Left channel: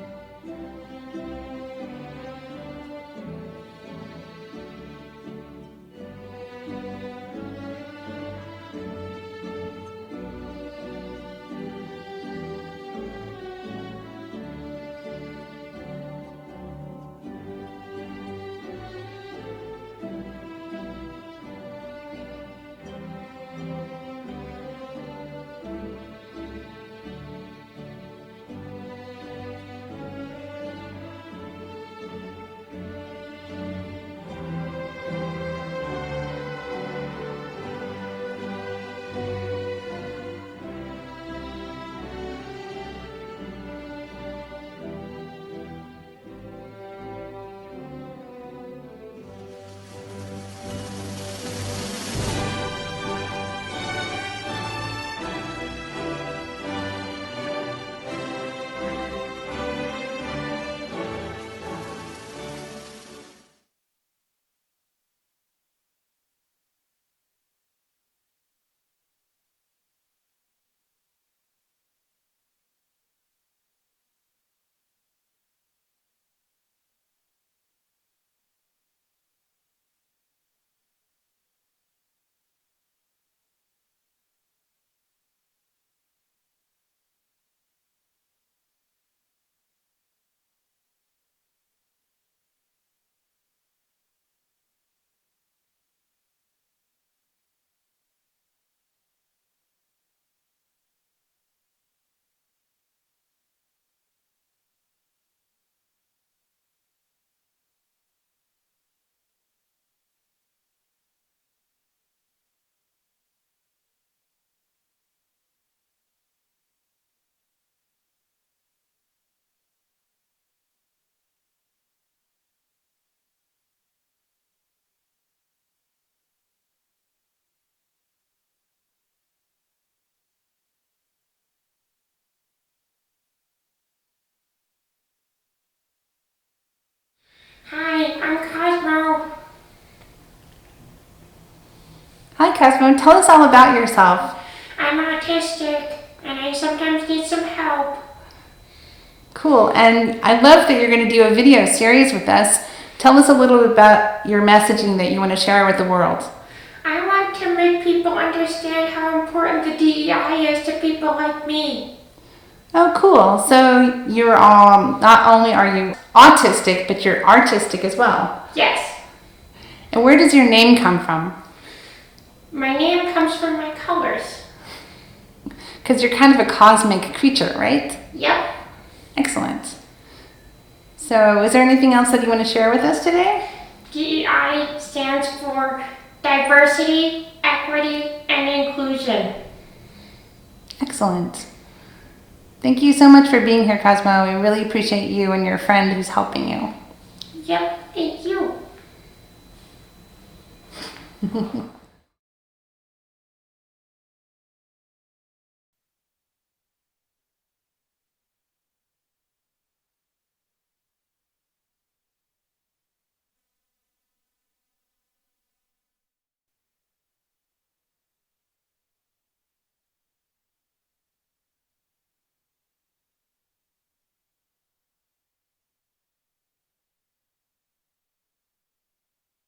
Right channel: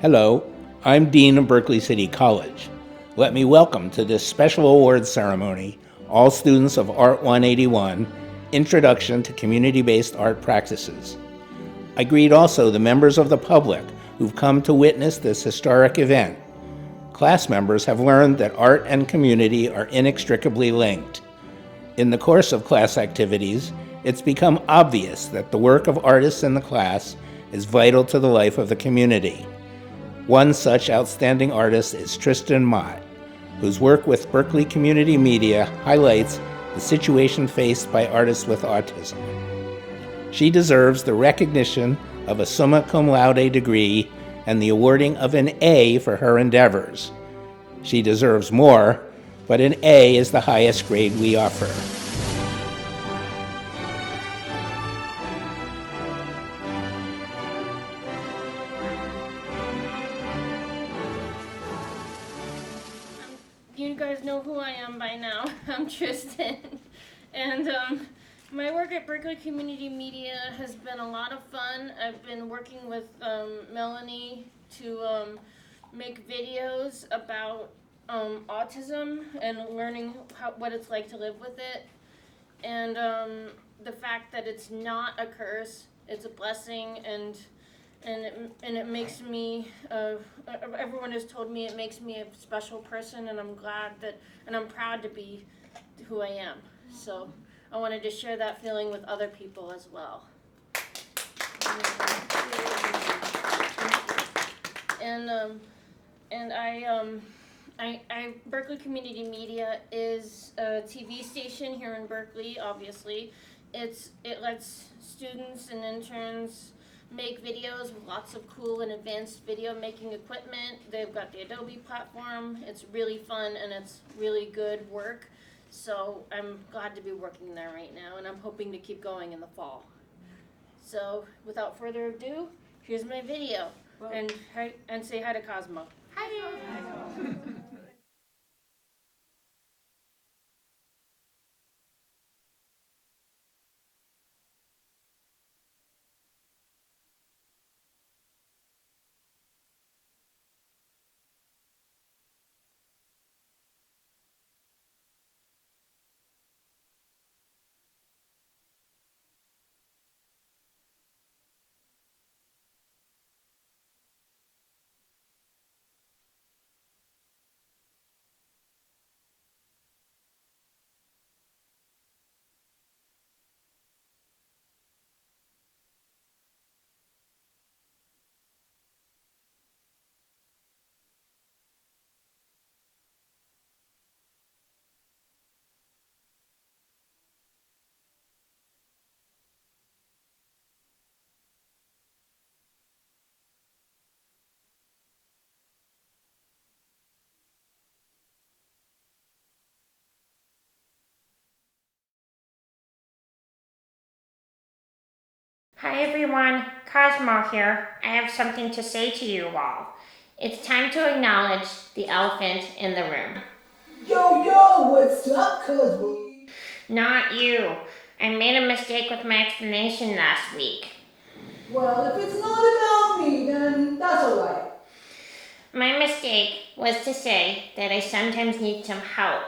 Hello, I'm Dean of Berkeley City College. Let me welcome to this special awards ceremony all students of Art 181, Introduction to Community-Based Art Practices. I greet also the members of the public who've come to witness this historic event. Class members have learned that art and community are inextricably linked. In the course of class activities, it's become obvious that the work of artists in the class is vital to the life of the community. One such outstanding artist is Tristan Mott, whose work with Berkeley Community Media highlights the situation faced by artists with autism. She deserves the recognition of a summa cum laude degree and the awarding of an A for her endeavors. She deserves more, but an A is the highest grade we offer. You guys know who I am by now. I'm Tristan. And my work at Berkeley Community Media has been a lot of fun. I've been working with Melanie to make videos about autism and learning what it's like to live with it. And the fact that it's not a curse, it's a blessing, and it makes me, everyone has told me it makes me a special person, and I'm glad that, and I'm proud to be who I am. So I wanted to share that feeling with other people as well. And Berkeley Community Media is a TV station here in Berkeley, obviously. It lets students and interns make videos with lots of cool and advanced video making equipment. They've got the Adobe platform. It's really fun and it's really good work. So I'm glad to be working there right now, and I'm hoping to keep going in the fall. So without further ado, here's my video. And say hi to Cosmo. Hi. Hi, I'm Cosmo. Hi Cosmo, tell us all about yourself. I'm autistic and I sometimes need some help. Cool, and I love that you're going to do a video series with us. Tell us a little bit about your messaging that you want to share with the world. I want to make people understand how important the DEI is to people like me. Oh, cool. So you're not only are you autistic, but you're artistic as well. Yes. And where does your name come from? My name comes from my colors. Because you're kind of a cosmic creature, right? Yep. Excellent. So is there anything else that you want to share with us today? DEI stands for diversity, equity, and inclusion. Excellent. Thank you so much for being here, Cosmo. We really appreciate you and your friend who's helping you. Yep, thank you. Hi everyone, Cosmo here. I have something to say to you all. It's time to acknowledge the elephant in the room. Yo, what's up, Cosmo? Not you. I made a mistake with my explanation last week. Well, if it's not about me, then that's alright. My mistake was to say that I sometimes need some help.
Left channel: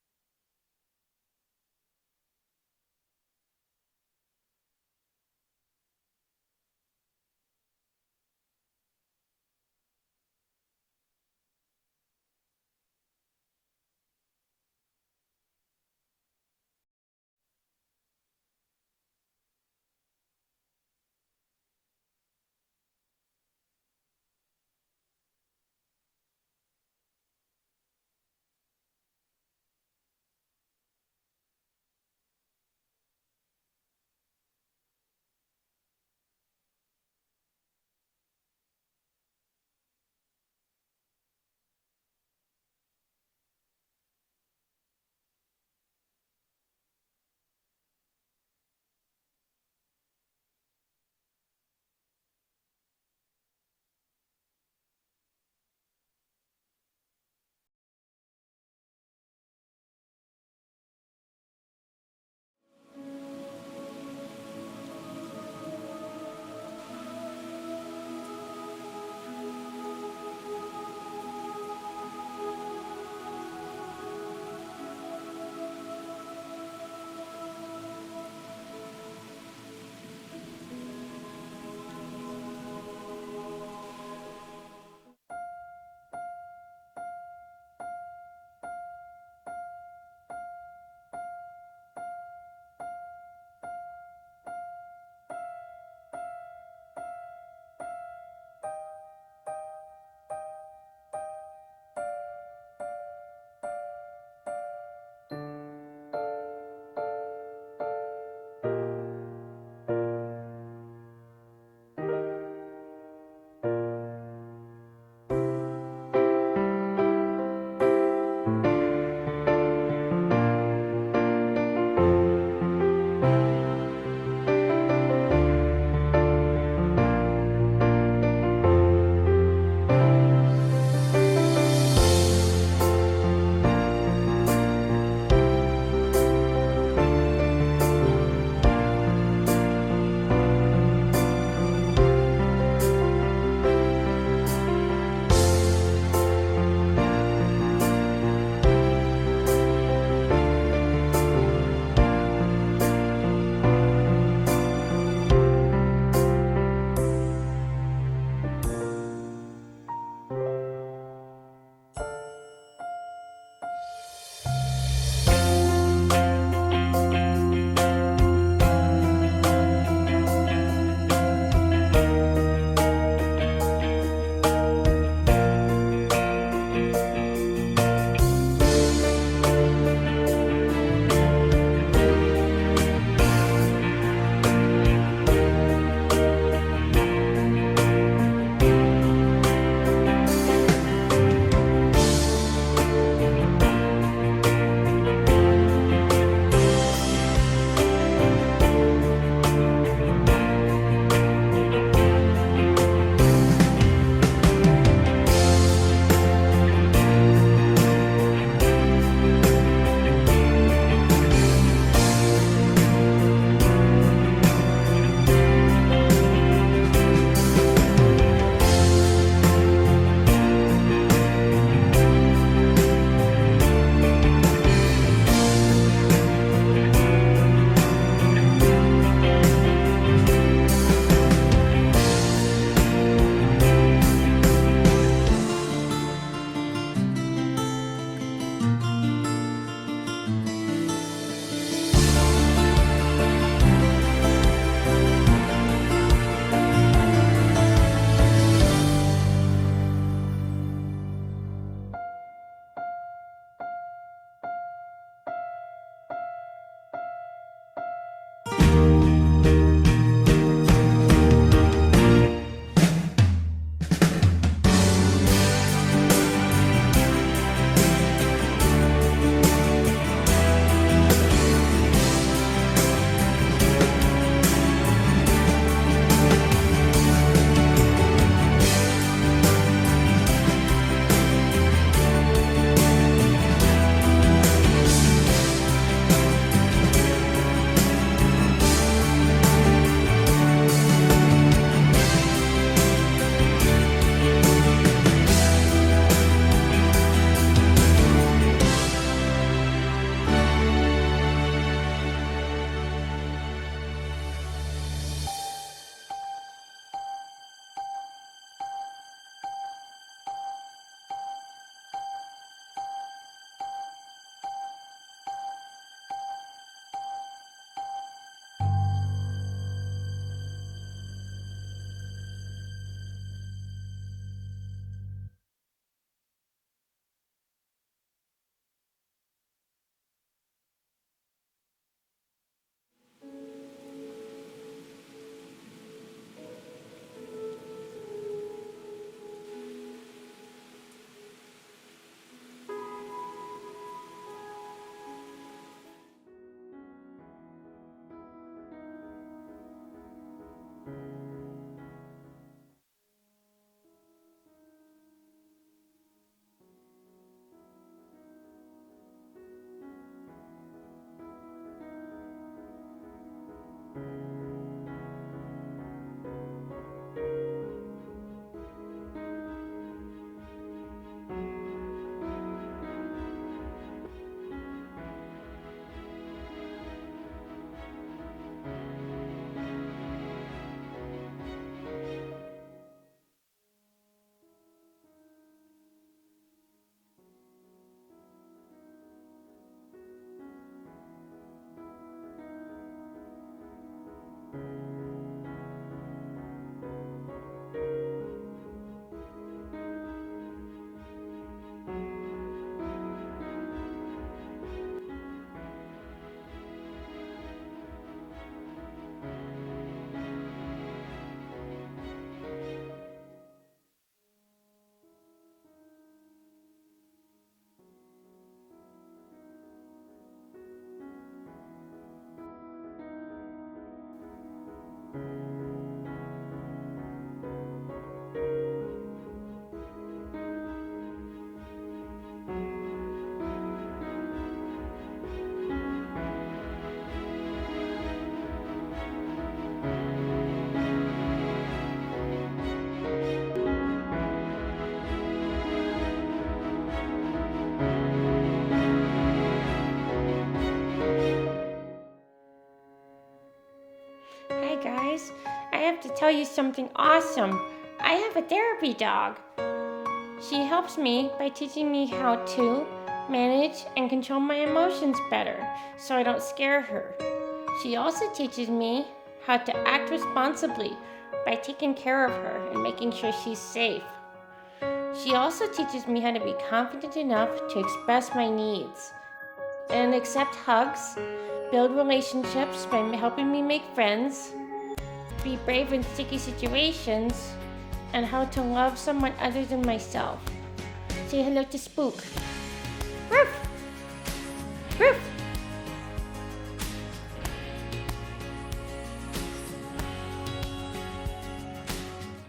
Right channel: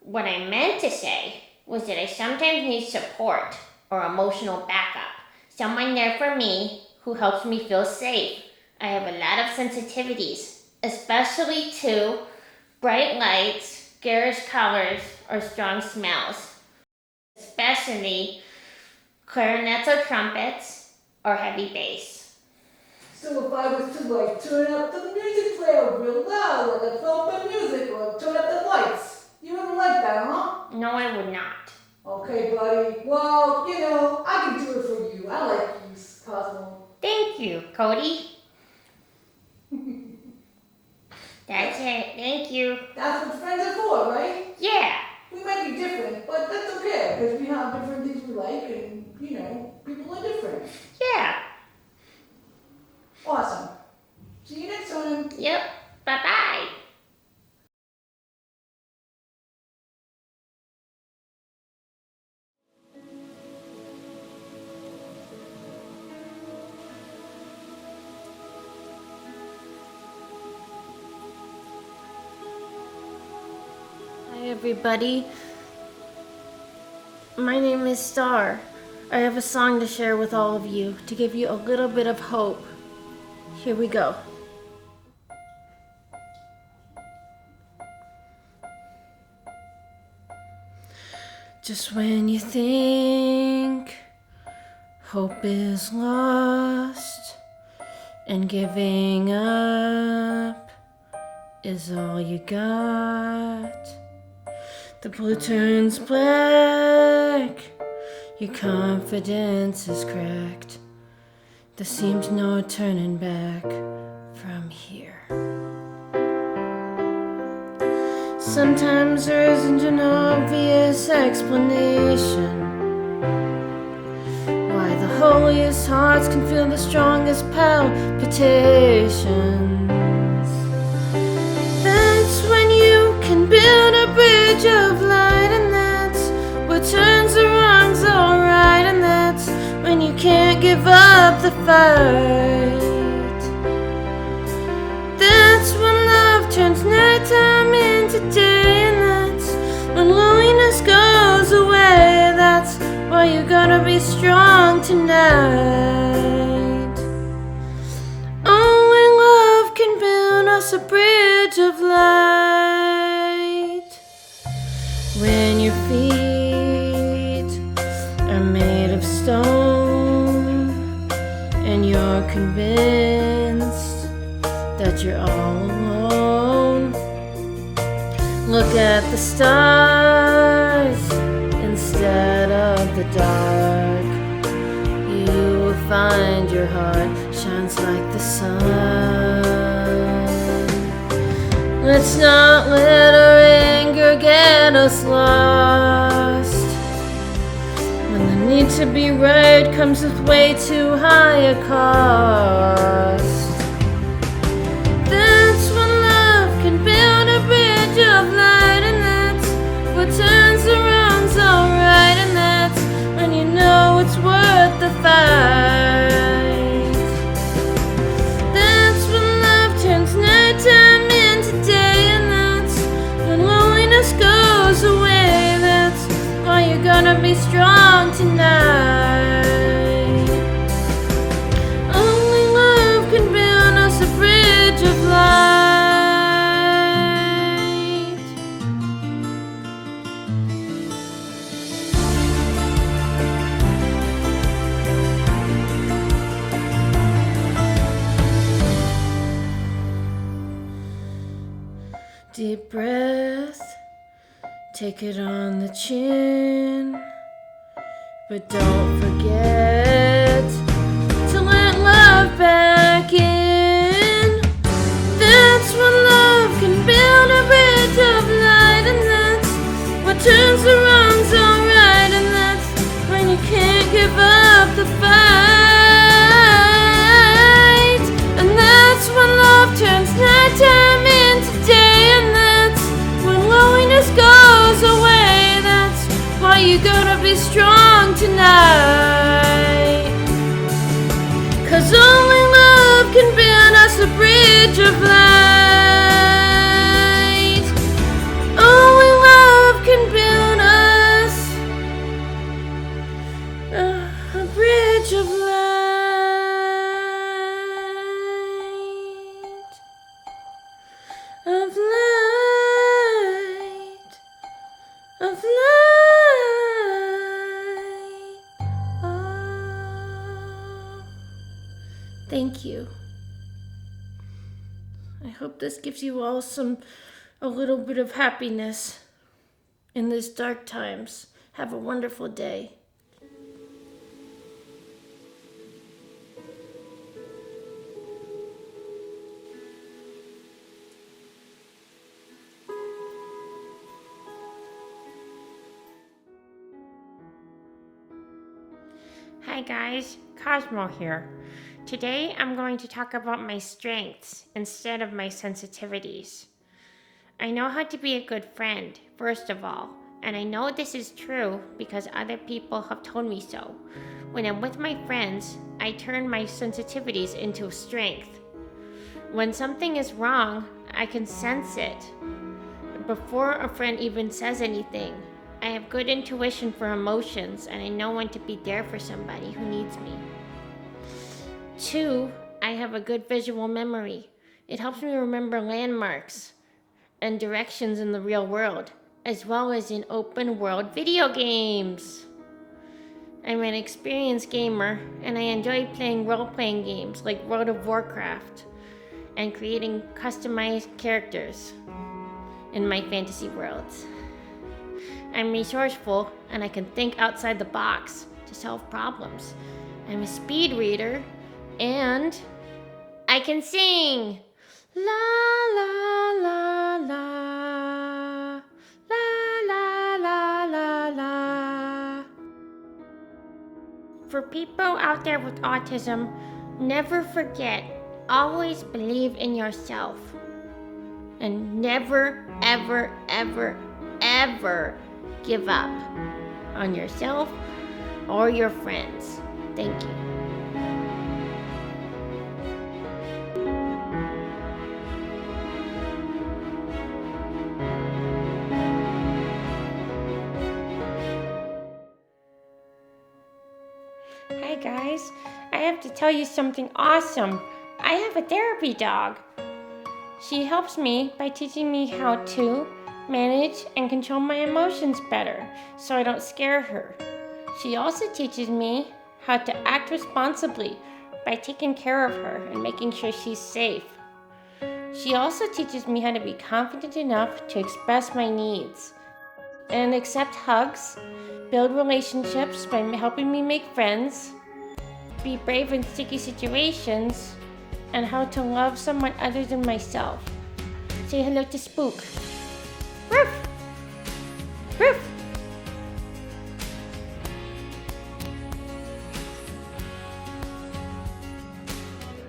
What I meant to say was that I sometimes need support or emotional backup. Someone there for me who helps me feel safe. I have a lot of sensitivities, especially to bright lights, garish colors, or strong smells. Especially clarinets or trumpets, or heavy bass. So if I was to turn up the music player real loud, like a thumping music, or turn up the lights, you wouldn't like that, huh? No, I would not. Okay, buddy. Well, I can do it for you. I like you, Cosmo. Thank you, Cody. That's it. Thank you. That's what friends are for, right? Yeah. We might be different, but that's okay, because we have different things we like, and, people are different. Yeah. Awesome. See you next time. Yep. Bye-bye. everybody. My name is Star. I have a song to share with all of you to give you a little bit of hope. Here we go. Just when you think hope is lost and giving up is all you got, the blue turns black, your confidence is cracked. There seems no turning back from here. Sometimes there isn't an obvious explanation why the holiest hearts can feel the strongest palpitations. That's when you can build a bridge of light, and that's what turns the wrongs alright, and that's when you can't give up the fight. That's when love turns nighttime into day, and that's when loneliness goes away. That's why you gotta be strong tonight. Only love can build us a bridge of light. When your feet are made of stone and you're convinced that you're all alone, look at the stars instead of the dark. You will find your heart shines like the sun. Let's not let our anger get us lost. When the need to be right comes with way too high a cost. That's when love can build a bridge of light, and that's what turns the wrongs alright, and that's when you know it's worth the fight. That's when love turns nighttime into day, and that's when loneliness goes away. That's why you gotta be strong tonight. Only love can build us a bridge of light. Deep breath, take it on the chin, but don't forget to let love back in. That's when love can build a bridge of light, and that's what turns the wrongs alright, and that's when you can't give up the fight. And that's when love turns nighttime into day, and that's when loneliness goes away. That's why you gotta be strong tonight. 'Cause only love can build us a bridge of light. Only love can build us a bridge of light. Of light. Of light. Oh. Thank you. I hope this gives you all a little bit of happiness in these dark times. Have a wonderful day. Hi guys, Cosmo here. Today I'm going to talk about my strengths instead of my sensitivities. I know how to be a good friend, first of all, and I know this is true because other people have told me so. When I'm with my friends, I turn my sensitivities into strength. When something is wrong, I can sense it. before a friend even says anything. I have good intuition for emotions, and I know when to be there for somebody who needs me. 2, I have a good visual memory. It helps me remember landmarks and directions in the real world, as well as in open world video games. I'm an experienced gamer, and I enjoy playing role-playing games like World of Warcraft and creating customized characters in my fantasy worlds. I'm resourceful, and I can think outside the box to solve problems. I'm a speed reader, and I can sing. La la la la, la la la la la. For people out there with autism, never forget, always believe in yourself. And never, ever, ever, ever give up on yourself or your friends. Thank you. Hi guys, I have to tell you something awesome. I have a therapy dog. She helps me by teaching me how to manage and control my emotions better so I don't scare her. She also teaches me how to act responsibly by taking care of her and making sure she's safe. She also teaches me how to be confident enough to express my needs and accept hugs, build relationships by helping me make friends, be brave in sticky situations, and how to love someone other than myself. Say hello to Spook. Roof! Roof!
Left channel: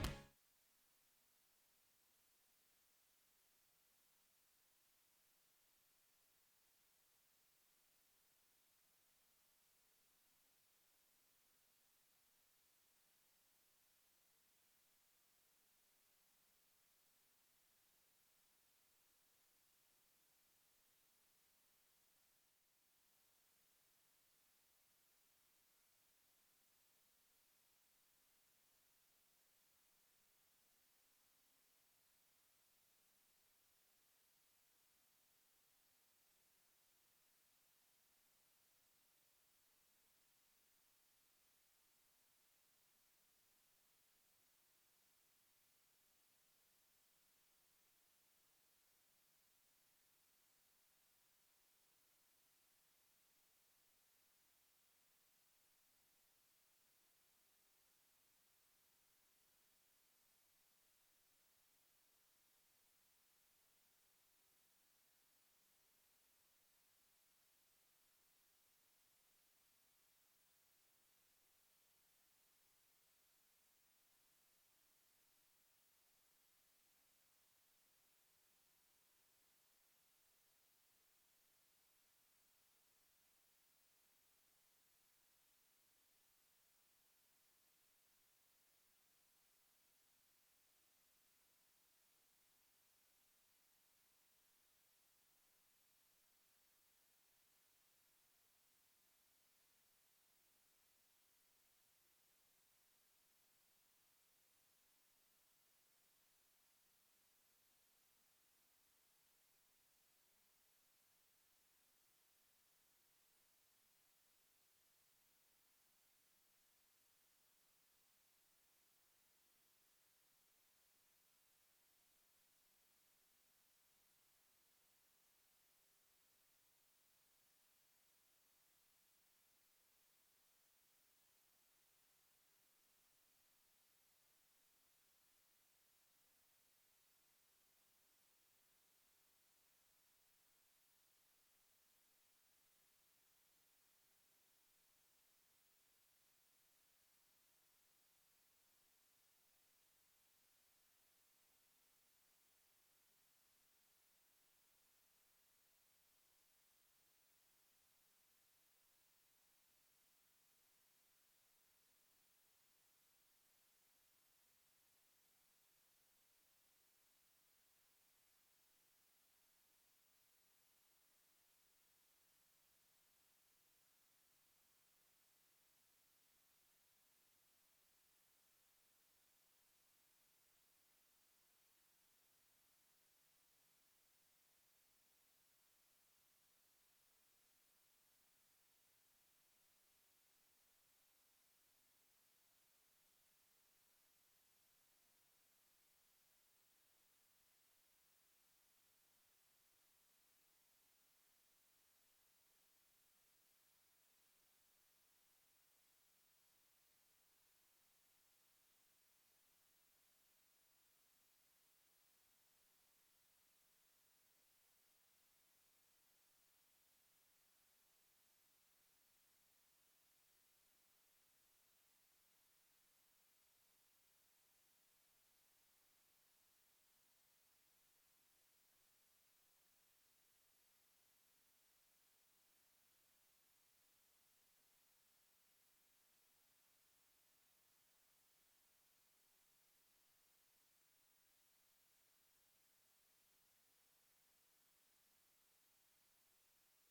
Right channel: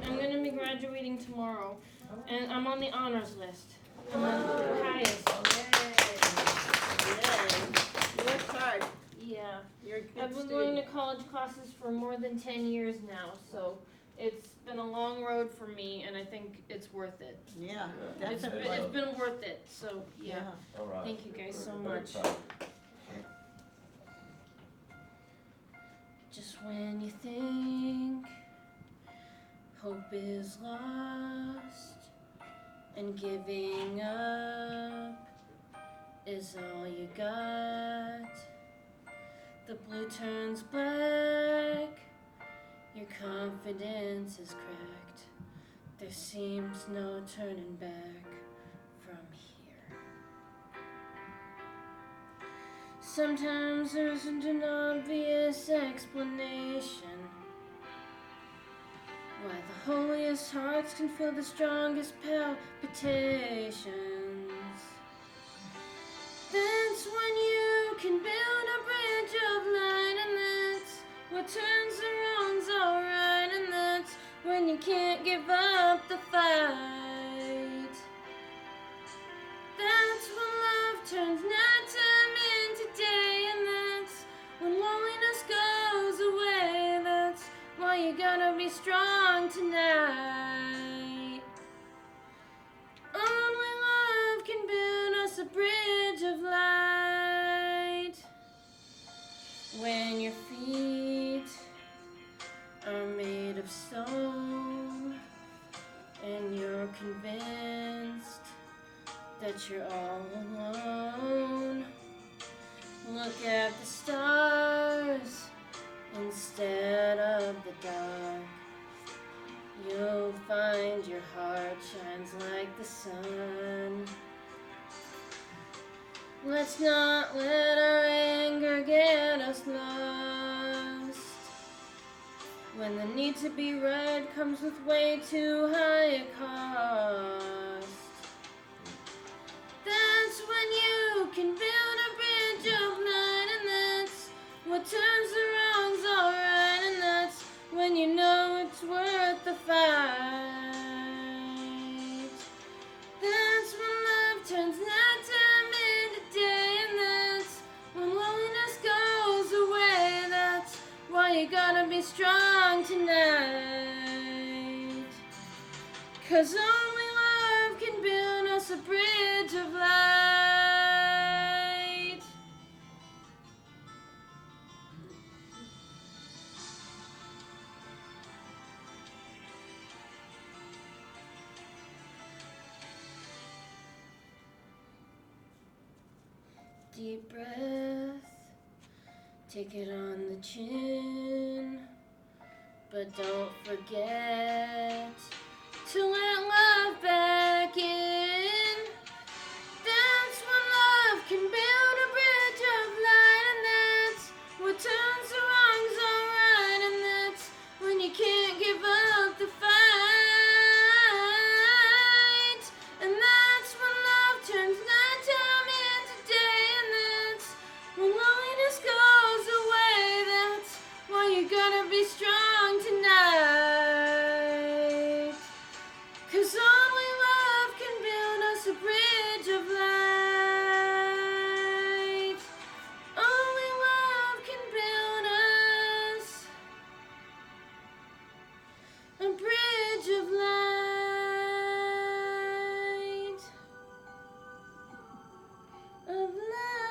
I'm gonna be graduating tomorrow, and I'm on the honors list. I'm on the highest. You worked hard. Yeah. You're a good I've been going to college classes for more than 10 years now, so it's been a long road for me, and I think it's worth it. Yeah, It's been worth it, so yeah. All right. Thank you guys so Very much. proud. Just when you think hope is lost and giving up is all you got, the blue turns black, your confidence is cracked, there seems no turning back from here. Sometimes there isn't an obvious explanation why the holiest hearts can feel the strongest palpitations. That's when you can build a bridge of light, and that's what turns the wrongs alright, and that's when you can't give up the fight. That's when love turns nighttime into day, and that's when loneliness goes away. That's why you gotta be strong tonight. Only love can build us a bridge of light. When your feet are made of stone and you're convinced that you're all alone, look at the stars instead of the dark. You'll find your heart shines like the sun. Let's not let our anger get us lost. When the need to be right comes with way too high a cost. That's when you can build a bridge of light, and that's what turns the wrongs alright, and that's when you know it's worth the fight. That's when love turns nighttime into day, and that's when loneliness goes away. That's why you gotta be strong tonight. 'Cause only love can build us a bridge of light. deep breath, take it on the chin, but don't forget to let love back in. That's when love can build a bridge of light, and that's what turns the wrongs alright, and that's when you can't give up the fight. And that's when love turns nighttime into day, and that's when loneliness goes away. That's why you gotta be strong tonight, 'cause only love can build us a bridge of light. Only love can build us a bridge of light. Of light.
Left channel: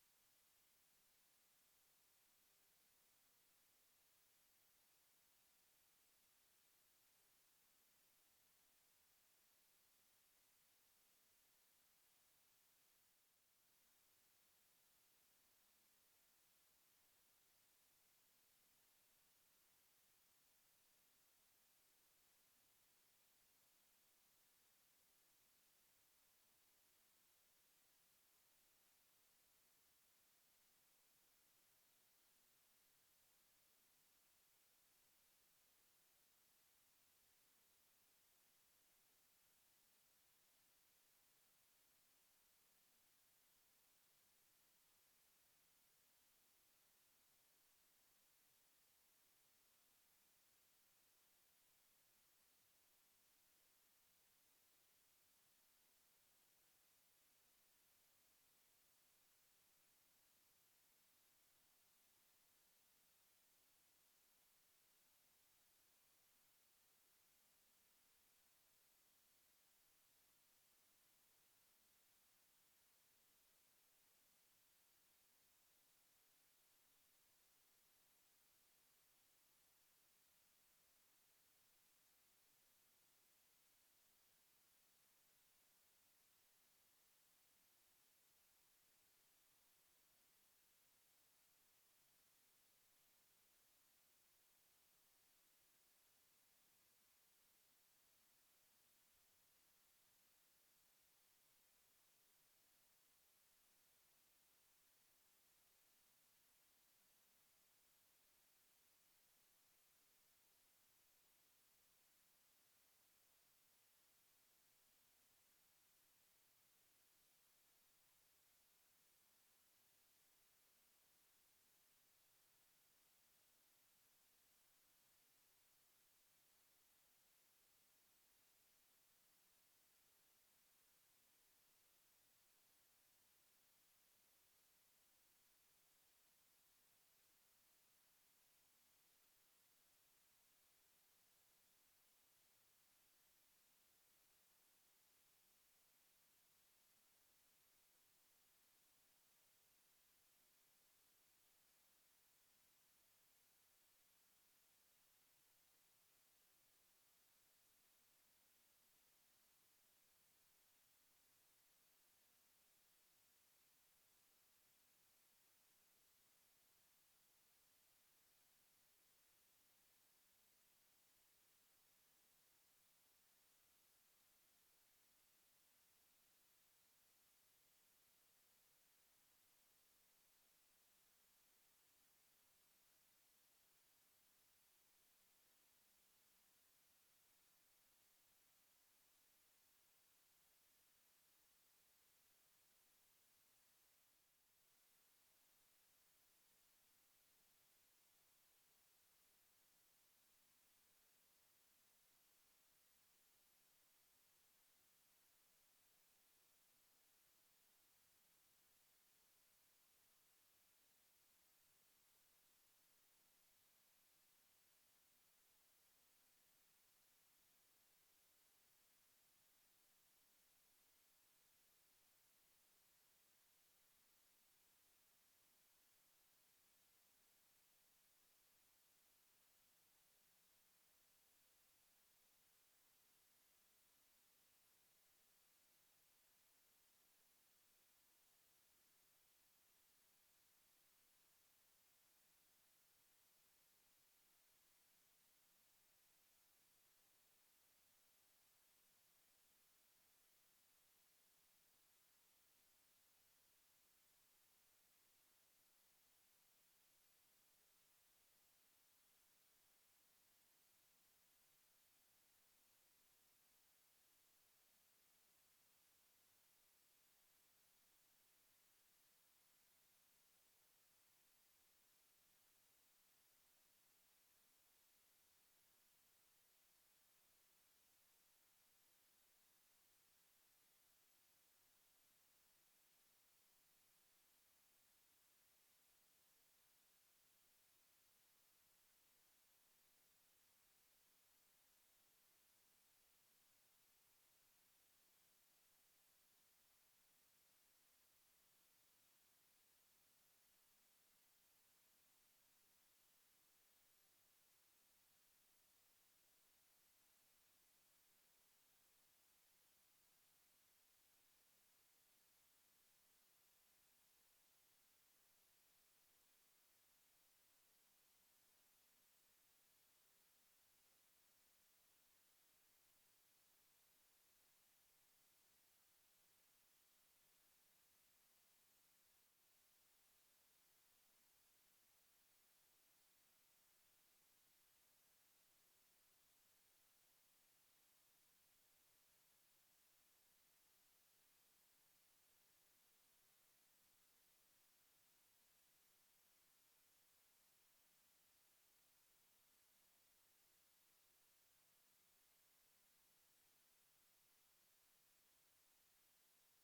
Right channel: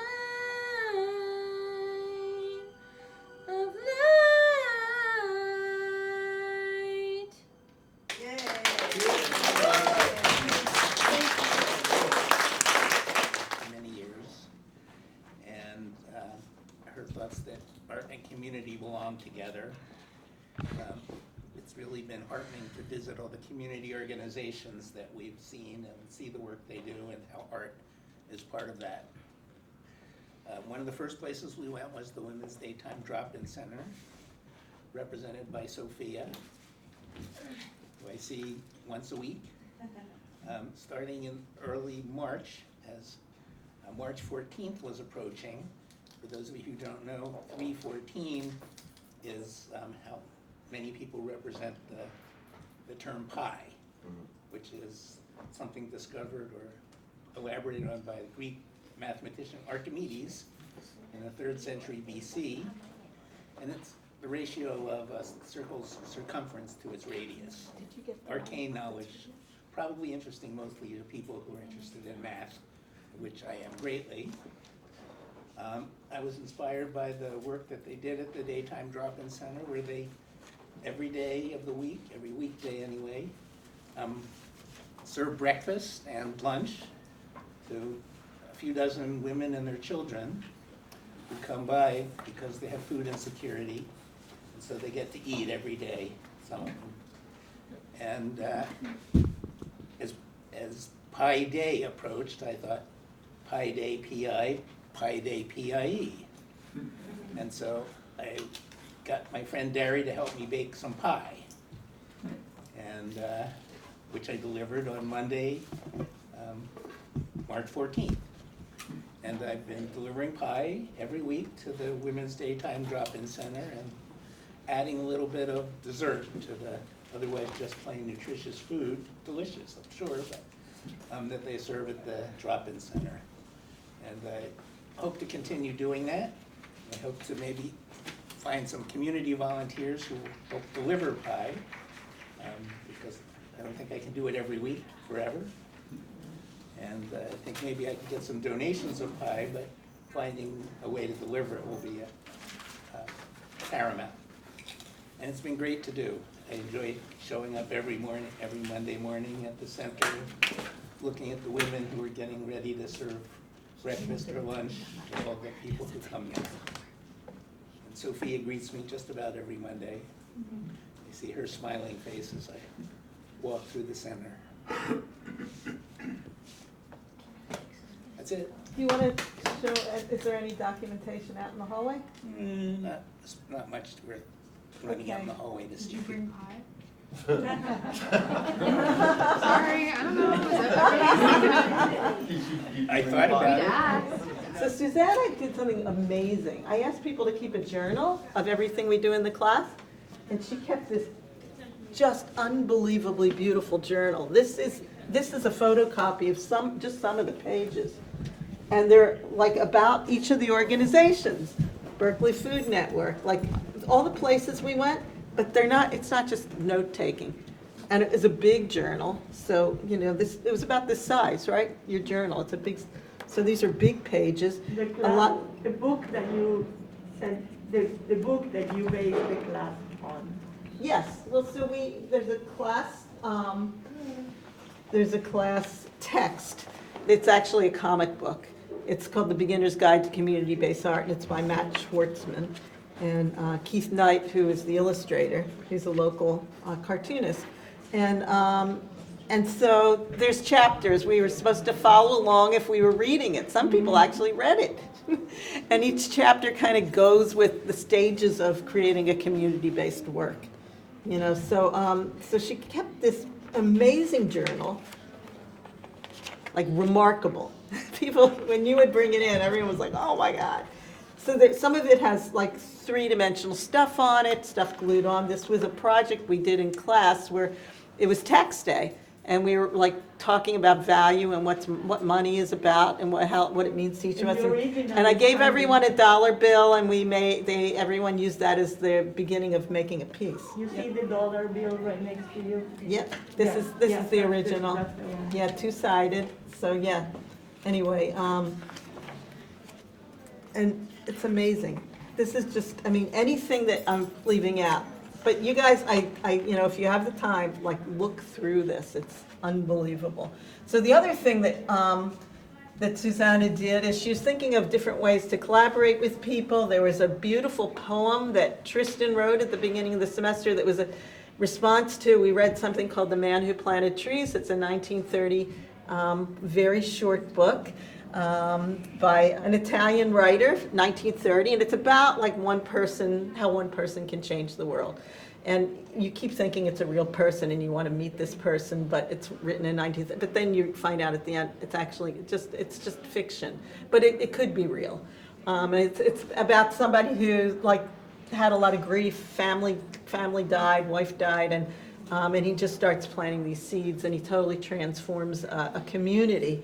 Of light. Many years, and her thoughts that art and community belong together. It's really been heartening to visit all the community organizations that we've seen and see the work they do and how art is part of that. One of the first places we went was the Women's Daytime Drop-In Center, represented by Sophia, who I see once a week. Starting in early March, as March 14th was approaching. For those of you who don't know, 314 is how many people represent the term pi, which is something discovered or elaborated on by the Greek mathematician Archimedes in the 3rd century BC, and it's the ratio of a circle's circumference to its radius. Arcane knowledge, probably interesting mostly to people who are interested in math, which I am greatly. I was inspired by the work that they did at the Daytime Drop-In Center, where they, every day of the week, every weekday anyway, serve breakfast and lunch to a few dozen women and their children who come by because they have food insecurity, and so they get to eat every day, some of them. And as Pi Day approached, I thought, Pi Day P.I., Pi Day P.I.E. And so I got my friend Derry to help me bake some pie, and which I delivered on Monday, March 14th. And I've been delivering pie every week to the Women's Daytime Drop-In Center and adding a little bit of dessert to the otherwise just plain nutritious food, delicious, I'm sure, but that they serve at the Drop-In Center. And I hope to continue doing that. I hope to maybe find some community volunteers who will help deliver pie, because I don't think I can do it every week forever. And I think maybe I can get some donations of pie, but finding a way to deliver it will be paramount. And it's been great to do. I enjoy showing up every morning, every Monday morning at the center, looking at the women who are getting ready to serve breakfast or lunch to all the people who come in. And Sophia greets me just about every Monday. I see her smiling face as I walk through the center. That's it. Do you want to show, is there any documentation out in the hallway? Not much worth running out in the hallway to see. Did you bring pie? Sorry, I don't know. I thought about it. So Susanna did something amazing. I asked people to keep a journal of everything we do in the class, and she kept this just unbelievably beautiful journal. This is a photocopy of just some of the pages. And they're like about each of the organizations, Berkeley Food Network, like all the places we went, but it's not just note-taking. And it is a big journal, so, you know, it was about this size, right? Your journal, it's a big, so these are big pages. The book that you sent, the book that you based the class on. Yes, well, so there's a class text. It's actually a comic book. It's called The Beginner's Guide to Community-Based Art, and it's by Matt Schwartzman. And Keith Knight, who is the illustrator, he's a local cartoonist. And so there's chapters. We were supposed to follow along if we were reading it. Some people actually read it. And each chapter kind of goes with the stages of creating a community-based work. You know, so she kept this amazing journal, like remarkable. People, when you would bring it in, everyone was like, oh my God. So that some of it has like three-dimensional stuff on it, stuff glued on. This was a project we did in class where it was tax day, and we were like talking about value and what money is about and what it means to each of us. And I gave everyone a $1 bill, and everyone used that as the beginning of making a piece. You see the dollar bill right next to you? Yep, this is the original. That's the one. Yeah, two-sided. So yeah. Anyway, and it's amazing. This is just, I mean, anything that I'm leaving out. But you guys, you know, if you have the time, like, look through this. It's unbelievable. So the other thing that Susanna did is she was thinking of different ways to collaborate with people. There was a beautiful poem that Tristan wrote at the beginning of the semester that was a response to, we read something called The Man Who Planted Trees. It's a 1930 very short book by an Italian writer, 1930, and it's about like how one person can change the world. And you keep thinking it's a real person and you want to meet this person, but it's written in 1930. But then you find out at the end it's actually it's just fiction, but it could be real. And it's about somebody who like had a lot of grief, family died, wife died, and he just starts planting these seeds, and he totally transforms a community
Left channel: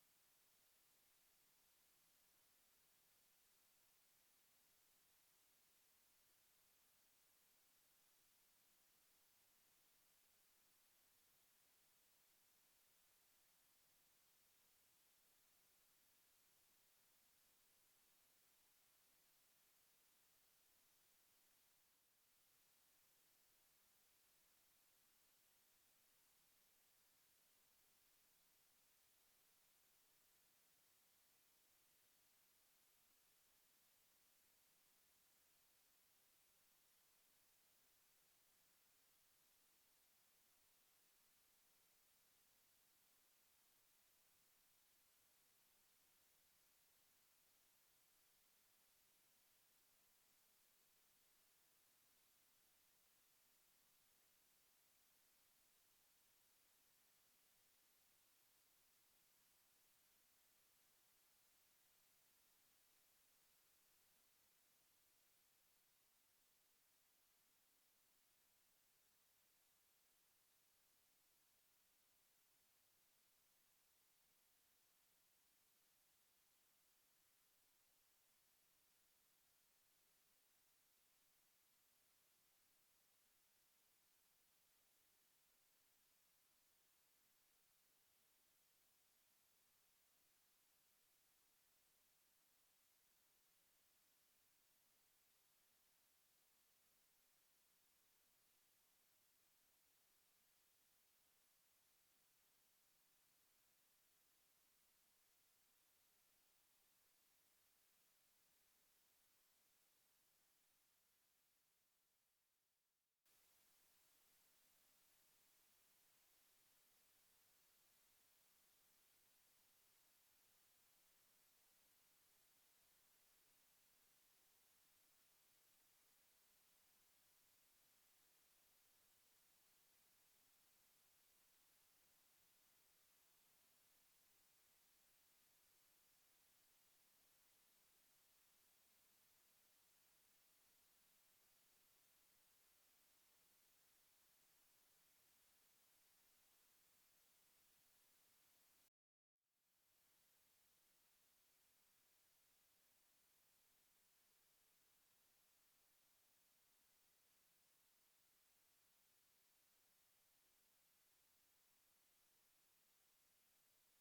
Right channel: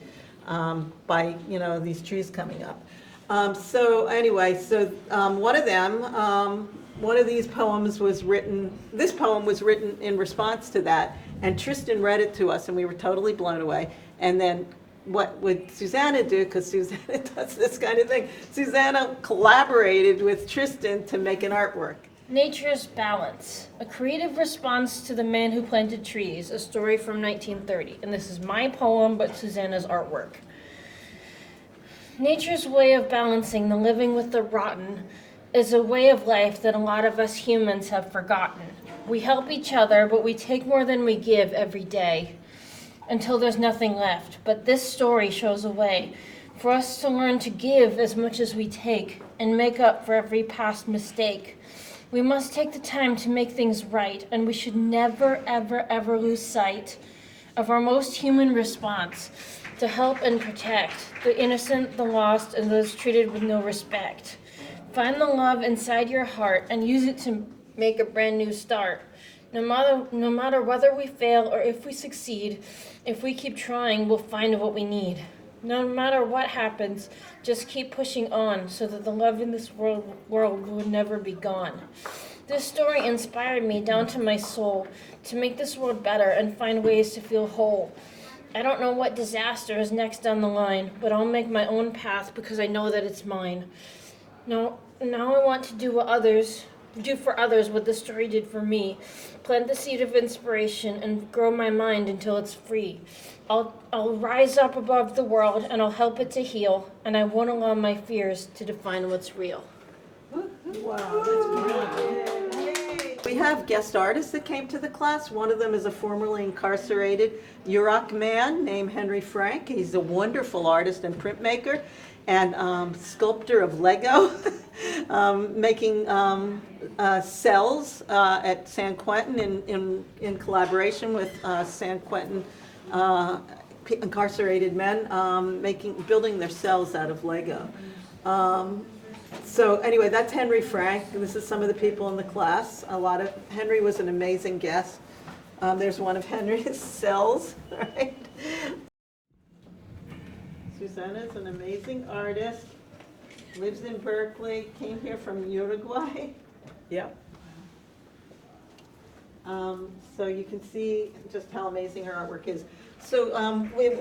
by, you know, these trees coming up. So anyway, one of these poems was written, this poem was written in response to that, and Tristan read it to us, and we were totally blown away. And then what would Susanna do, because Susanna does this kind of thing, Susanna collaborated with Tristan to make an artwork. Nature's Balance, a creative response to The Man Who Planted Trees, a story from 1930. And this is my poem, but Susanna's artwork. Nature's way of balancing the living with the rotten is a way of life that a lot of us humans have forgotten. We help each other, but we take more than we give every day until there's nothing left. But this story shows a way for us to learn to give as much as we take and make up for every past mistake. We must take the time to make things right, and we should never, ever, ever lose sight of our most human response to help and protect the innocent, the lost, and those treated with no respect. Find the love inside your heart and use it to make a brand new start. No matter whether we fail or if we succeed, if we keep trying, we'll find what we need. No matter what happens, just keep pushing on so that the love in this world will never be gone. This story inspired me down to my soul to make this world better and find ways to feel whole. I don't know what disaster is next down the line, but I'll make my own path because I know that it's mine. Now I want to do for others what this story did for me. Plant the seed of inspiration and grow my mind until it's free. I'll rise up above the world and I'll help it to heal, and I won't allow my fears to define what's real. Wow, that's brilliant. We have guest artists that came to the class. One of them is a formerly incarcerated Yurok man named Henry Frank. He's a wonderful artist and printmaker and sculptor of Lego, making cells at San Quentin in collaboration with San Quentin incarcerated men, building their cells out of Lego. So anyway, that's Henry Frank. This is some of the people in the class. Henry was an amazing guest. There's one of Henry's cells, right? Susanna's an amazing artist, lives in Berkeley, came here from Uruguay. Yep. So you can see just how amazing her artwork is. So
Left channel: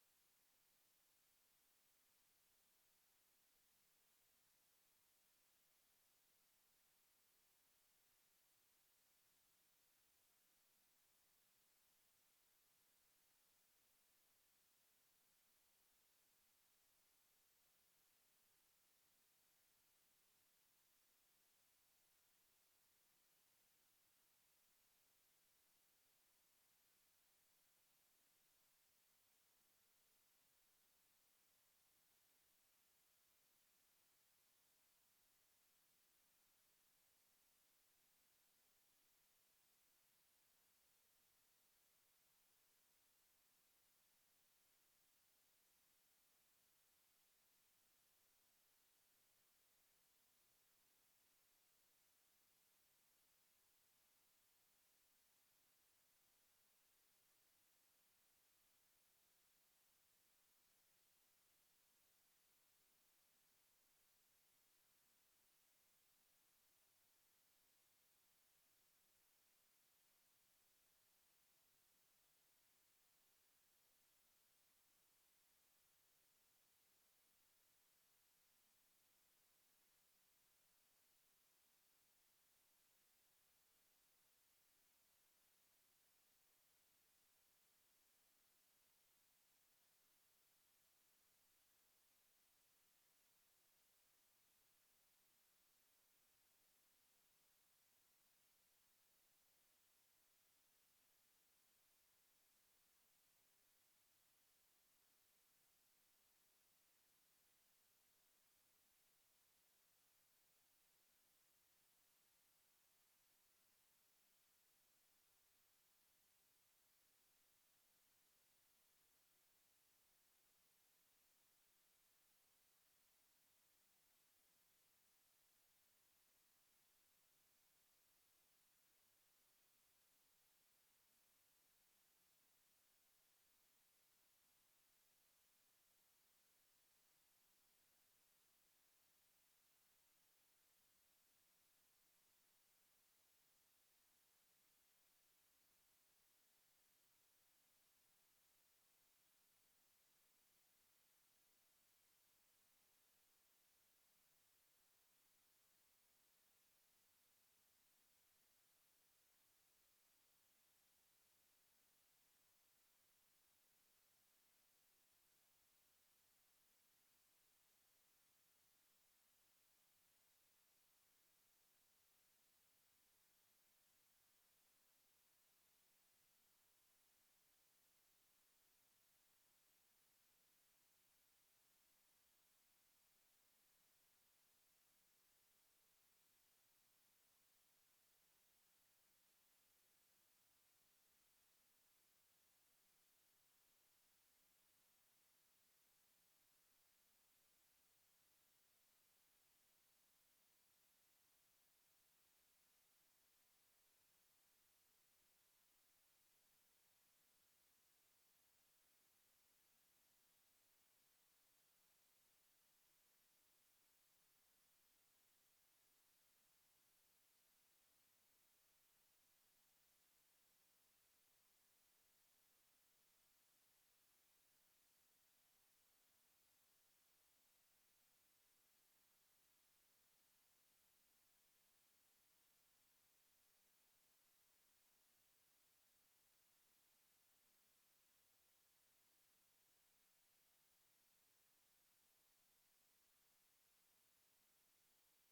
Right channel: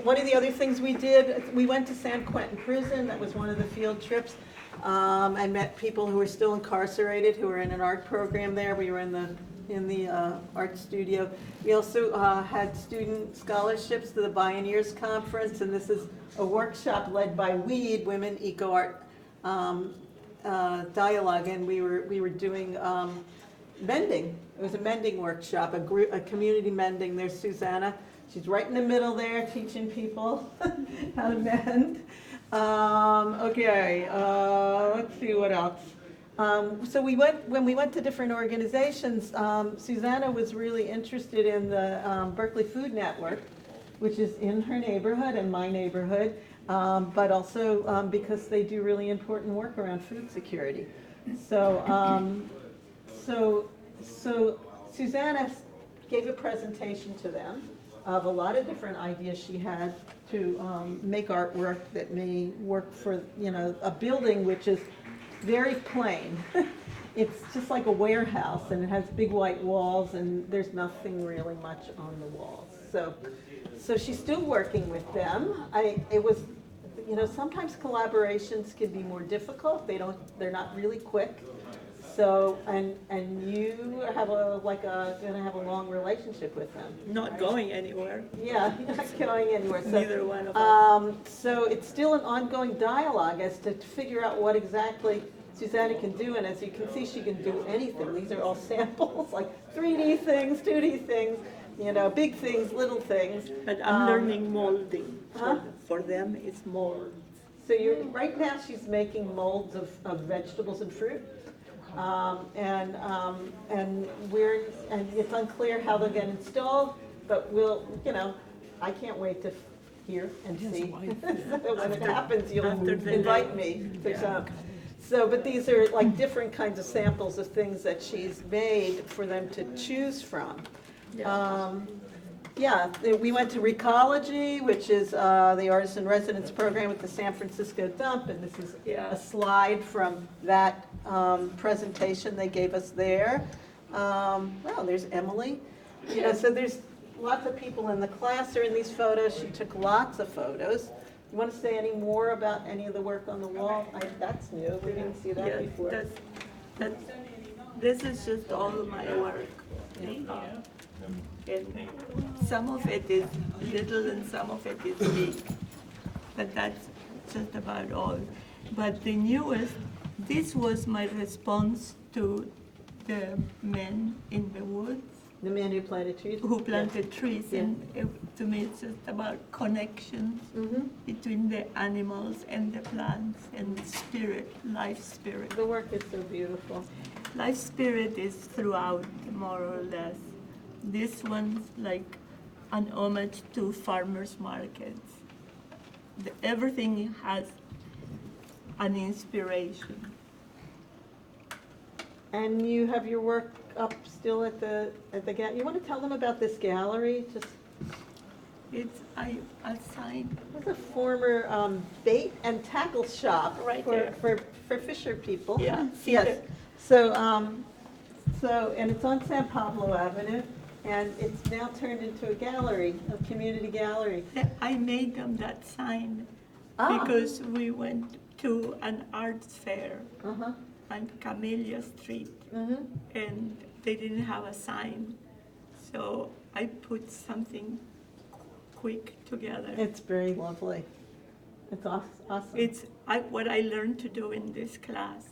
one of the other things we did, we went to San Quentin Prison. That was one of the field trips. I met people who were still incarcerated who were in an art program there. We were in the in the art studio. We also had student scholarships to the Pioneers Conference, and this is a workshop led by WEED, Women Eco Art Dialogue, and we were doing mending. It was a mending workshop, a community mending. There's Susanna. She's right in the middle there, teaching people how to mend. Okay, let's see what else. So when we went to different organizations, Susanna was really interested in the Berkeley Food Network, which is in her neighborhood and my neighborhood, but also because they do really important work around food security. So, so Susanna gave a presentation to them of a lot of different ideas she had to make artwork that may work for, you know, a building which is very plain. It's just like a warehouse, and it has big white walls, and there's nothing really much on the walls. So she's still working with them. It was, you know, sometimes collaborations can be more difficult. They're not really quick. So, and you have gonna have a long relationship with them. Not going anywhere. Yeah, you're not going anywhere. So, Neither one of us. So it's still an ongoing dialogue as to figure out what exactly Susanna can do, and as you can see, she can do anything. These are all samples, like 3D things, 2D things, you know, big things, little things. But I'm learning molding. Huh? For them, it's mold. So right now she's making molds of vegetables and fruit. And it's unclear how they'll get installed, but we'll, you know, I can't wait to hear and see. When it happens, you'll invite me to come. So, but these are like different kinds of samples of things that she's made for them to choose from. Yeah, we went to Recology, which is the Artist in Residence program at the San Francisco Dump, and this is a slide from that presentation they gave us there. Well, there's Emily. You know, so there's lots of people in the class are in these photos. She took lots of photos. You want to say any more about any of the work on the wall? That's new. We didn't see that before. This is just all of my work. And some of it is little and some of it is big. But that's just about all. But the newest, this was my response to the men in the woods. The man who planted trees? Who planted trees, and to me it's just about connections between the animals and the plants and the spirit, life spirit. The work is so beautiful. Life spirit is throughout, more or less. This one's like an homage to farmers markets. Everything has an inspiration. And you have your work up still at the gallery. You want to tell them about this gallery? Just It's a sign. it's a former bait and tackle shop Right for fisher people. Yeah. Yes. So and it's on San Pablo Avenue, and it's now turned into a gallery, a community gallery. I made them that sign because we went to an art fair on Camellia Street, and they didn't have a sign, so I put something quick together. It's very lovely. It's awesome. It's what I learned to do in this class.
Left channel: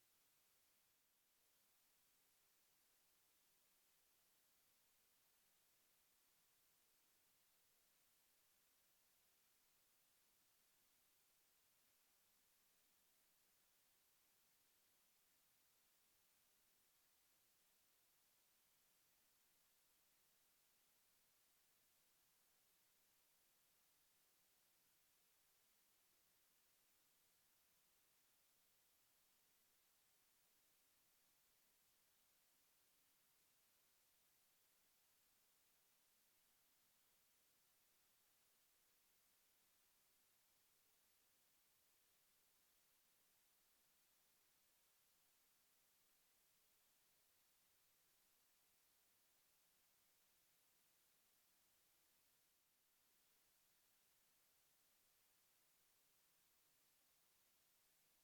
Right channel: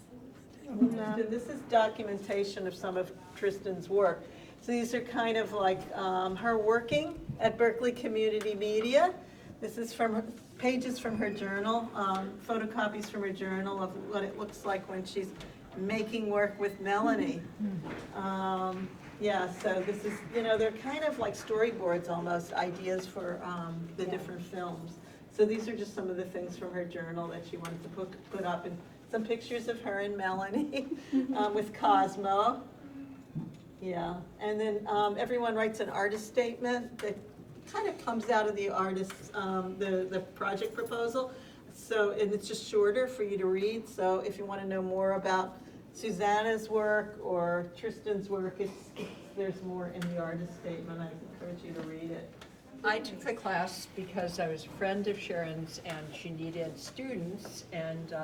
This is documentation of some of Tristan's work. So these are kind of like her working at Berkeley Community Media. This is from pages from her journal, photocopies from her journal of what it looks like when she's making work with Melanie. Yeah, so this is, you know, they're kind of like storyboards almost, ideas for the different films. So these are just some of the things from her journal that she wanted to put up, and some pictures of her and Melanie with Cosmo. Yeah, and then everyone writes an artist statement that kind of comes out of the artist's, the project proposal. So, and it's just shorter for you to read. So if you want to know more about Susanna's work or Tristan's work, there's more in the artist statement. I encourage you to read it. I took the class because I was a friend of Sharon's and she needed students, and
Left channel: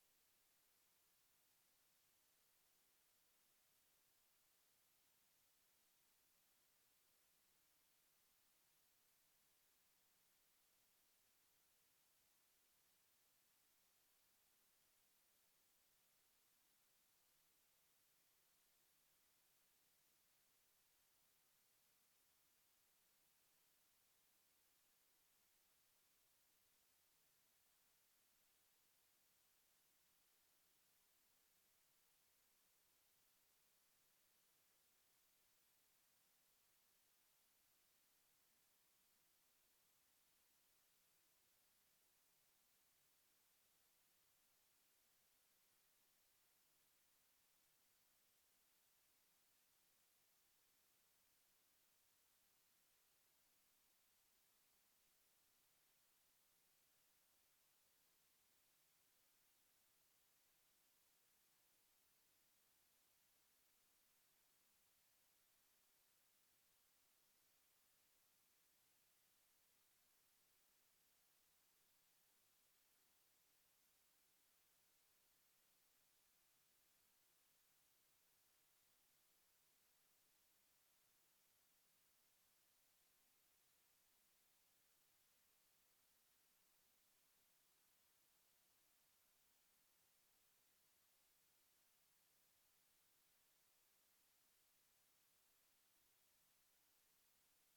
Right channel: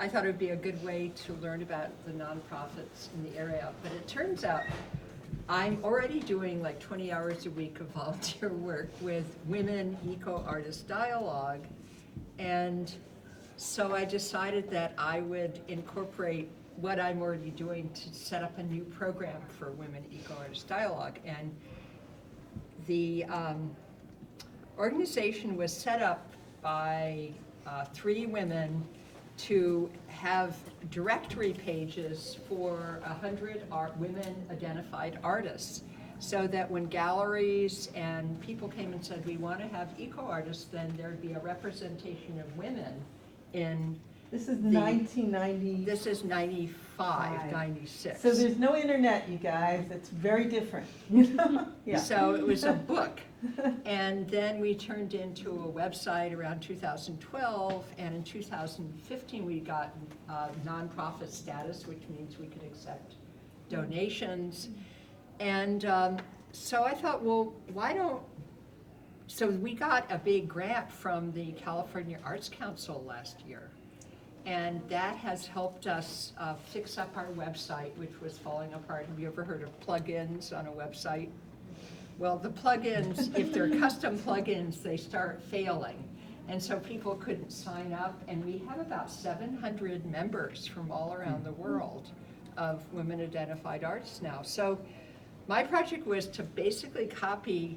I thought it would be a good way to learn about the nonprofits in the area. But it turns out I'm already doing like 20 hours a week of volunteer work with Women Eco Artist Dialogue. And so I decided that I would incorporate what I'm already doing to set up a new program for Women Eco Artist Dialogue. And the organization was set up by 3 women to have directory pages for 100 women identified artists, so that when galleries and people came and said, we want to have eco artists, then there'd be a representation of women in. This is 1990. This is 95, 96. So there's no internet, you guys. It's very different. Yeah. So it was a book. And then we turned into a website around 2012, and in 2015 we got nonprofit status, which means we could accept donations. And so I thought, well, why don't, so we got a big grant from the California Arts Council last year. And that has helped us fix up our website, which was falling apart. Have you ever heard of plugins on a website? Well, the plugins, if they're custom plugins, they start failing. And so people couldn't sign up. And we have about 700 members from all around the world of women identified artists now. So my project was to basically copy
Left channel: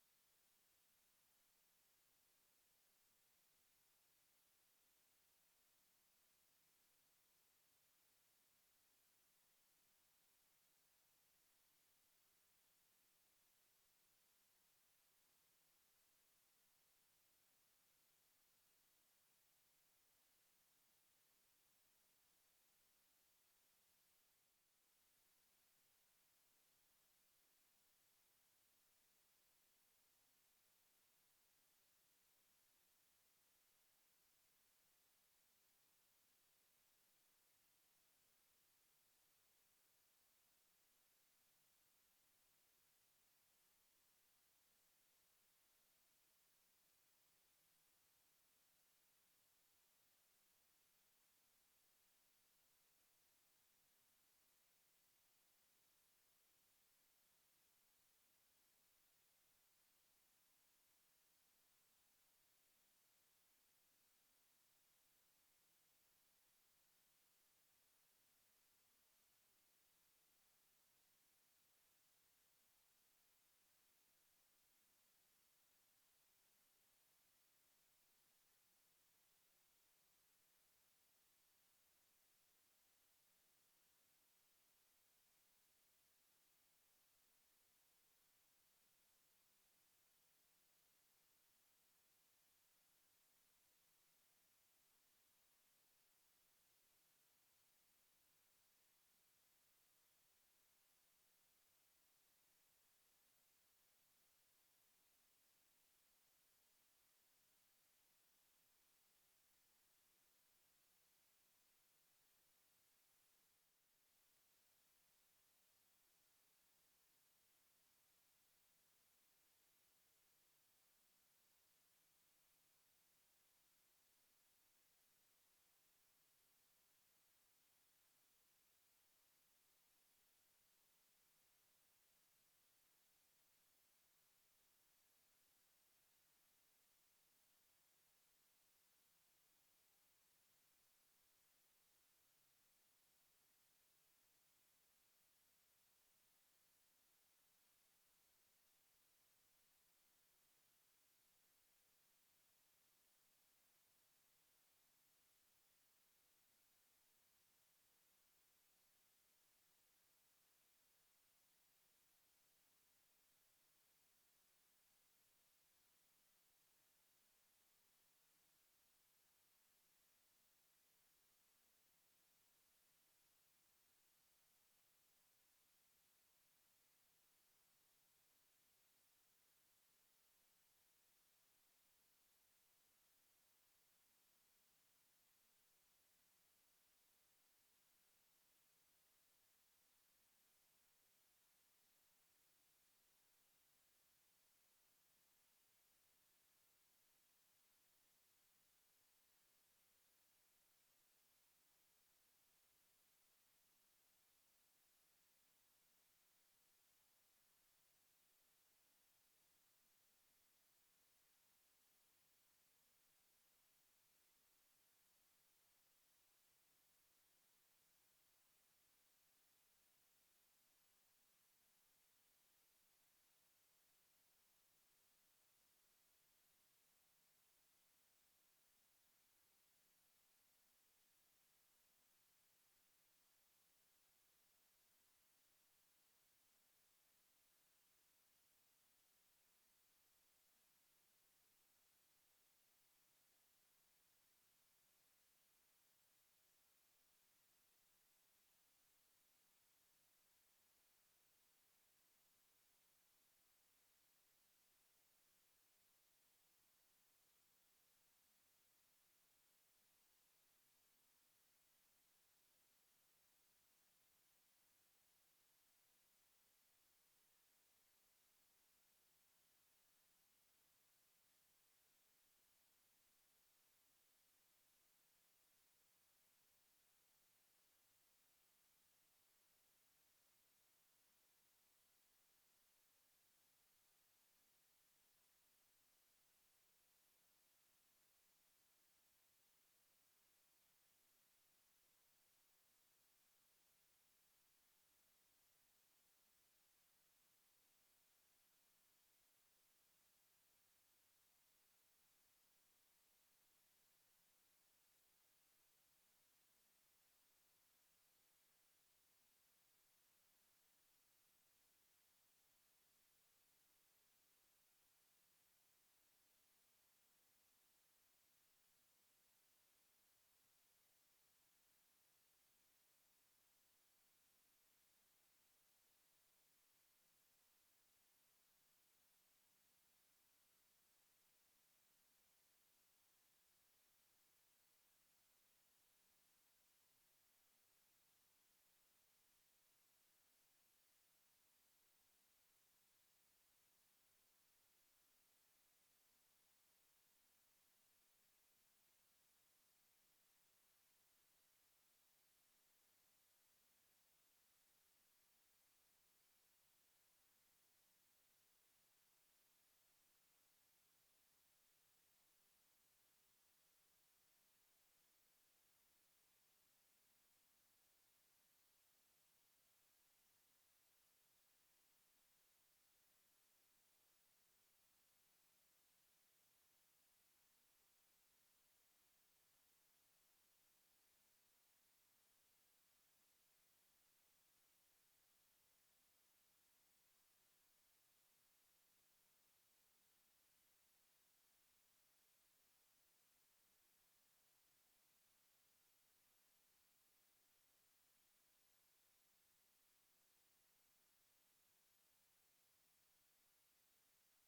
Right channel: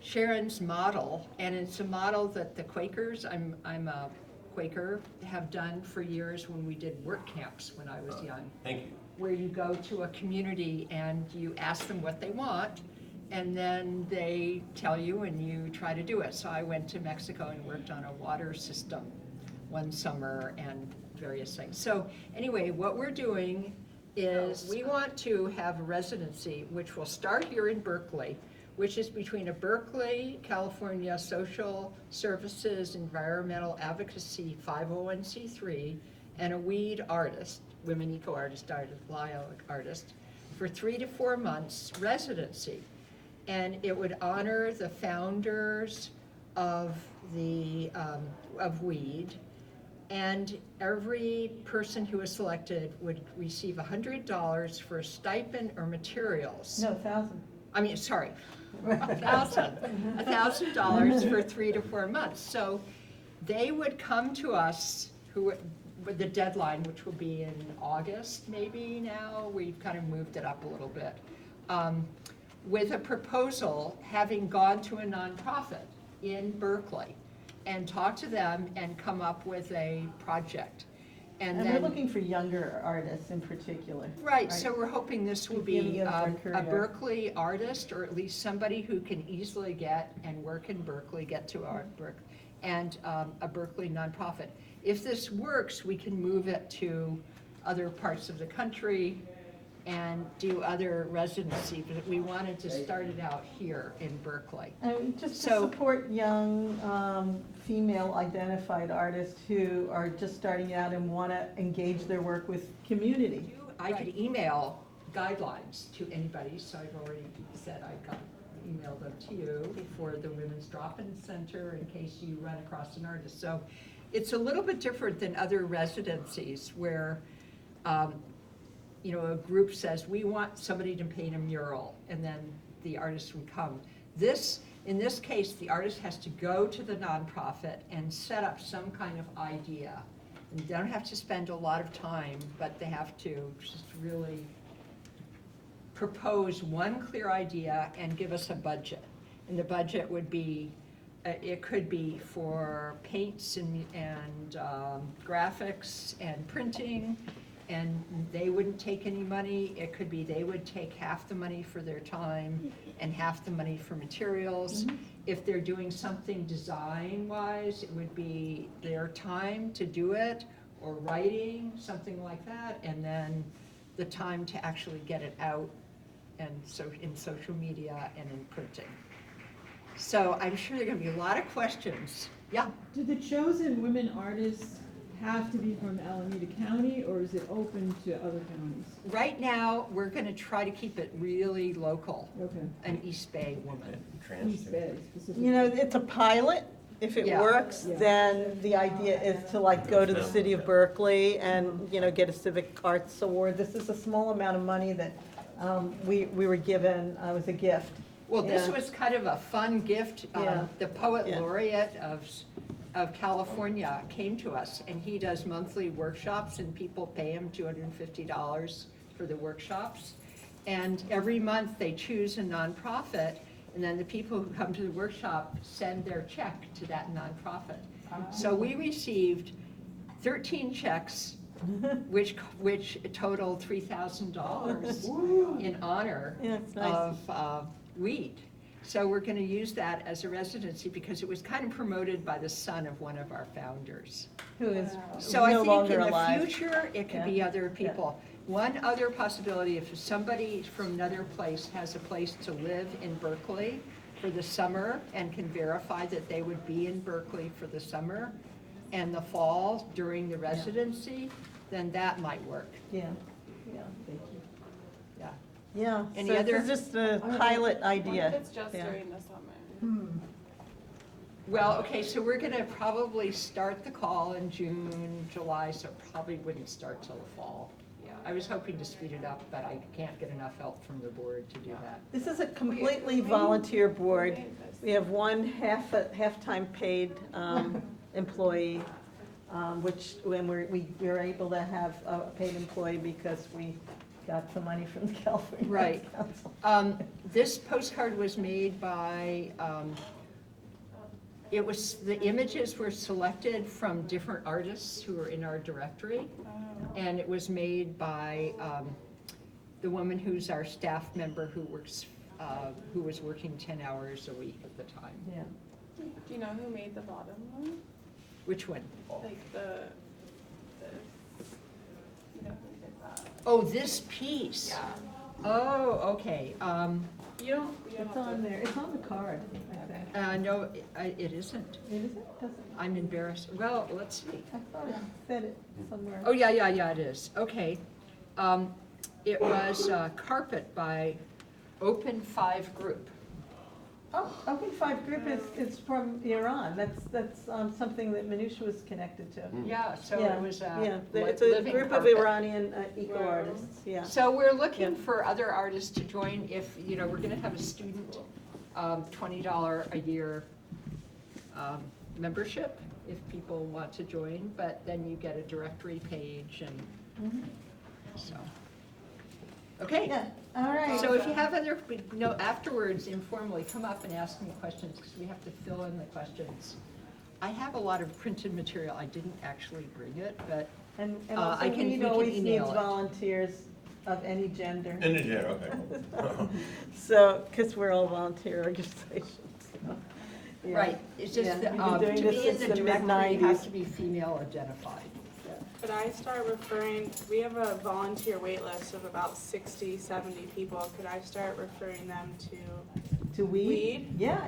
Sharon's model. And it's a model that the Quakers, I'm a Quaker, have done for years when we did work camps when I was young. Thank you. Where you go to a community and you ask them what they want, and then they tell you and you try to do it. So I went to Mexico and worked on a water system one summer and various things. So anyway, what we're doing is we want to have a residency, which will start here in Berkeley, which is between a Berkeley, California Social Services Environmental Advocacy 501c3 and a weed artist, Women Eco Artist, Dialogue Artist, for 3 to 4 months residency. And it would honor the founders of the of weed, and every person who was selected would receive $100 for a stipend or materials. No, 1,000. I mean, sorry, $1,000 for 3 to 4 months. So they would come to us, with the deadline, which will be in August maybe now, we've kind of moved it up a little bit, with a proposal, having gone to a nonprofit in Berkeley and talked to them and come up with a project. And then, we're looking for younger artists in particular. right, so we're hoping this will be Beginning of their a career. Berkeley artist, or at least somebody who can easily get and work in Berkeley, get to our Berkeley, and a Berkeley nonprofit. If this works, we can move it to other parts of the country and do other residency, but we wanted to start it out here in Berkeley. And just to So- support young female identified artists who are just starting out and want to engage their work with community. I could email guidelines to anybody, so I've already said email them to you for the Women's Drop-In Center in case you run across an artist. So it's a little bit different than other residencies where you know, a group says, we want somebody to paint a mural, and then the artist would come. In this case, the artist has to go to the nonprofit and set up some kind of idea. And they don't have to spend a lot of time, but they have to just really propose one clear idea and give us a budget. And the budget would be, it could be for paints and graphics and printing, and they wouldn't take any money. It could be they would take half the money for their time and half the money for materials. Mm-hmm. If they're doing something design-wise, it would be their time to do it, or writing, something like that, and then the time to actually get it out, and so in social media and in printing. So I'm sure there are going to be a lot of questions. Yeah? Do the chosen women artists have to be from Alameda County, or is it open to other counties? Right now, we're going to try to keep it really local. Okay. An East Bay woman. East Bay specifically. You know, it's a pilot. If it Yeah. works, Yeah. then the idea is to like go to the city of Berkeley and, you know, get a civic arts award. This is a small amount of money that we were given, was a gift. Well, this Yeah. was kind of a fun gift. Yeah. The poet Yeah. laureate of California came to us, and he does monthly workshops, and people pay him $250 for the workshops. And every month they choose a nonprofit, and then the people who come to the workshop send their check to that nonprofit. So we received 13 checks, which totaled $3,000 in honor Yeah, it's nice. of weed. So we're going to use that as a residency because it was kind of promoted by the son of one of our founders. Who is So I no think longer in the alive. future, it could Yeah. be other people. One other possibility, if somebody from another place has a place to live in Berkeley for the summer and can verify that they would be in Berkeley for the summer and the fall during the residency, then that might work. Yeah, yeah, Yeah. yeah. Any So other- this is just a pilot idea. It's just Yeah. during the summer. Well, okay, so we're gonna probably start the call in June, July, so probably wouldn't start till the fall. Yeah, I was hoping to speed it up, but I can't get enough help from the board to do that. This is a completely volunteer board. We have one half-time paid employee, which when we were able to have a paid employee because we got some money from the California Right. Arts Council. This postcard was made by, the images were selected from different artists who are in our directory. And it was made by the woman who's our staff member who was working 10 hours a week at the time. Yeah. Do you know who made the bottom one? Which one? Like the you know who did that? Oh, this piece? Yeah. Oh, okay. You don't It's on there. It's on the card, I think. No, it isn't. It isn't? Doesn't. I'm embarrassed. Well, let's see. I thought it said it somewhere. Oh, yeah, it is. Okay. It was Carpet by Open 5 Group. Oh, Open Five Group is from Iran. That's something that Manusha was connected to. Yeah, so Yeah, it was yeah. li- It's a living group of carpet. Iranian eco-artists, yeah. So we're looking Yeah. for other artists to join if, we're gonna have a student, $20 a year membership if people want to join, but then you get a directory page and so. Okay. Yeah, all right. So if you have other, afterwards informally, come up and ask me questions, because we have to fill in the questions. I have a lot of printed material, I didn't actually bring it, but And I also, can- we Weed can always needs email it. volunteers of any gender. Okay. So, because we're all volunteer organizations. so, yeah. right, it's just Yeah, that, we've been doing to this be in since the the directory, you have mid-nineties. to be female identified. Could I start referring, we have a volunteer wait list of about 60, 70 people. Could I start referring them to To weed? Weed? Yeah,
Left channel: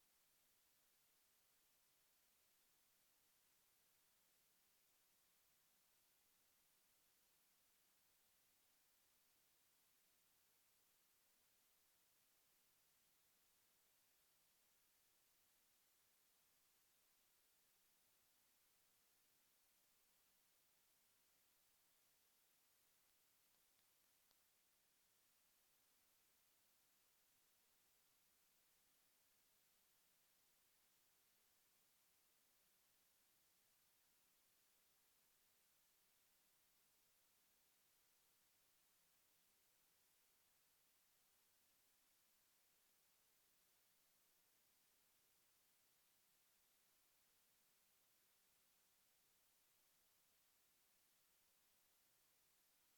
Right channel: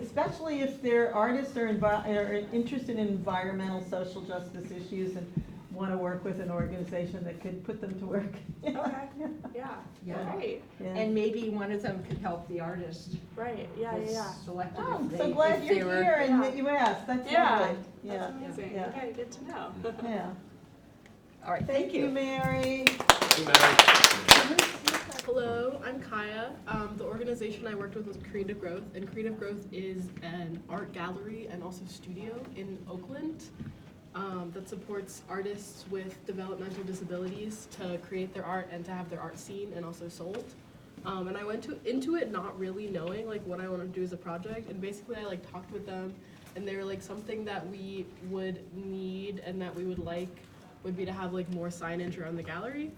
especially if they're artists or are interested in environmental, social justice issues and want to work with an organization that could put them to work. Okay, yeah, Yeah. great, Yeah. And maybe one of them could help the artist right, yeah, that's yeah. selected Oh, I'm if so they, glad if they you're were. here and Yeah. that you asked. That's Yeah. lovely. Yeah, That's amazing, yeah. okay, good to know. yeah. All right, Thank you, Mary. Hello, I'm Kaya. The organization I worked with was Creative Growth, and Creative Growth is an art gallery and also studio in Oakland that supports artists with developmental disabilities to create their art and to have their art seen and also sold. And I went into it not really knowing what I wanted to do as a project, and basically I talked with them, and they were something that we would need and that we would would be to have more signage around the gallery.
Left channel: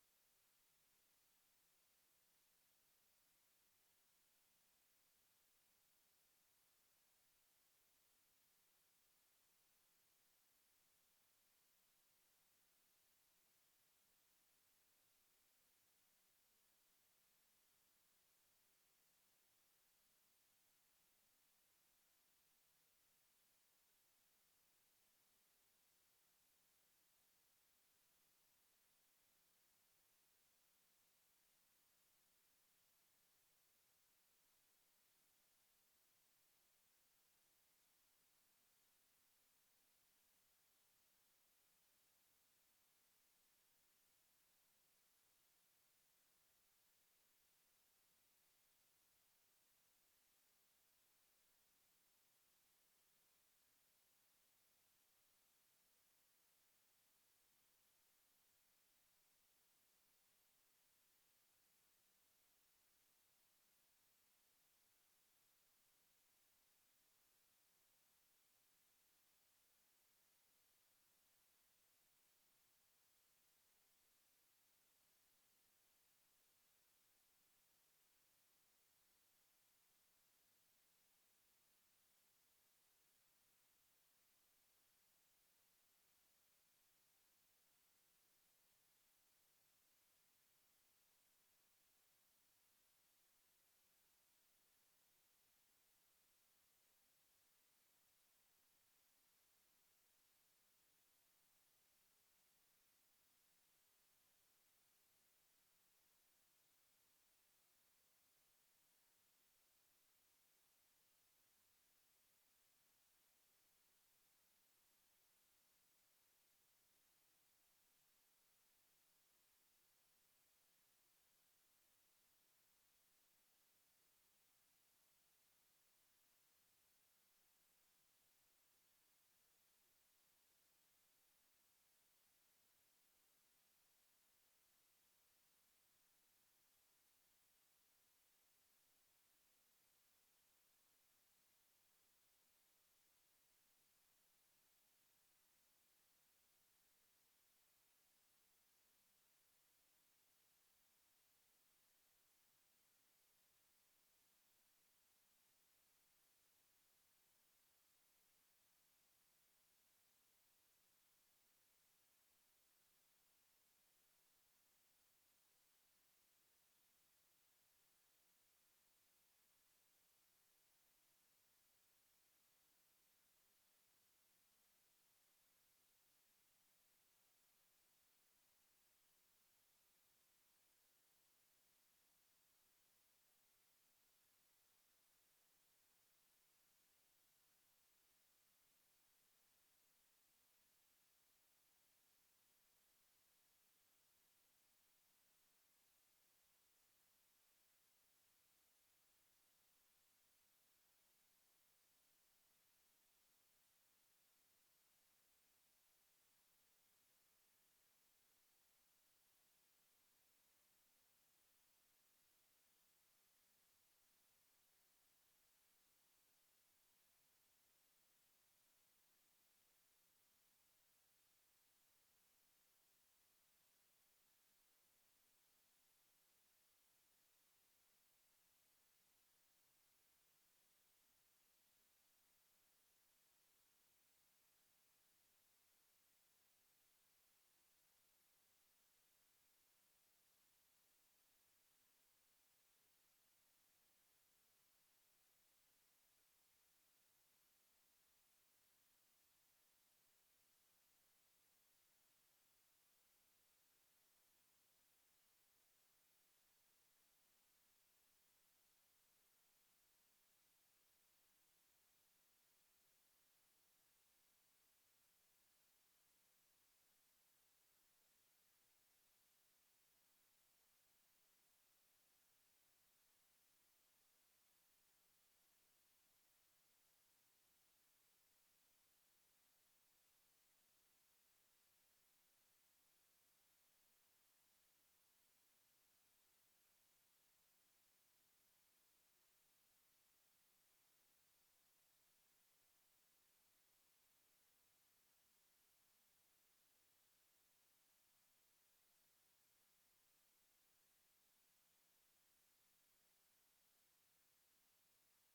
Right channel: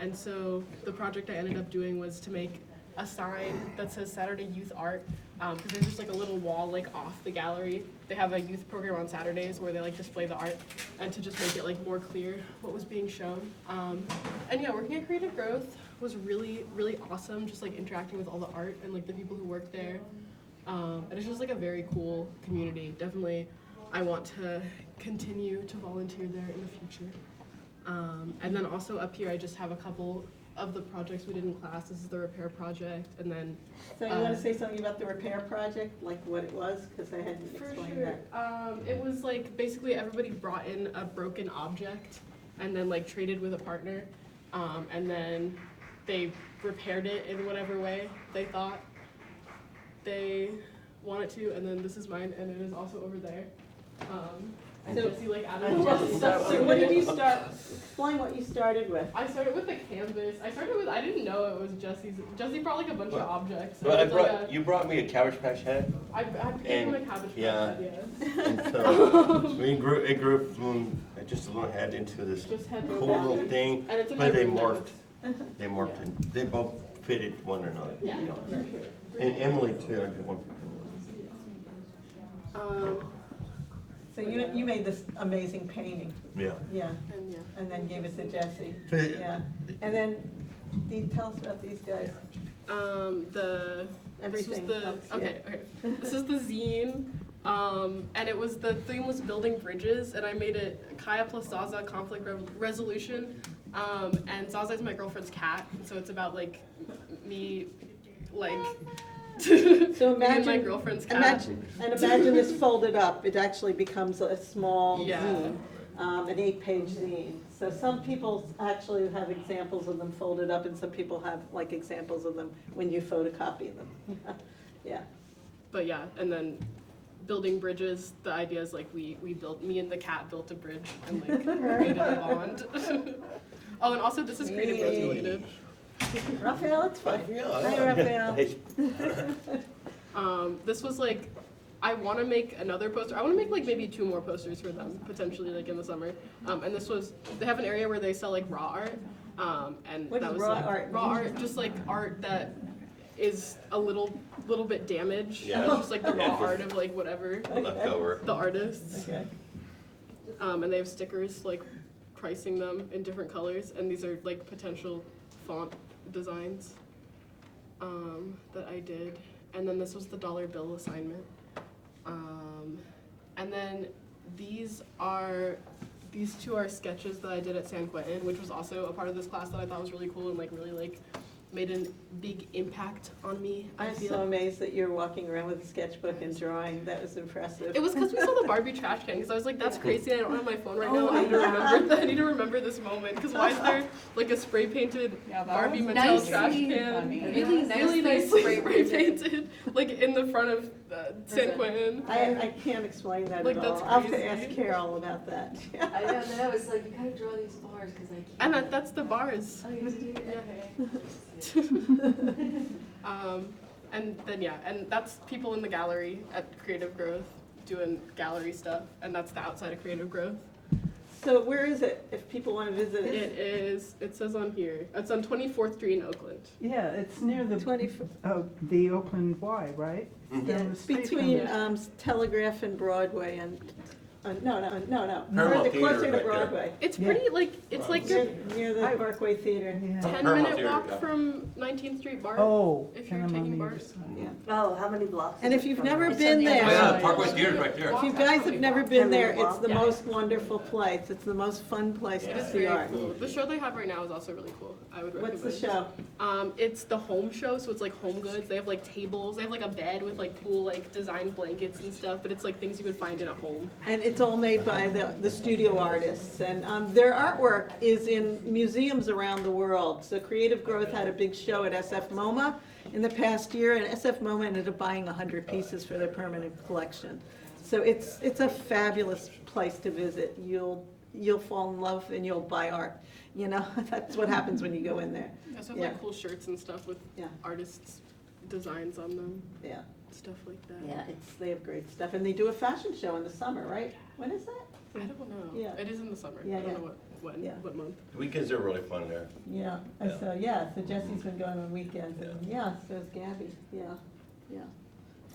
And so the project I ended up doing was to make a sign that says Saturday Youth Art, because there's just a little wall off the gallery. They have a youth program on Saturdays where they display the art, and to just make it more clear what was being shown. And yeah, working at Creative Growth was really, really awesome, just interacting with all the art and the people who work there. And it's just a very cool community. Definitely, I want to continue to volunteer there in the future. And then also up here, I just have a couple of the projects we did in class. This is the repair project, and then So you want to say something about the repair project, like what it was? Because I hadn't for explained sure, that. it was basically everybody brought in a broken object, and then traded with a partner, and then they repaired it in whatever way they thought they wanted to, and then this is mine, and it is also over there. And So- Jesse like added a lot of So stuff. what did you start, explain what you started with. I started with the canvas. I didn't know it was Jesse's. Jesse brought like a bunch of objects. But It was like you brought me a Cabbage Patch head, I gave him a cabbage patch yeah. head, yes. and so it grew from just a little head into this Just head cool back. little thing, And it's in but they my room morphed. They morphed, and they both fitted one another. Yeah. You know. And Emily too. I did one. So you made this amazing painting, Yeah. yeah, And yeah. and then gave it to Jesse, So, yeah. And then, tell us about these guys, everything. This was else, yeah. okay. This is the zine, and the theme was building bridges, and I made it Kaya plus Zaza conflict resolution, and Zaza is my girlfriend's cat, so it's about like me, like. So me and my imagine, girlfriend's cat. imagine this folded up, it actually becomes a small Yeah. zine, an 8-page zine. So some people actually have examples of them folded up, and some people have like examples of them when you photocopy them. Yeah. But yeah, and then building bridges, the idea is like me and the cat built a bridge and like made a bond. Oh, and also this is creative growth related. Raphael, it's fine. Hi, Raphael. This was like, I want to make another poster. I want to make like maybe 2 more posters for them potentially like in the summer. And this was, they have an area where they sell like raw art. And What that is was raw like art? raw art, just like art that is a little bit damaged. Yeah. Just like the raw art of like whatever Leftover. the artists. Okay. And they have stickers like pricing them in different colors, and these are like potential font designs that I did. And then this was the dollar bill assignment. And then these 2 are sketches that I did at San Quentin, which was also a part of this class that I thought was really cool and like really like made a big impact on me. I'm so amazed that you're walking around with a sketchbook and drawing. That was impressive. It was because we saw the Barbie trash can, because I was like, that's crazy, I don't have my phone right now. Oh I need to my remember that. I need to remember this moment, because why is there like a spray painted Barbie Mattel nicely trash can? funny. Really nicely spray painted, like in the front of San Quentin. I can't explain that Like, at all. that's I'll have to crazy. ask Carol about that. I don't know, it's like you gotta draw these bars because I And can't. that's the bars. Oh, you do? Okay. And then yeah, and that's people in the gallery at Creative Growth doing gallery stuff, and that's the outside of Creative Growth. So where is it, if people want to visit it? It says on here, it's on 24th Street in Oakland. Yeah, it's near the 20, the Oakland Y, right? yeah, Down the street from between there. Telegraph and Broadway and, no, Paramount further, Theater closer to right there. Broadway. It's Yeah. pretty, like, it's like Near, a near the Parkway Theater. Yeah. 10-minute Theater, walk yeah. from 19th Street BART. Oh, if you're and I'm on taking the other BART. side. Oh, how many blocks? And is if it you've from never there? been Oh there, yeah, Parkway Theater's right there. if you guys have never been there, it's the Yeah. most wonderful place. It's the most fun place It to is see very art. cool. The show they have right now is also really cool. I would recommend. What's the show? It's the home show, so it's like home goods. They have like tables. They have like a bed with like cool like designed blankets and stuff. But it's like things you would find in a home. And it's all made by the studio artists. And their artwork is in museums around the world. So Creative Growth had a big show at SF MoMA in the past year, and SF MoMA ended up buying 100 pieces for their permanent collection. So it's a fabulous place to visit. You'll fall in love and you'll buy art. You know, that's what happens when you go in there. They also have Yeah. like cool shirts and stuff with Yeah. artists' designs on them. Yeah. Stuff like that. Yeah, they have great stuff. And they do a fashion show in the summer, right? When is that? I don't know. Yeah. It is in the summer. Yeah, I don't yeah. know Yeah. what month. Weekends are really fun there. Yeah, Yeah. so Jesse's been going on weekends, and so is Gabby, yeah.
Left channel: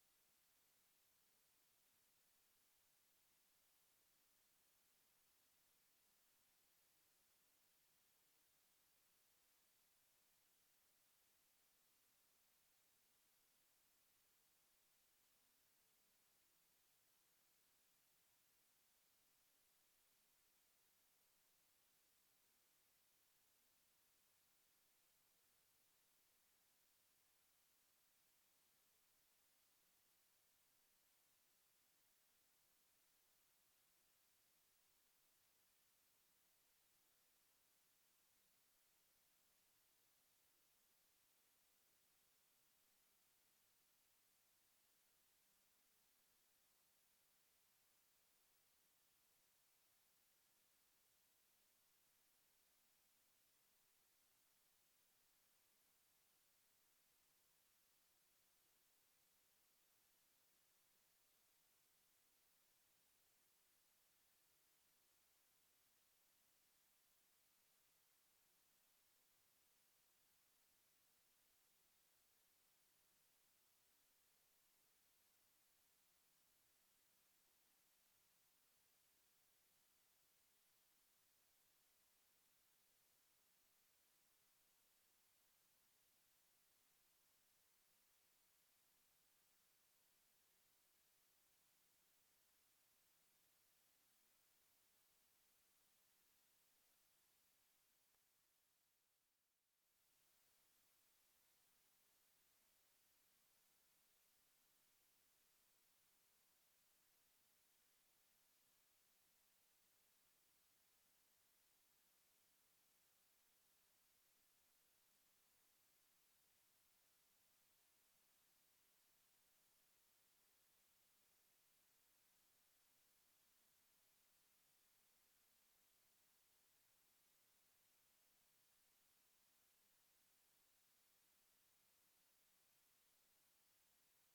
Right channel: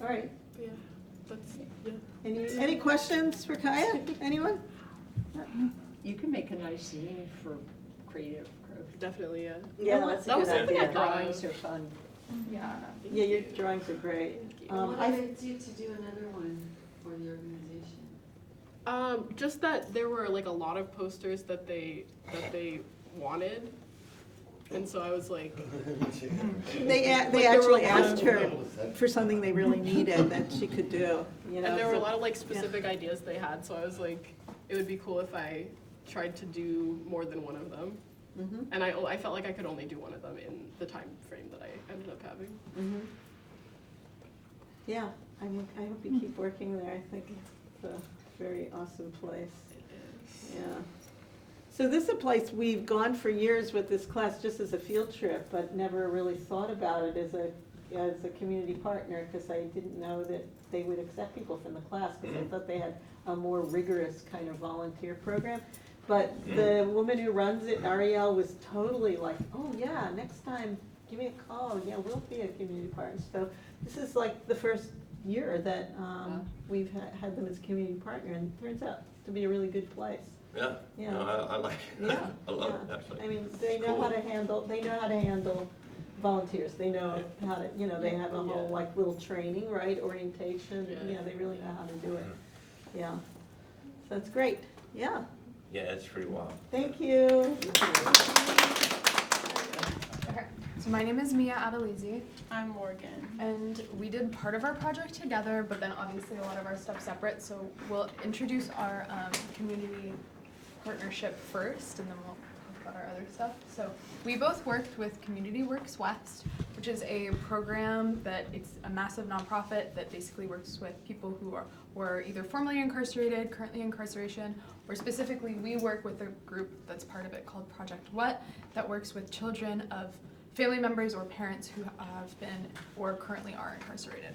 All right, But yeah, that's any questions for Kaya, anyone? You can make a nice zine for Creative Growth. definitely yeah. Yeah, that's a That was good something I idea. thought Drawings of. are fun. Yeah, your drawings are great. What I- motivates you to do another one for the organization? Just that there were like a lot of posters that they wanted, and so I was like, They there actually were a lot asked of- her for something they really needed that she could do, you know. and there were a so- lot of like specific ideas they had, so I was like, it would be cool if I tried to do more than one of them. And I felt like I could only do one of them in the time frame that I ended up having. Yeah, I hope you keep working there. I think it's a very awesome place. Yeah. So this is a place we've gone for years with this class just as a field trip, but never really thought about it as a community partner, because I didn't know that they would accept people from the class, because I thought they had a more rigorous kind of volunteer program. But the woman who runs it, Ariel, was totally like, oh yeah, next time give me a call. Yeah, we'll be a community partner. So this is like the first year that we've had them as a community partner, and it turns out to be a really good place. Yeah. Yeah. No, I like it. Yeah. I love Yeah. it, actually. I mean, they know how to handle volunteers. They know how to, they have a whole like little training, right? Orientation. Yeah, they really know how to do it. Yeah. So that's great. Yeah. Yeah, it's pretty wild. Thank you. Okay, so my name is Mia Adelizi, I'm Morgan. and we did part of our project together, but then obviously a lot of our stuff separate, so we'll introduce our community partnership first, and then we'll talk about our other stuff. So we both worked with Community Works West, which is a program that it's a massive nonprofit that basically works with people who were either formerly incarcerated, currently incarceration, or specifically we work with a group that's part of it called Project What, that works with children of family members or parents who have been or currently are incarcerated.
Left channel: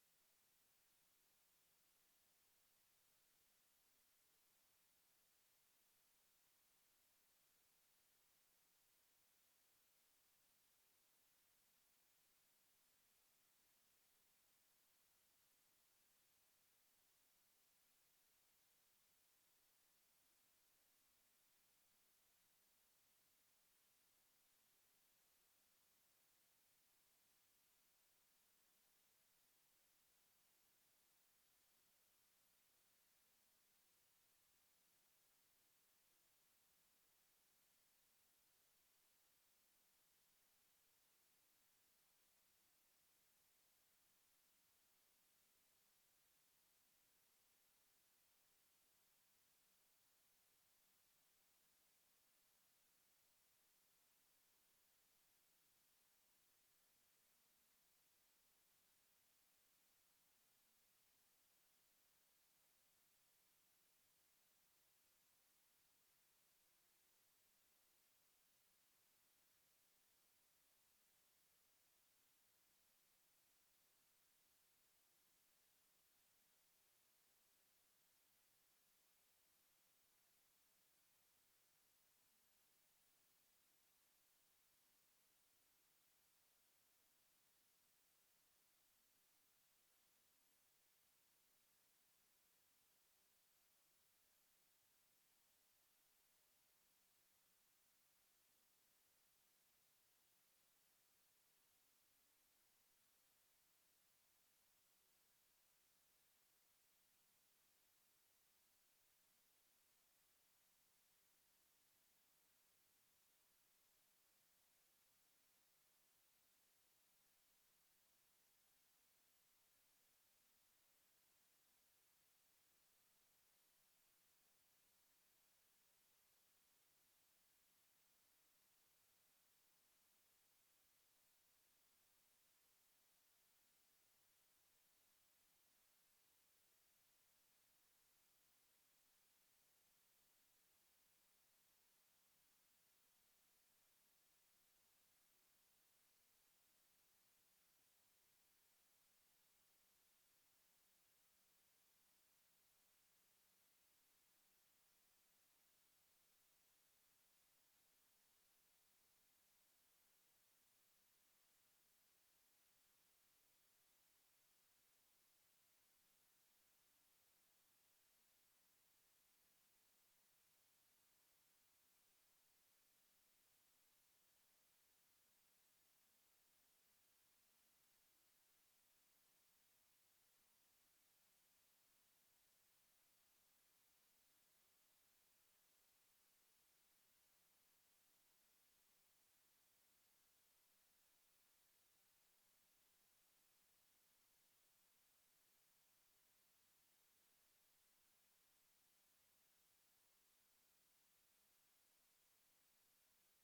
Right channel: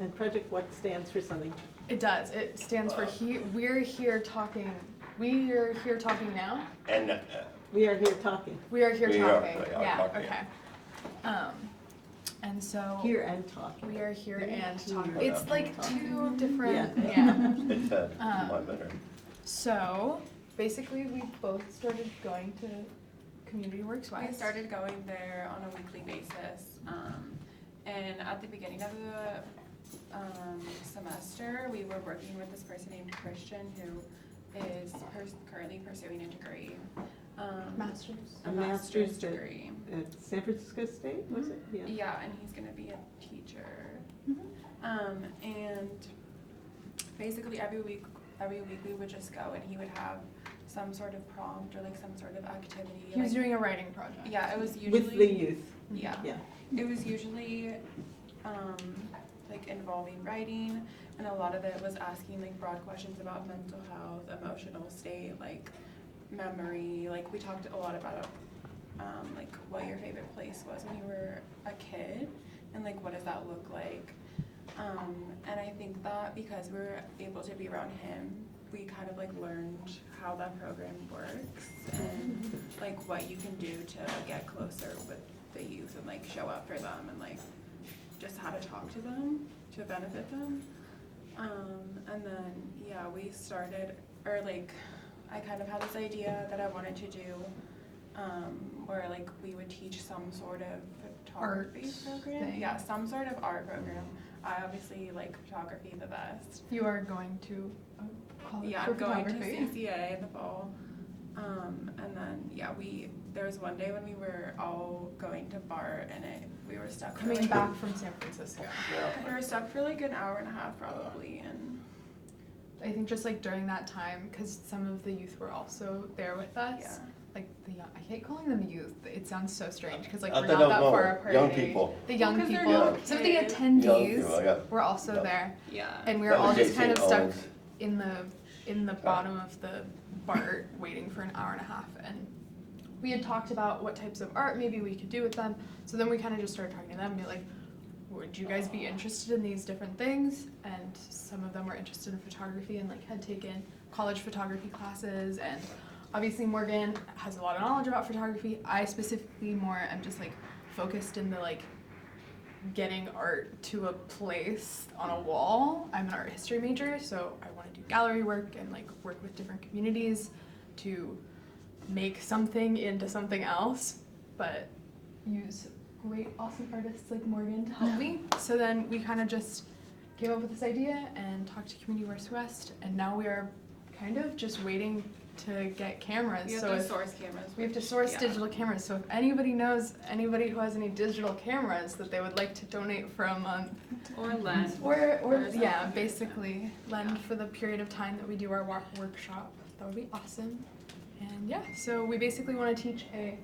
And Project What stands for something? It does. It stands for We're Here Talking. We are here talking now. And We are here talking. We are here We talking. are Yeah. talking. Okay. And so Here and talking. we are here and Here talking. and It's like two different. Yeah. it's a lot better. So basically, we both started going to Community Works West. We started going there on a weekly basis, and at the beginning of the semester, we were working with this person named Christian, who is currently pursuing a degree, Master's. a master's degree. At San Francisco State, was it? Yeah. Yeah, and he's gonna be a teacher. And basically every week we would just go, and he would have some sort of prompt or like some sort of activity. He was like, doing a writing project. Yeah, it was usually With the youth. Yeah. Yeah. It was usually like involving writing, and a lot of it was asking like broad questions about mental health, emotional state, like memory. Like we talked a lot about like what your favorite place was when you were a kid, and like what does that look like. And I think that because we were able to be around him, we kind of like learned how that program works and like what you can do to get closer with the youth and like show up for them and like just how to talk to them to benefit them. And then yeah, we started, or like I kind of had this idea that I wanted to do where like we would teach some sort of photography program. thing. Yeah, some sort of art program. I obviously like photography the best. You are going to college Yeah, for I'm going to photography. CCA in the fall. And then yeah, there was one day when we were all going to BART, and we were stuck for Coming like, back from San Francisco. we were stuck for like an hour and a half probably, and I think just like during that time, because some of the youth were also there with us. yeah. Like the young, I hate calling them youth. It sounds so strange because like I we're don't not that know. far apart. Young people. The young 'cause they're people. young Some of the kids. Young attendees people, yeah. were also Yeah. there, Yeah. and we That were all was just kind of J.C. stuck Owens. in the bottom of the BART waiting for an hour and a half. And we had talked about what types of art maybe we could do with them. So then we kind of just started talking to them and be like, would you guys be interested in these different things? And some of them were interested in photography and like had taken college photography classes, and obviously Morgan has a lot of knowledge about photography. I specifically more am just like focused in the like getting art to a place on a wall. I'm an art history major, so I want to do gallery work and like work with different communities to make something into something else, but use great, awesome artists like Morgan to help me. So then we kind of just came up with this idea and talked to Community Works West, and now we are kind of just waiting to get cameras. We have So to if source cameras. we have to source Yeah. digital cameras. So if anybody knows anybody who has any digital cameras that they would like to donate for a month, Or lend. or yeah, something. basically lend for the period of time that we do our workshop, that would be awesome. And yeah, so we basically want to teach a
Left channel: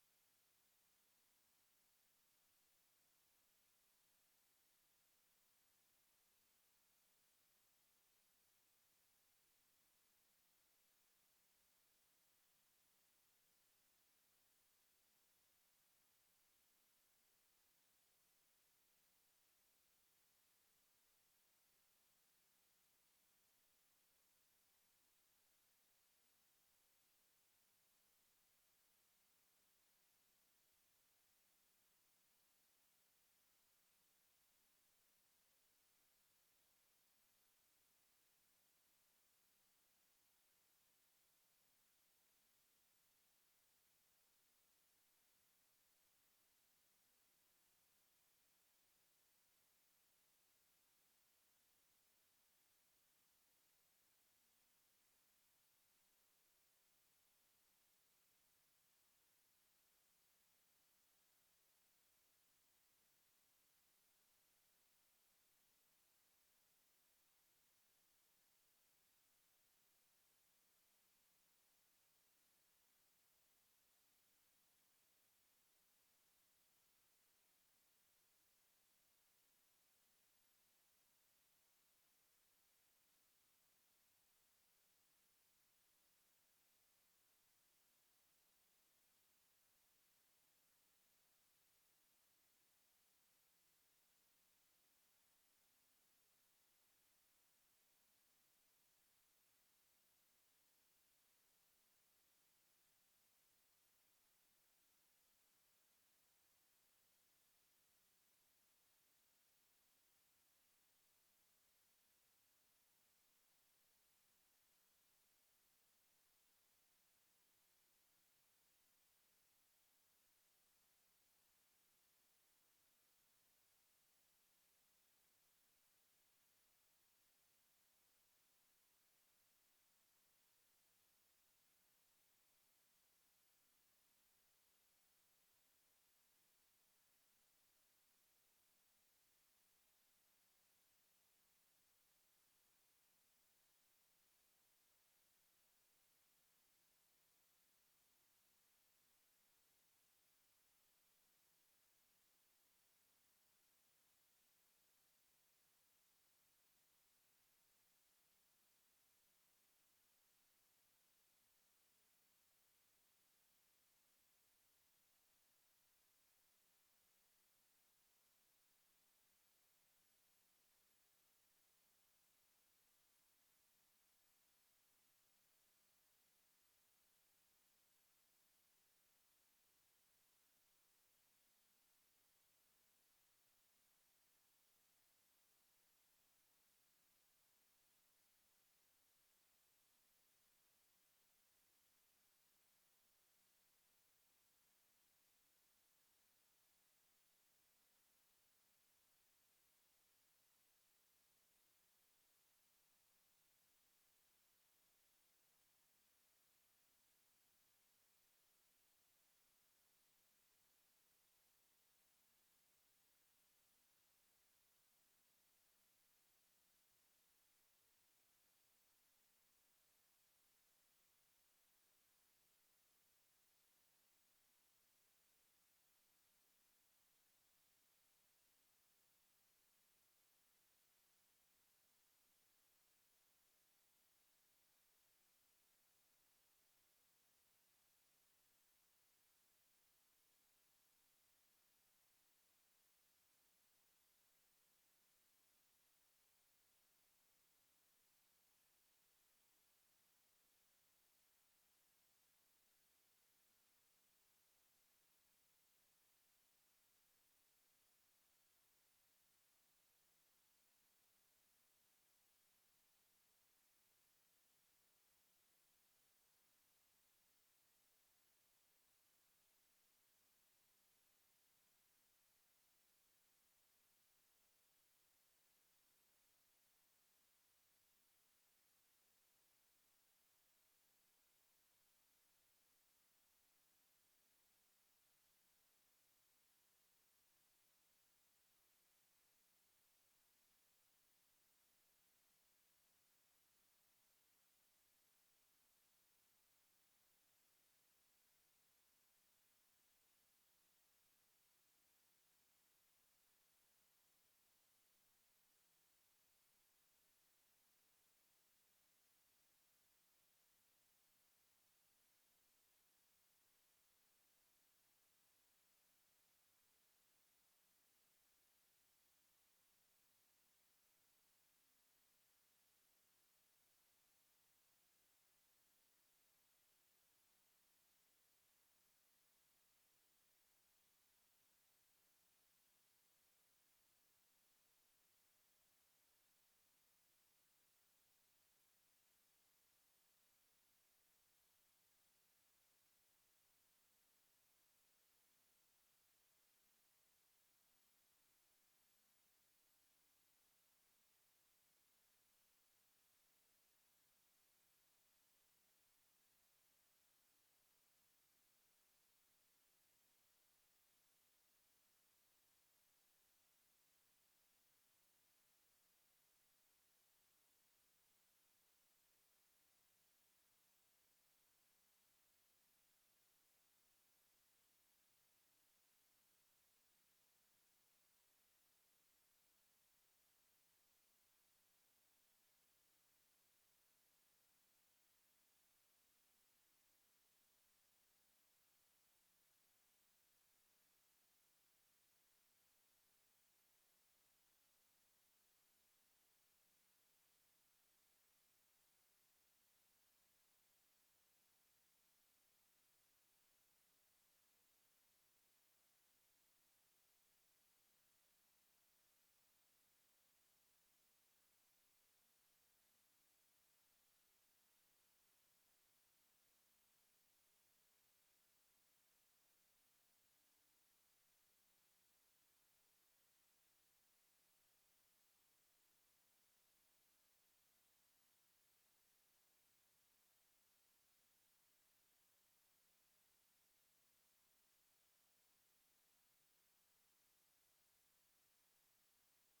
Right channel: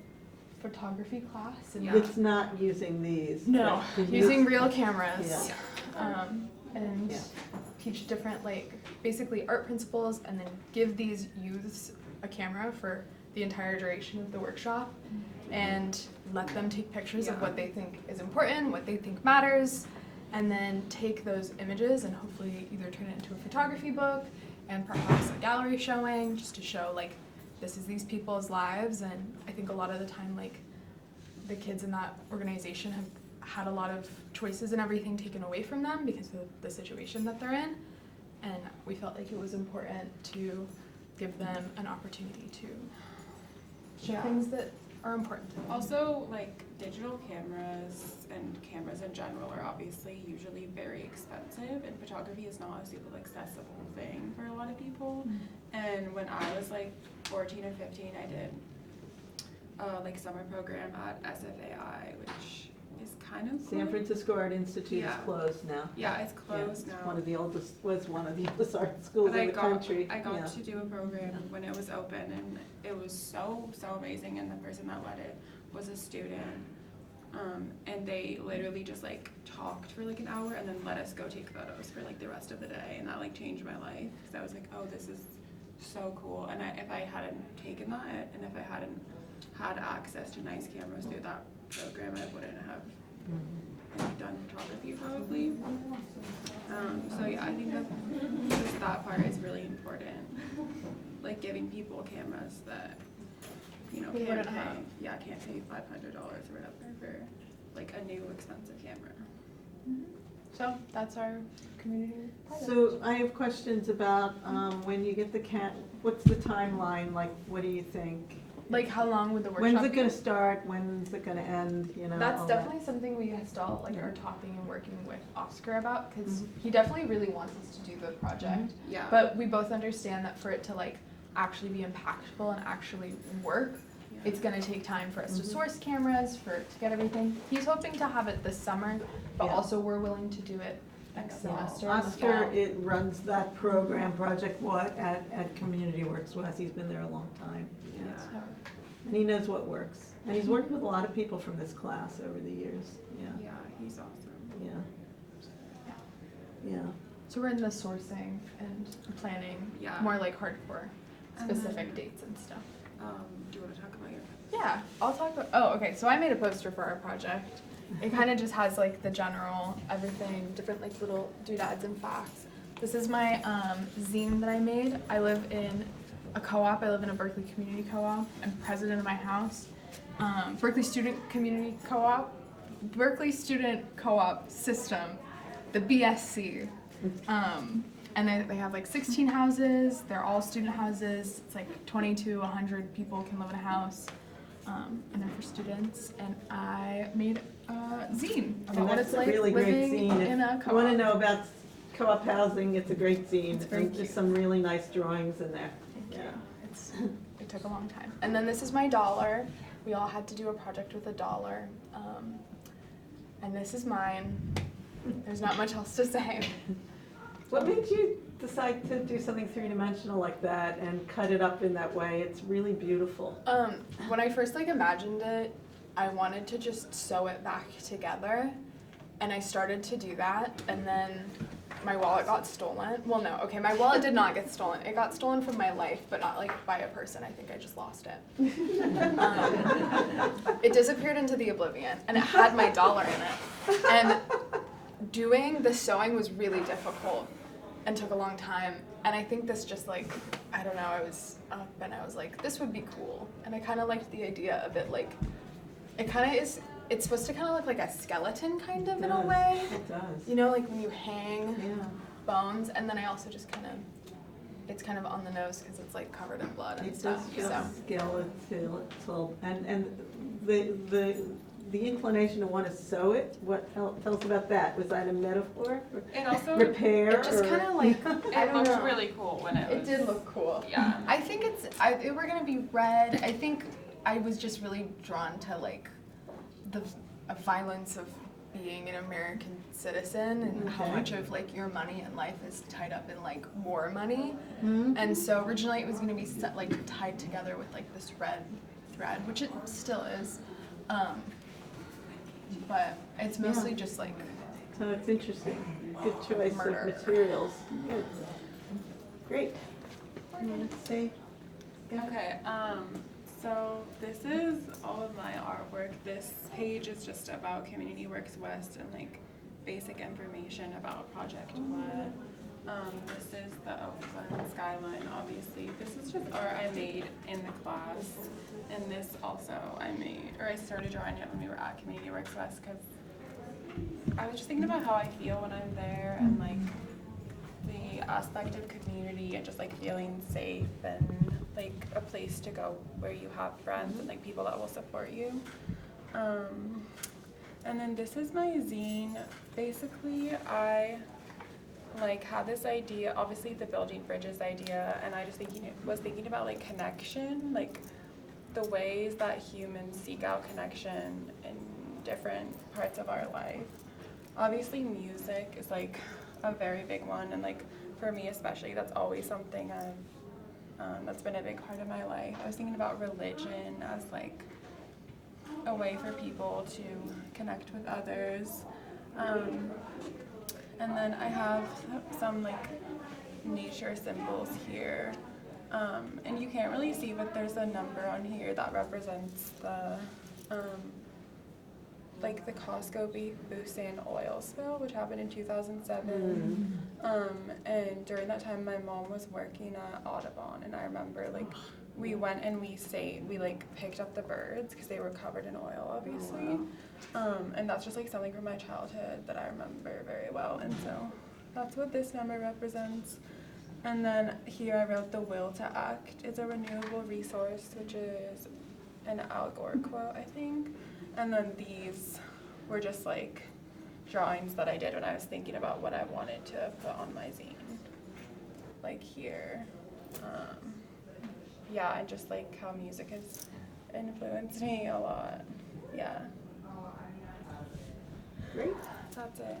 photography class. And It's not using these. no, but using real cameras. Yeah. And Yeah. teach different, like, basically art principles, and then give these youths a camera for the entire duration of the workshop, and let them take pictures of what they think is important, what they think matters, and then take those images and hopefully either turn it into a photography book and perhaps a gallery showing, just to show, like, this is these people's lives. And I think a lot of the time, like, the kids in that organization have had a lot of choices and everything taken away from them because of the situation that they're in, and we felt like it was important to give them an opportunity to show things that are important. Also, like, digital cameras and cameras in general are obviously usually very expensive, and photography is not a super accessible thing for a lot of people. And when I was like 14 or 15, I did like summer program at SFAI, which is kind of cool. San Francisco Art Institute is closed now. Yeah, it's closed now. It's one of the oldest art schools in the country. I got to do a program when it was open, and it was so amazing. And the person that led it was a student, and they literally just like talked for like an hour and then let us go take photos for like the rest of the day, and that like changed my life, because I was like, oh, this is so cool. And if I hadn't taken that, and if I hadn't had access to nice cameras through that program, I wouldn't have done photography probably. So yeah, I think that just that part is really important, like giving people cameras that, you know, can't pay $500 or whatever for like a new expensive camera. So that's our community project. So I have questions about when you get the what's the timeline? Like, what do you think? Like, how long would the workshop When's it going to start? When's it going to end? You know, that's all definitely something we still like are talking and working with Oscar about, because he definitely really wants us to do the project. Yeah. But we both understand that for it to like actually be impactful and actually work, it's going to take time for us to source cameras, to get everything. He's hoping to have it this summer, but also we're willing to do it next semester. Oscar, it runs that program, Project What, at Community Works West. He's been there a long time. Yeah. And he knows what works. And he's worked with a lot of people from this class over the years. Yeah. Yeah, he's awesome. Yeah. So we're in the sourcing and planning, more like hardcore, specific dates and stuff. Do you want to talk about your? Yeah, I'll talk about, okay, so I made a poster for our project. It kind of just has like the general everything, different like little doodads and facts. This is my zine that I made. I live in a co-op. I live in a Berkeley community co-op. I'm president of my house. Berkeley Student Community Co-op, Berkeley Student Co-op System, the BSC. And they have like 16 houses. They're all student houses. It's like 20 to 100 people can live in a house. And they're for students. And I made a zine about what it's like really living great zine. in a If co-op. you want to know about co-op housing, it's a great zine. It's very and there's some really nice drawings in there. It took a long time. And then this is my dollar. We all had to do a project with a dollar. And this is mine. There's not much else to say. What made you decide to do something three-dimensional like that and cut it up in that way? It's really beautiful. When I first imagined it, I wanted to just sew it back together. And I started to do that, and then my wallet got stolen. Well, no, okay, my wallet did not get stolen. It got stolen from my life, but not like by a person. I think I just lost it. It disappeared into the oblivion, and it had my dollar in it. And doing the sewing was really difficult and took a long time. And I think this just like, I don't know, I was up and I was like, this would be cool. And I kind of liked the idea of it, like, it kind of is, it's supposed to kind of look like a skeleton kind of in a way. It does. You know, like when you hang bones. And then I also just kind of, it's kind of on the nose because it's like covered in blood and stuff. It does feel skeletal. And the inclination to want to sew it, tell us about that. Was that a metaphor? It also repair? It just kind of like, it looked really cool when it was. It did look cool. Yeah. I think we're gonna be red. I think I was just really drawn to like the violence of being an American citizen and how much of like your money in life is tied up in like war money. And so originally it was going to be set, like tied together with like this red thread, which it still is. But it's mostly just like. So it's interesting. Good choice Murder. of materials. Good. Great. You want to say? Yeah. Okay, so this is all of my artwork. This page is just about Community Works West and like basic information about Project What. This is the Oakland skyline, obviously. This is just art I made in the class. And this also I started drawing it when we were at Community Works West because I was just thinking about how I feel when I'm there and like the aspect of community and just like feeling safe and like a place to go where you have friends and like people that will support you. And then this is my zine. Basically, I like had this idea, obviously the building bridges idea, and I just was thinking about like connection, like the ways that humans seek out connection in different parts of our life. Obviously music is like a very big one, and like for me especially, that's always something that's been a big part of my life. I was thinking about religion as like a way for people to connect with others. And then I have some like nature symbols here. And you can't really see, but there's a number on here that represents the like the Costco Busan oil spill, which happened in 2007. And during that time, my mom was working at Audubon, and I remember like we went and we like picked up the birds because they were covered in oil, obviously. And that's just like something from my childhood that I remember very well, and so that's what this number represents. And then here I wrote the will to act. It's a renewable resource, which is an Al Gore quote, I think. And then these were just like drawings that I did when I was thinking about what I wanted to put on my zine. Like here. Yeah, and just like how music has influenced me a lot. Yeah. Great. That's it.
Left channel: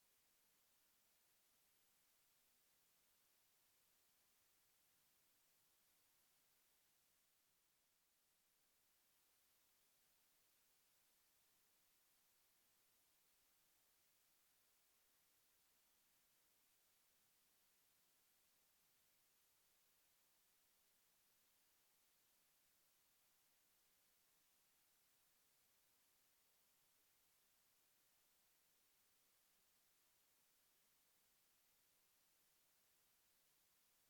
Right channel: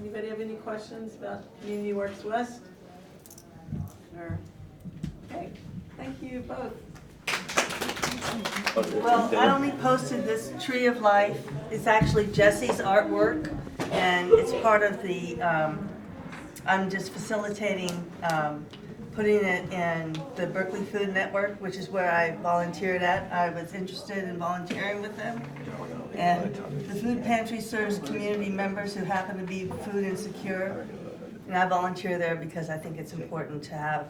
Anybody have any questions about Community Works West? Okay, thank you both. Well, I only posted this Tree of Life. It's actually Jesse's artwork, and it's part of the, I'm just facilitating putting it in the Berkeley Food Network, which is where I volunteered at. I was interested in volunteering with them. And the food pantry serves community members who happen to be food insecure. And I volunteer there because I think it's important to have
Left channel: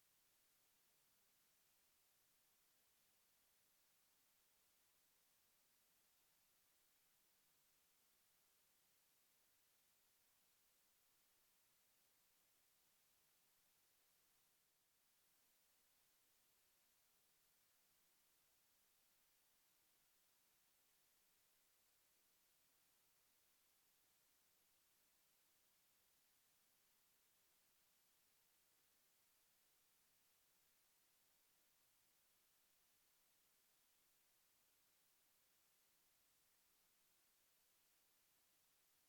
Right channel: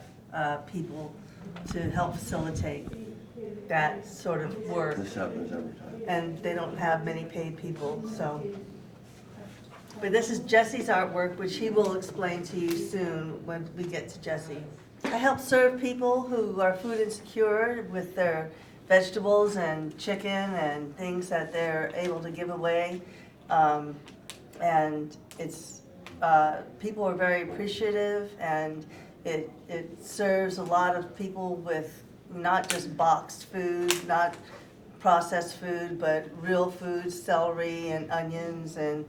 people to help facilitate that sort of work. This happens every time. And they don't have many paid people, so. But this is Jesse's artwork, which he will explain to you soon when we get to Jesse. I help serve people who are food insecure with their vegetables and chicken and things that they're able to give away. And it's, people are very appreciative, and it serves a lot of people with not just boxed food, not processed food, but real food, celery and onions and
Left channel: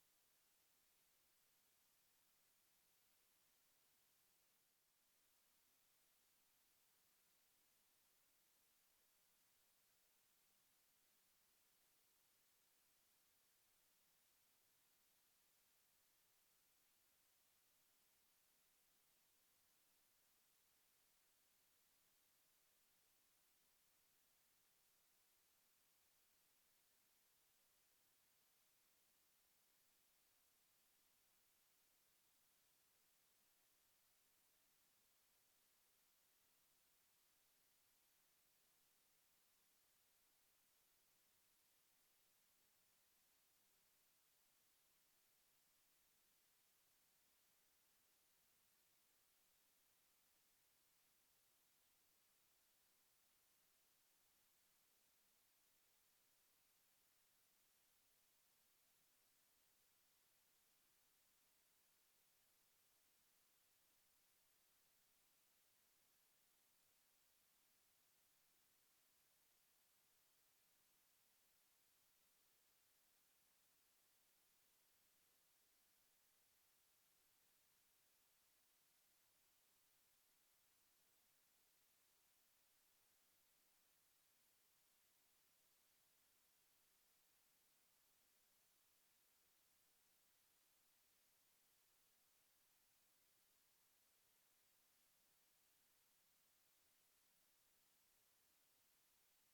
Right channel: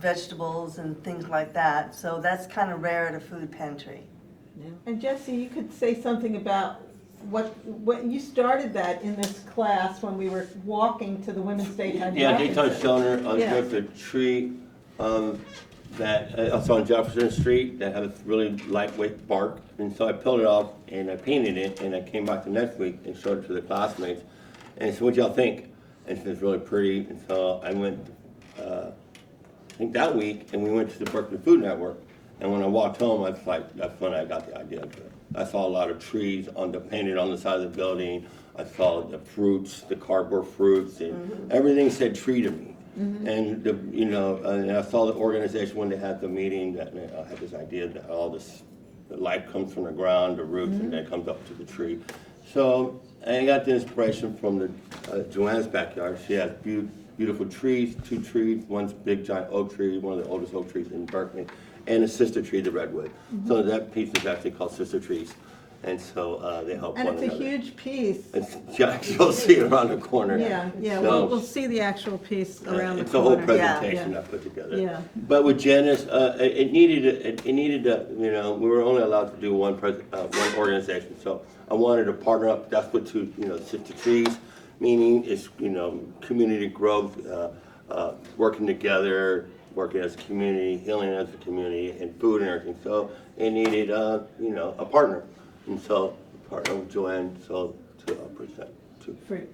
vegetables and things like that. So that's kind of rare at a food pantry. And Jesse, you could say something about what you started that in this class when we were walking to the Women's Daytime. Yeah, Daytime Shelter on Yeah. the tree that also on Jefferson Street that had a really lightweight bark, and so I peeled it off and I painted it, and I came back the next week and showed it to the classmates, and so what y'all think? And it's really pretty, and so I went, I think that week, and we went to the Berkeley Food Network, and when I walked home, I was like, that's when I got the idea to it. I saw a lot of trees painted on the side of the building. I saw the fruits, the cardboard fruits, and everything said tree to me. And and I saw the organization when they had the meeting that I had this idea that all this, the light comes from the ground, the roots, and then comes up to the tree. So I got the inspiration from the Joanne's backyard. She has beautiful trees, 2 trees. One's big giant oak tree, one of the oldest oak trees in Berkeley, and a sister tree, the redwood. So that piece is actually called Sister Trees. And so they help And one it's a another. huge piece. You'll see it around the corner. Yeah, So, we'll see the actual piece around the corner. it's a whole presentation I put together. Yeah. But with Janice, it needed we were only allowed to do one organization. So I wanted to partner up. That's what Sift the Trees, meaning is community growth, working together, working as a community, healing as a community, and food and everything. So it needed a partner, and so partner with Joanne. So to present.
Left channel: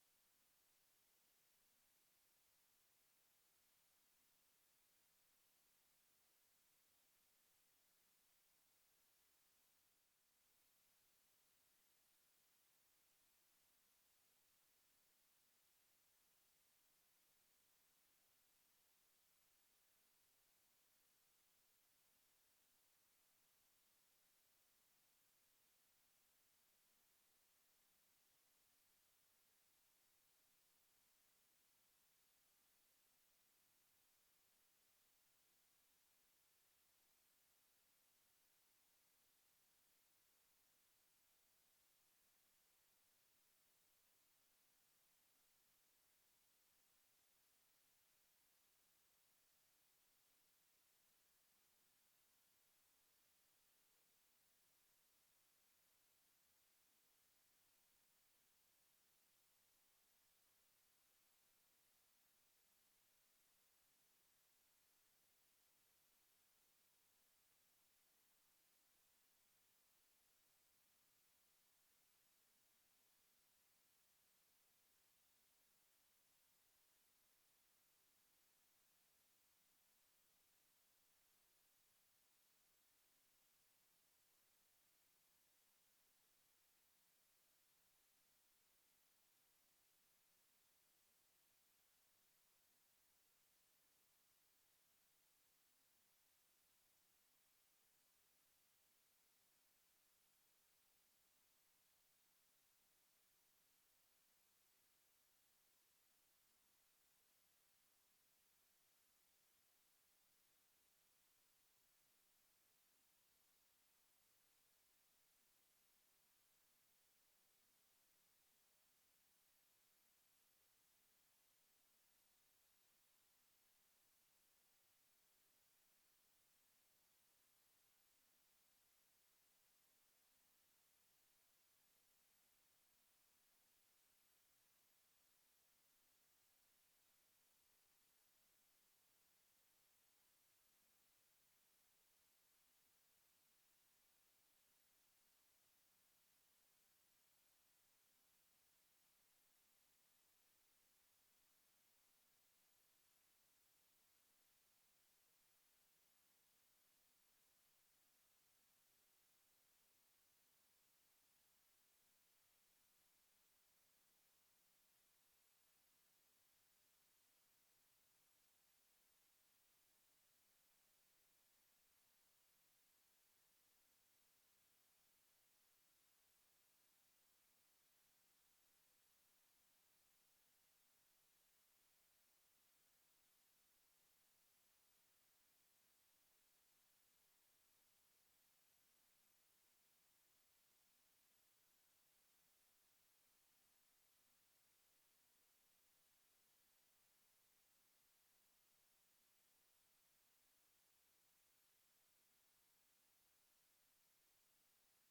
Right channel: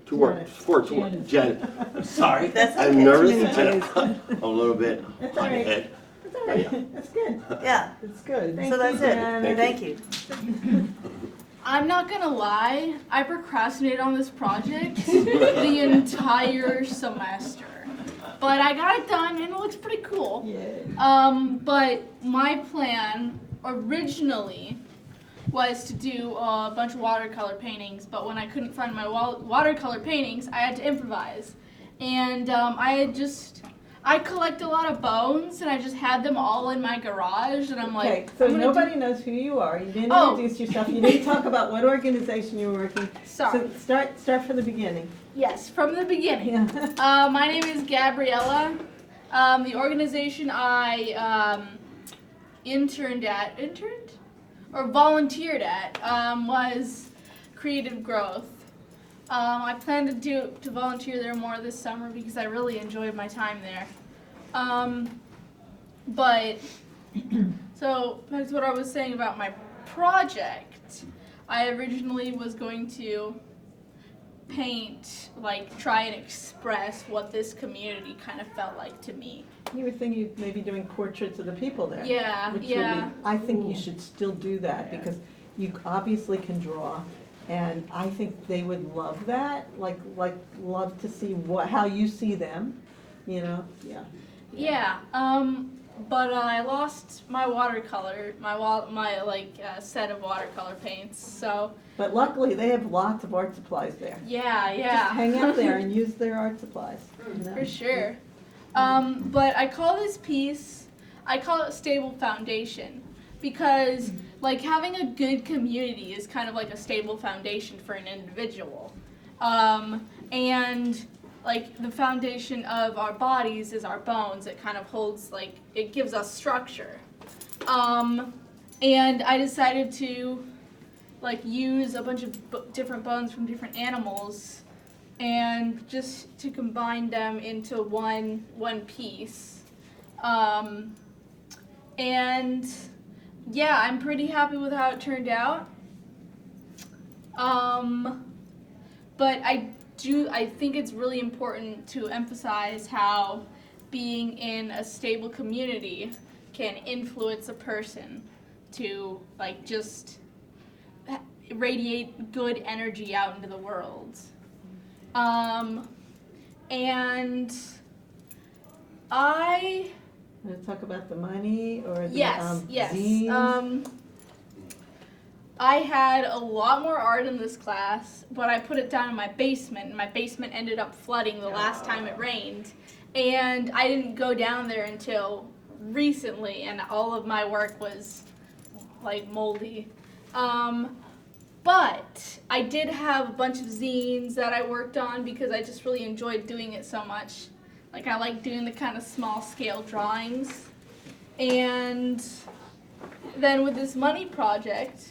To work for Janet. I'm sorry. I'm nervous. I'm a little bit That's on all the right. head. That's all right. That's good. Yeah, That's good. so that's it. Thank you. I'm not gonna lie, I procrastinated on this project the entire semester. But I got it done and it looks pretty cool. But my plan originally was to do a bunch of watercolor paintings, but when I couldn't find my watercolor paintings, I had to improvise. And I collect a lot of bones, and I just had them all in my garage, and I'm like, Okay, so nobody knows who you are. You didn't introduce yourself. You didn't talk about what organization you were working. Sorry. So start from the beginning. Yes, from the beginning. My name is Gabriella. The organization I volunteered at was Creative Growth. I plan to volunteer there more this summer because I really enjoyed my time there. But so that's what I was saying about my project. I originally was going to paint, try and express what this community kind of felt like to me. You were thinking of maybe doing portraits of the people there. Yeah, which yeah. Would be, I think you should still do that because you obviously can draw, and I think they would love that. Love to see how you see them. Yeah. But I lost my watercolor, my set of watercolor paints. So. But luckily, they have lots of art supplies there. Yeah. Just hang out there and use their art supplies. For sure. But I call this piece, Stable Foundation, because having a good community is kind of like a stable foundation for an individual. And the foundation of our bodies is our bones. It kind of holds, it gives us structure. And I decided to use a bunch of different bones from different animals and just to combine them into one piece. And yeah, I'm pretty happy with how it turned out. But I think it's really important to emphasize how being in a stable community can influence a person to just radiate good energy out into the world. And I... Want to talk about the money or the yes. zines? I had a lot more art in this class, but I put it down in my basement, and my basement ended up flooding the last time it rained. And I didn't go down there until recently, and all of my work was moldy. But I did have a bunch of zines that I worked on because I just really enjoyed doing it so much. I like doing the kind of small scale drawings. And then with this money project,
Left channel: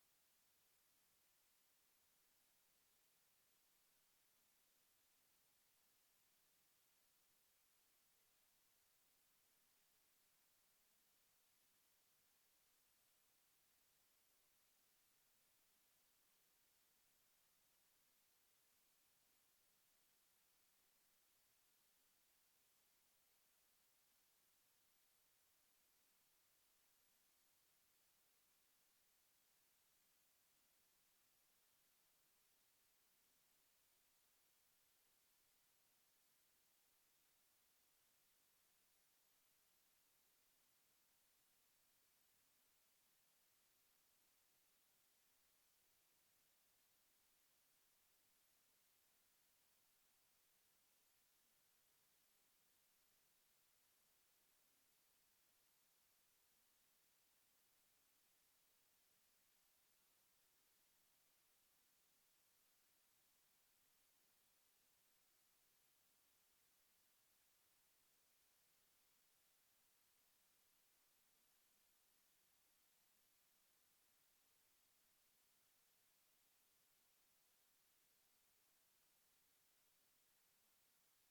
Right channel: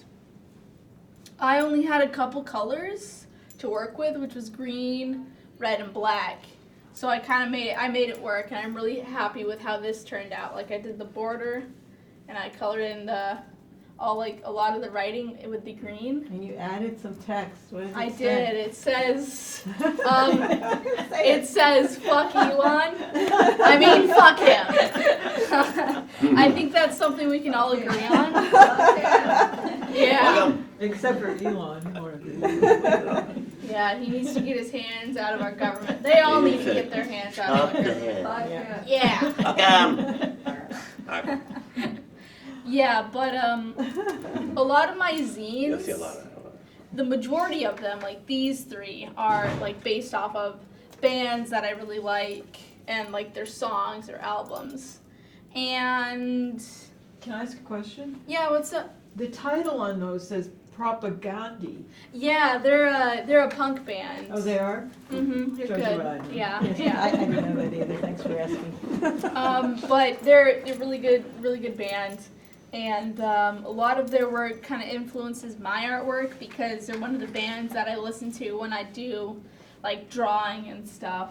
I only had a couple colors to work with, which was green, red, and black. So I made it work, and I'm really happy with how this turned out. I did the border, and I colored in a lot of the writing with the green. And you added some text. What did it say? did. It says, it says, fuck Elon. I mean, fuck him. I think that's something we can all agree on. Yeah. Except for Elon. Yeah, he needs to get his hands out of our government. They all need to get their hands out of our government. Yeah. Yeah, but a lot of my zines, the majority of them, these three, are based off of bands that I really like and their songs or albums. And can I ask a question? Yeah, what's up? The title on those says Propagandi. Yeah, they're a punk band. Oh, they are? Mm-hmm. They're Shows you good. what I know. Yeah, I yeah. didn't know that either, thanks for asking. But they're really good band, and a lot of their work kind of influences my artwork because they're one of the bands that I listen to when I do like drawing and stuff.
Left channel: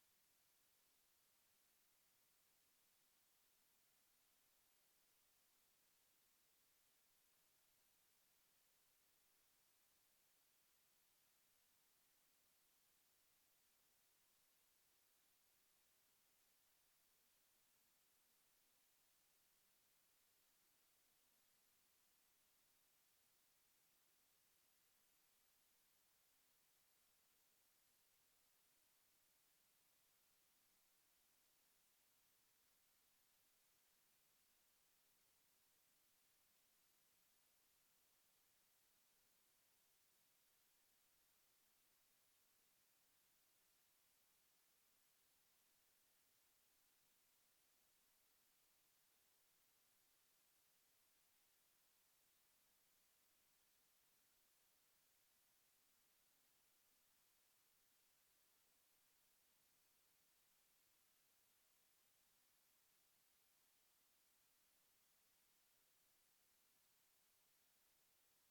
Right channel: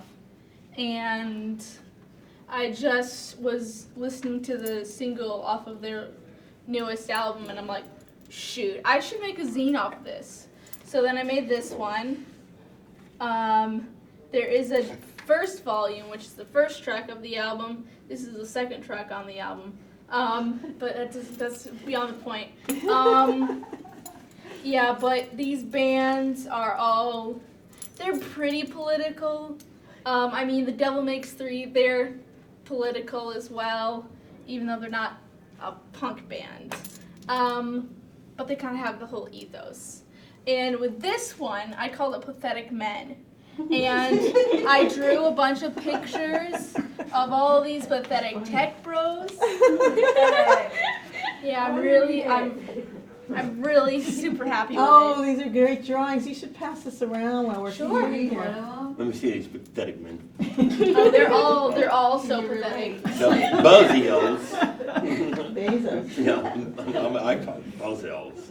And I just was listening to the single off of their newest album, and I'm like, shoot, I should make a zine off of this. So then I made this one. There is a first volume, which is the first track of the album. This is the second track on the album. But that's beyond the point. Yeah, but these bands are all, they're pretty political. I mean, The Devil Makes Three, they're political as well, even though they're not a punk band. But they kind of have the whole ethos. And with this one, I called it Pathetic Men. And I drew a bunch of pictures of all these pathetic tech bros. Yeah, I'm really super happy with Oh, it. these are great drawings. You should pass this around while we're Sure. here. Let me see these pathetic men. Oh, they're all so pathetic. So, Buzzio's. Bezos. Yeah, I call it Buzzio's.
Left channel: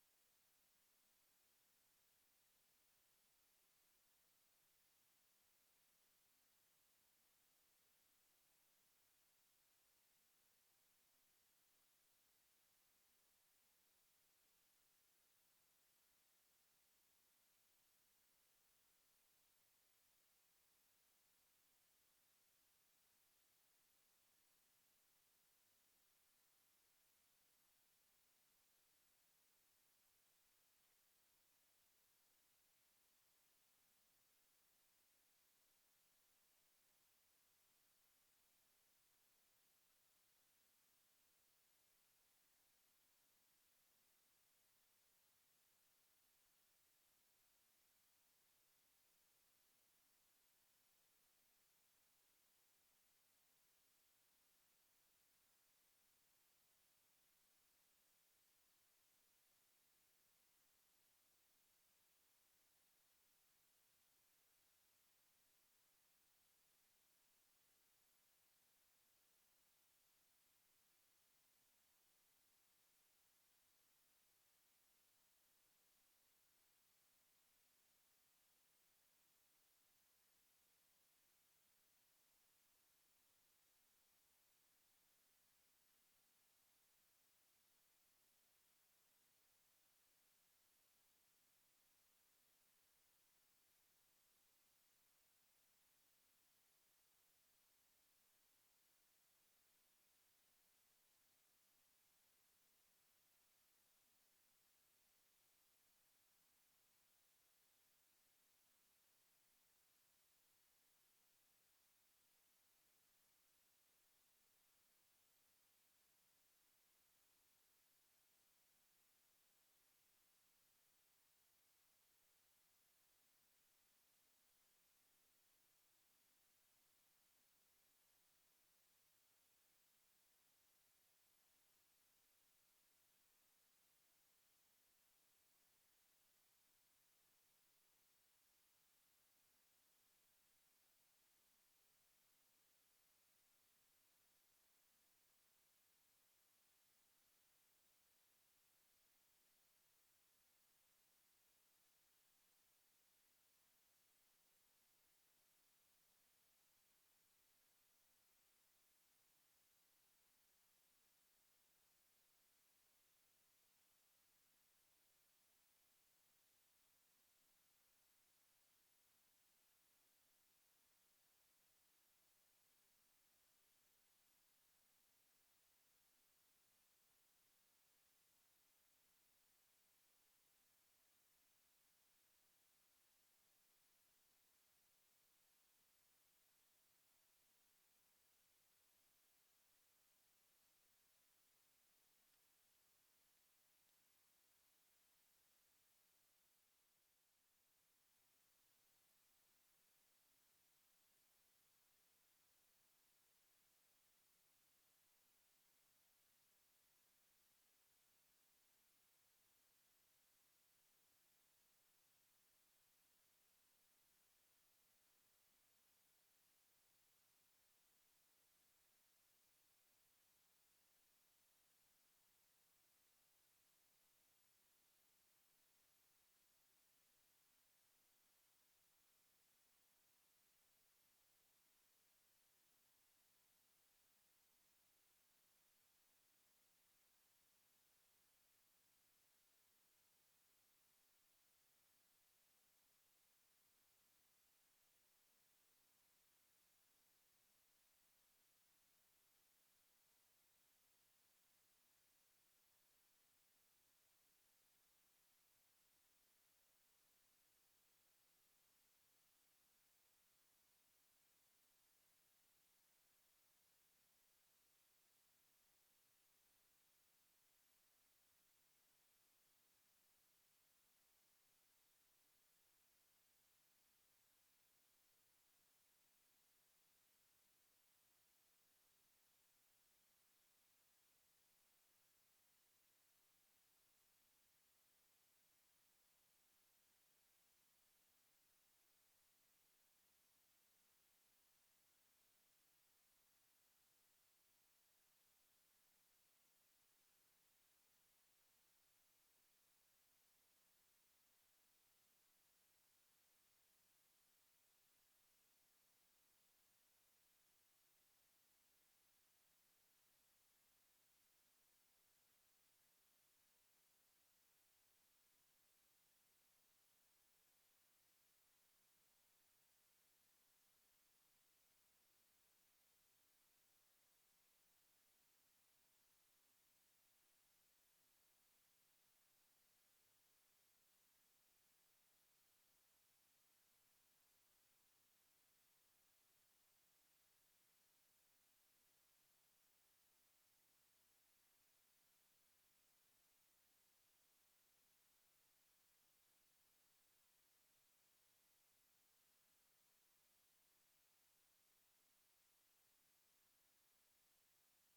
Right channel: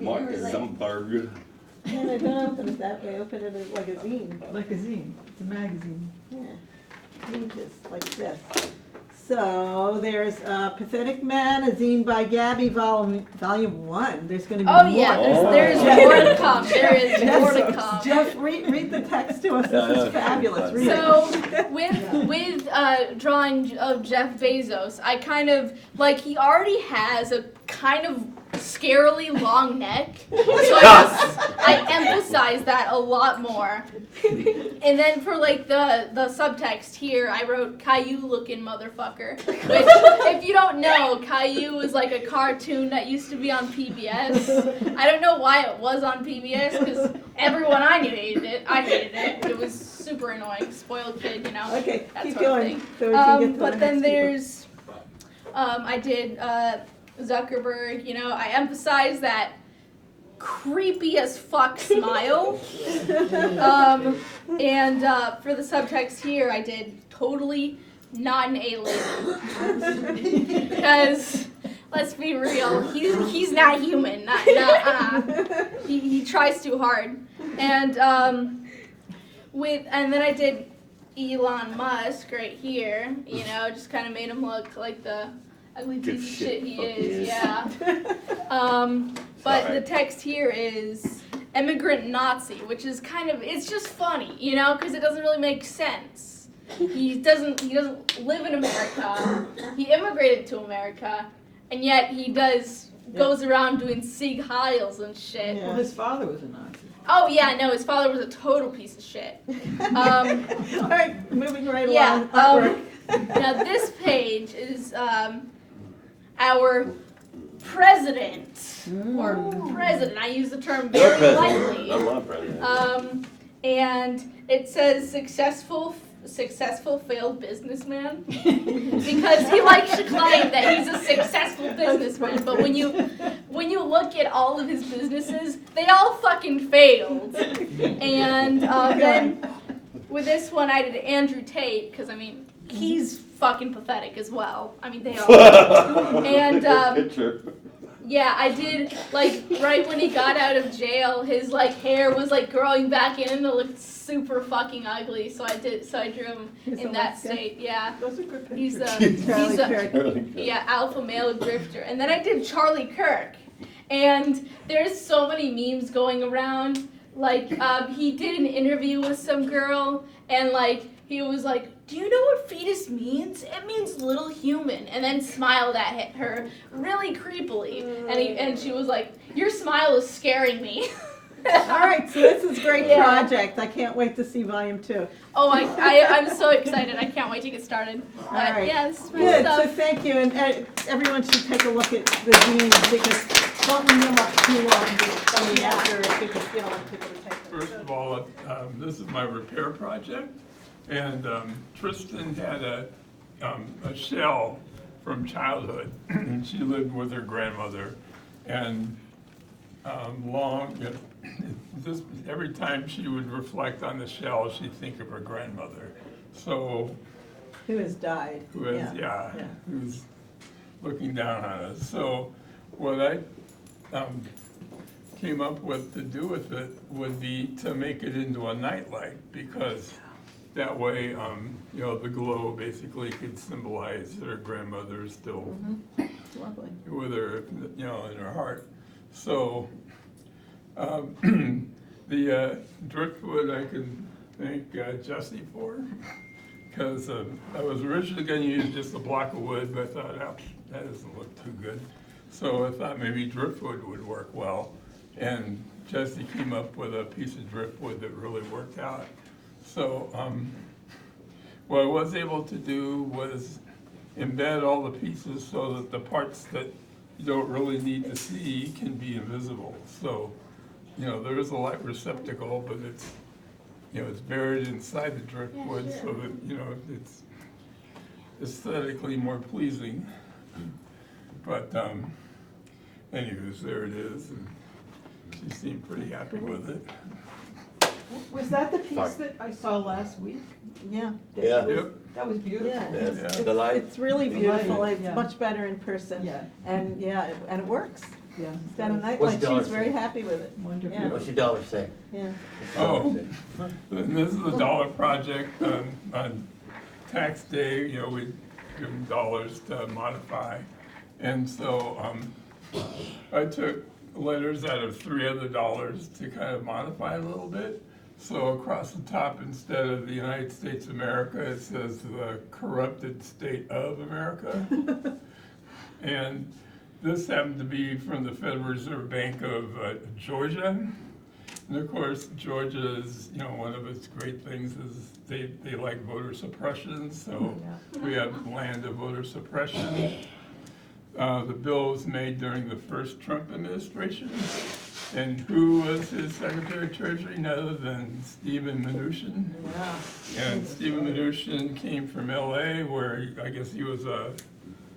Mark Zuckerberg. No, don't open it that way. Open it as like a zine. Like a zine. It's a magazine. Yeah, pages like this. So there's Pathetic Man, a zine by Gabby, volume 1. There's going to be Oh more. yeah, there's more to come. There is more to come. Jeff, read the text to us. This is fabulous. Read So it. with drawing of Jeff Bezos, I kind of like he already has a kind of scarily long neck, so I emphasize that a lot more. And then for like the subtext here, I wrote Caillou looking motherfucker, which if you don't know, Caillou is like a cartoon that used to be on PBS. I don't know why it was on PBS because everyone I knew hated it. I hated it. It was super annoying. Spoiled kid, you know. Okay, that keep sort of going. thing. So we can get to But the then next people. there's I did Zuckerberg, you know, I emphasize that creepy as fuck smile. And for the subtext here, I did totally not an alien. Because, let's be real, he's not human. He tries too hard. And then I did Elon Musk right here, you know, just kind of made him look like the ugly piece of shit he is, yeah. But the text here is immigrant Nazi, which is kind of, it's just funny, you know, because it doesn't really make sense. He doesn't live in America. He immigrated to America, and yet he goes around doing Sieg Heils and shit. Well, his father was a Nazi. Oh yeah, no, his father was a total piece of shit. All right, moving right Yeah. along. Now this page is our president, or president. I use the term Your very president. lightly. I'm not president. And it says successful failed businessman because he likes to claim that he's a successful businessman, but when you look at all of his businesses, they all fucking failed. And then with this one, I did Andrew Tate because I mean he's fucking pathetic as well. I mean they are. And yeah, I did, like, right when he got out of jail, his, like, hair was, like, growing back in and it looked super fucking ugly, so I drew him in that state, yeah. Those are good He's pictures. yeah, alpha male drifter. And then I did Charlie Kirk, and there's so many memes going around, like, he did an interview with some girl, and, like, he was like, do you know what fetus means? It means little human. And then smiled at her really creepily. And she was like, your smile is scaring me. All right, so this is a great Yeah. project. I can't wait to see volume 2. Oh, I'm so excited. I can't wait to get started. All right. Yeah, this is my Good, stuff. so thank you, and everyone should take a look at the zines because don't leave them up too long after because you don't want people to take them. First of all, this is my repair project, and Tristan had a shell from childhood. She lived with her grandmother, and long, just every time she would reflect on the shell, she'd think of her grandmother. So, Who has died. who was, who's looking down on us. So what I came up with to do with it would be to make it into a nightlight, because that way, you know, the glow basically could symbolize that her grandmother is still Lovely. with her, you know, in her heart. So the driftwood I can thank Jesse for, because I was originally going to use just a block of wood, but I thought, that doesn't look too good. So I thought maybe driftwood would work well. And Jesse came up with a piece of driftwood that really worked out. So what I was able to do was embed all the pieces so that the parts that you don't really need to see can be invisible. So, you know, there is a light receptacle, but it's, you know, it's buried inside the driftwood, so that, you know, it's aesthetically more pleasing. But anyways, there it is, and she seemed pretty happy with it. Was that the piece that I saw last week? Yeah. Yeah. Yep. That was beautiful. Yeah, Yes. The light. it's really The beautiful, light, it's yeah. much better in person. Yeah. And, yeah, and it works. Yeah. It's got a What's nightlight, the dollar she's very say? happy with it. Wonderful. Yeah. What's your dollar say? Yeah. Oh, and this is a dollar project. On tax day, you know, we give them dollars to modify. And so I took letters out of 3 other dollars to kind of modify a little bit. So across the top, instead of the United States of America, it says the corrupted state of America. And this happened to be from the Federal Reserve Bank of Georgia. And of course, Georgia's, you know, one of its great things is they like voter suppression, so we have land of voter suppression. The bill was made during the first Trump administration. And who was his Secretary of Treasury? None other than Stephen Mnuchin. Yeah. And Stephen Mnuchin came from LA, where I guess he was a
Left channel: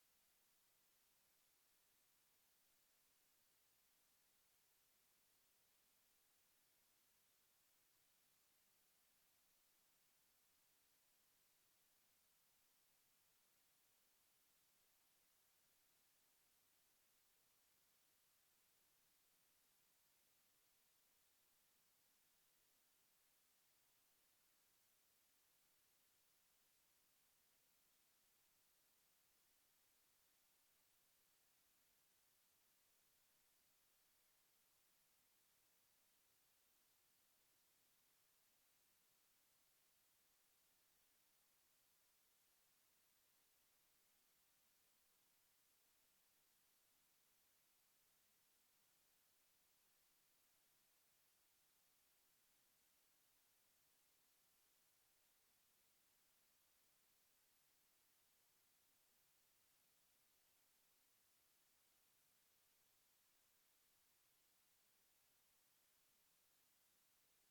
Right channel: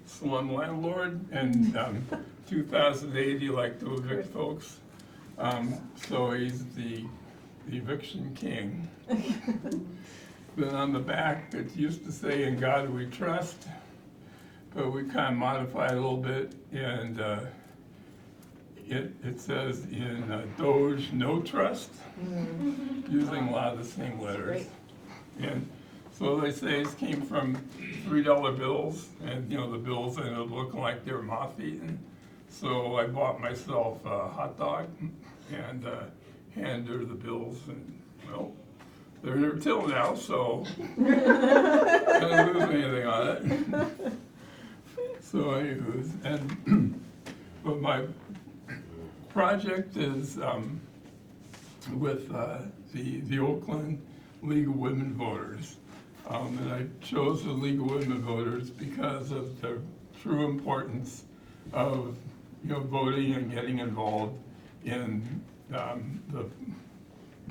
slum landlord. And 2008, he liked to evict folks. So he's the eviction king. Then on the back, it used to say, "In God We Trust," but we kind of modified it a little bit, and it says in Doge No Trust, using a lot of the same letters. And so they say it came from $3 bills, and you know, the bills ended up looking like they were moth-eaten. So I bought myself a hot dog and handed her the bills, and well, they're there till now, so I didn't lose anything on it. So anyways, and but my project is with the Oakland League of Women Voters. And I chose the League of Women Voters because of the true importance of, you know, voting and getting involved in the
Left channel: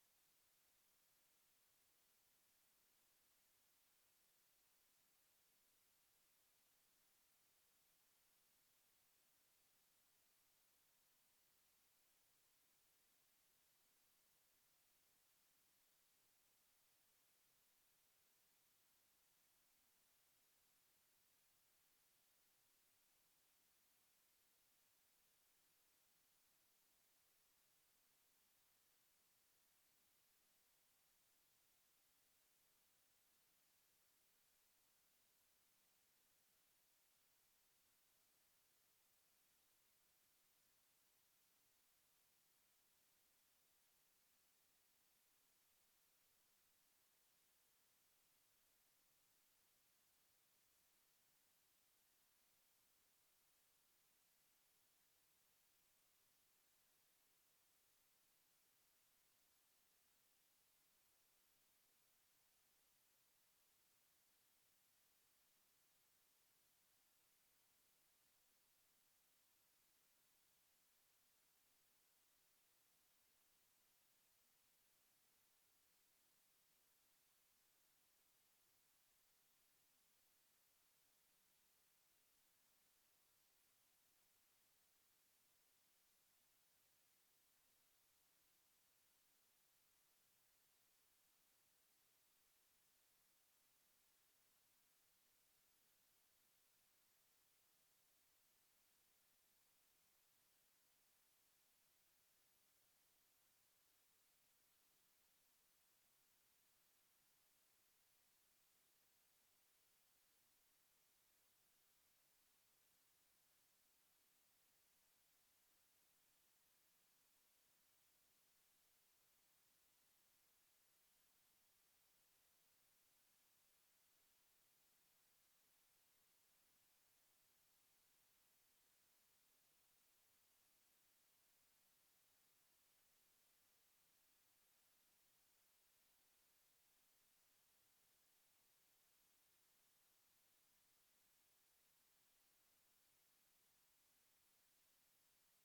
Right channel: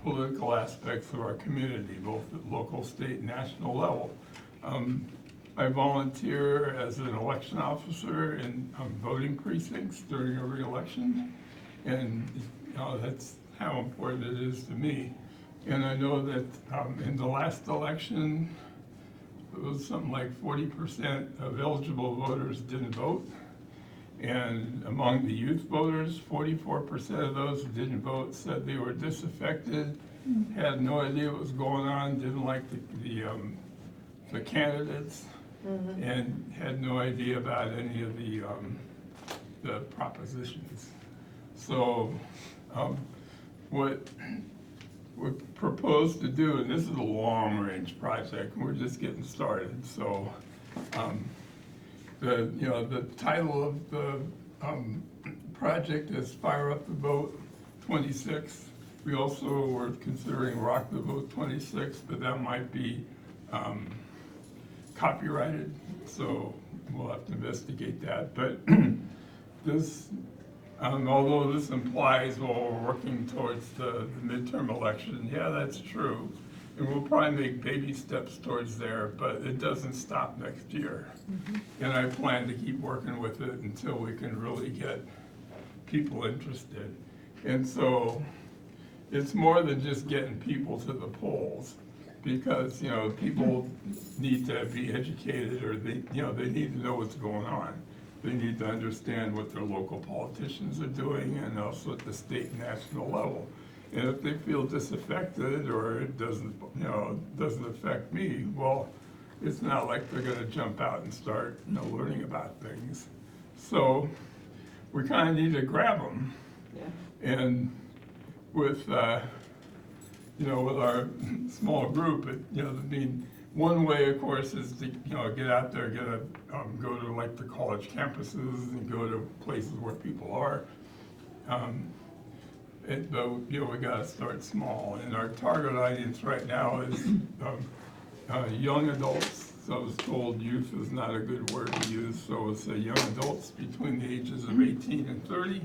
political aspects of our community, both at local, state, and national level. I volunteer as an election officer in voting precincts during a re-election, and you know, that's how important it is to me. And I know that in the last election, it was something like 40% of eligible voters didn't vote. And among the youth voters, 44% of those who didn't vote said they were disaffected, had no idea what was going on, didn't like the candidates, and had no idea about any of the propositions. So what we propose to do, and this is a long-range project, we're just getting started. So the title of the project is Fire Up the Vote 26. We also were considering Rock the Vote 26, but that might be copyrighted, so we'll have to investigate that. But this, although this implies, well, we're working towards the midterm election, yeah, that's true. And we'll probably make baby steps towards there, but it doesn't stop next year. And I plan to keep working with it until we can really get people interested. And so it's more than just getting people to the polls, because, you know, people need to be educated, or they need to know what's going on. They need to understand what their local politicians are doing, and also at the state and national level. And if they feel disaffected, or it doesn't affect me, well, it's not like they're gonna jump out and start, learning about things. So we kind of need to grab them. Yeah. And with, with our small group, one way, of course, is to, get out there, go to like the college campuses and go to places where people are. But we gotta start small, and our target audience right now is young adults. So I was told youth is not a good word to use, so it's young adults between the ages of 18 and 30,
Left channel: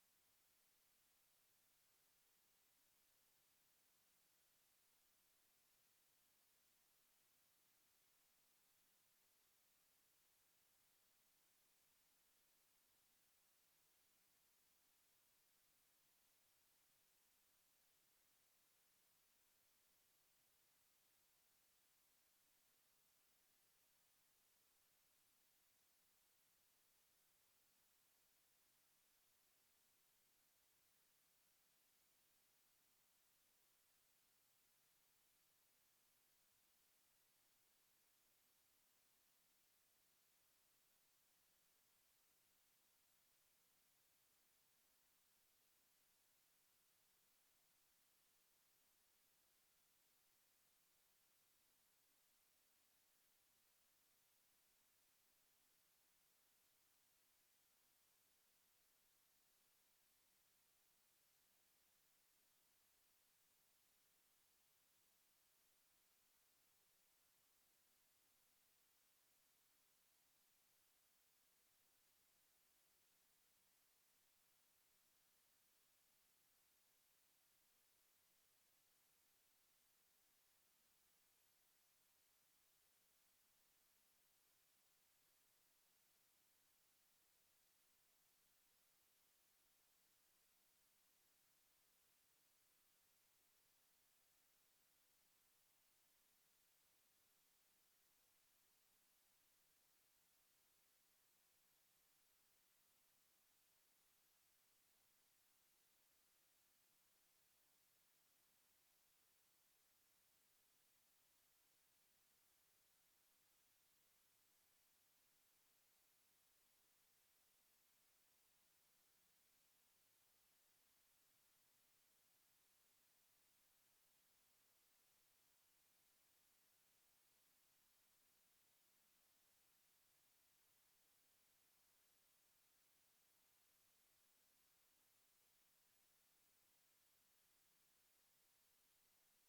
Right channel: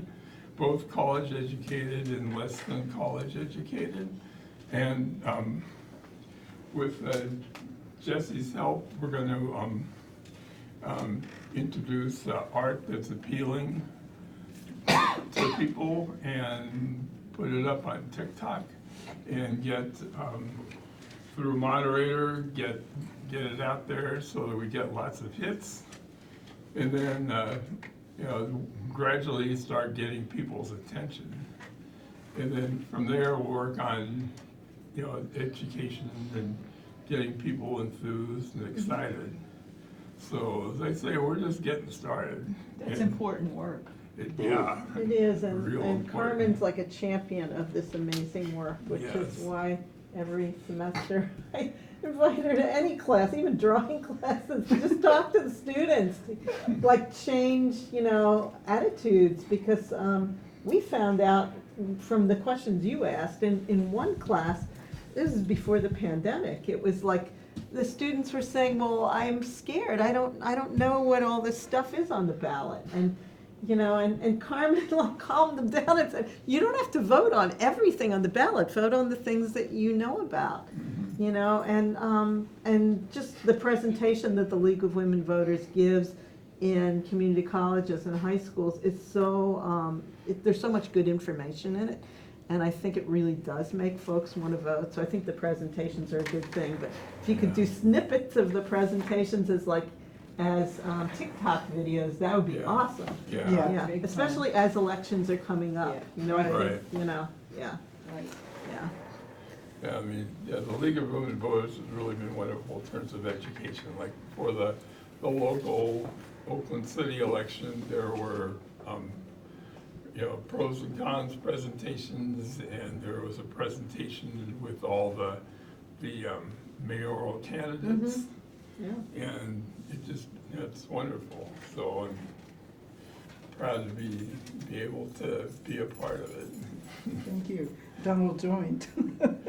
both college educated and less than college educated. And with Jesse's help, we're going to introduce art that's appealing to people and put it up on TikTok, and get through a moderator, get it out there so that we get lots of hits, and then gradually start getting people's attention, and then from there we'll work on education and getting people enthused and excited. So as I say, we're just getting started. That's important work. It is, and Carmen's like a champion of this amazing work, which is why every semester I invite her to any class, even drawing classes, to just talk to the students, like change, attitudes, because we found out from the questions you asked in one class, this is before the pandemic, it was like the students were saying, well, I'm scared, I don't know what all this stuff is on the ballot, and Carmen calmed them down and said, you don't have to vote on everything on the ballot, vote on the things that you know about, and just the presentation that the League of Women Voters gives in community colleges and high schools is so, there's so much good information in it, and I think it really does make folks want to vote, so I think the presentations are a good thing, but if you could do snippets of the presentations as TikTok videos, that would be awesome. Yeah. Especially as elections are coming up. I think, Yeah, the League of Women Voters has really been wonderful in terms of education. Like for the local Oakland City election, there were pros and cons presentations, and there was a presentation with all the mayoral candidates. Mm-hmm. And it just, it's wonderful. So I'm proud to be able to be a part of it. Thank you. Donald joined.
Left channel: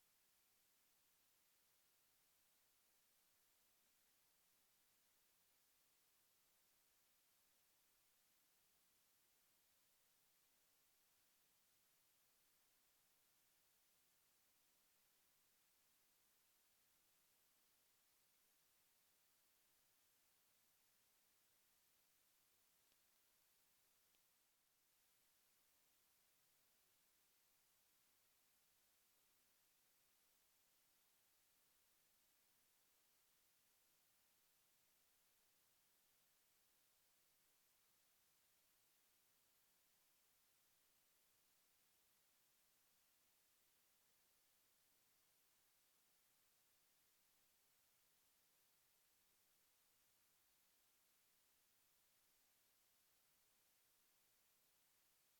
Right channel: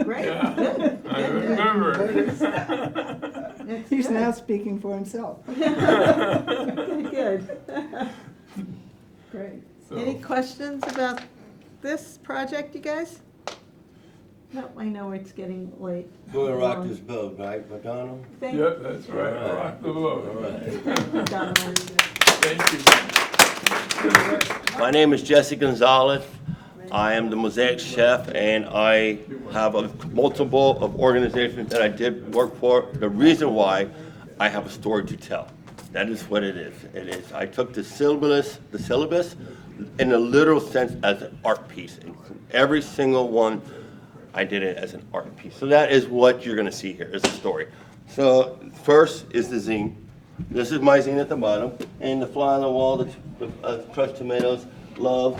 Great. Yeah, I remember. He's now speaking for himself. Good. Great. So. Any questions about this project, you guys? No, I know it's getting late. Go and rock this boat, right, Madonna? Yep, that's right. Rock the boat. All right. Thank you. My name is Jesse Gonzalez. I am the Mosaic Chef, and I have multiple of organizations that I did work for. The reason why, I have a story to tell. That is what it is. It is. I took the syllabus in a literal sense as an art piece. And every single one, I did it as an art piece. So that is what you're gonna see here, is the story. So first is the zine. This is my zine at the bottom, and the fly on the wall, the crushed tomatoes, love,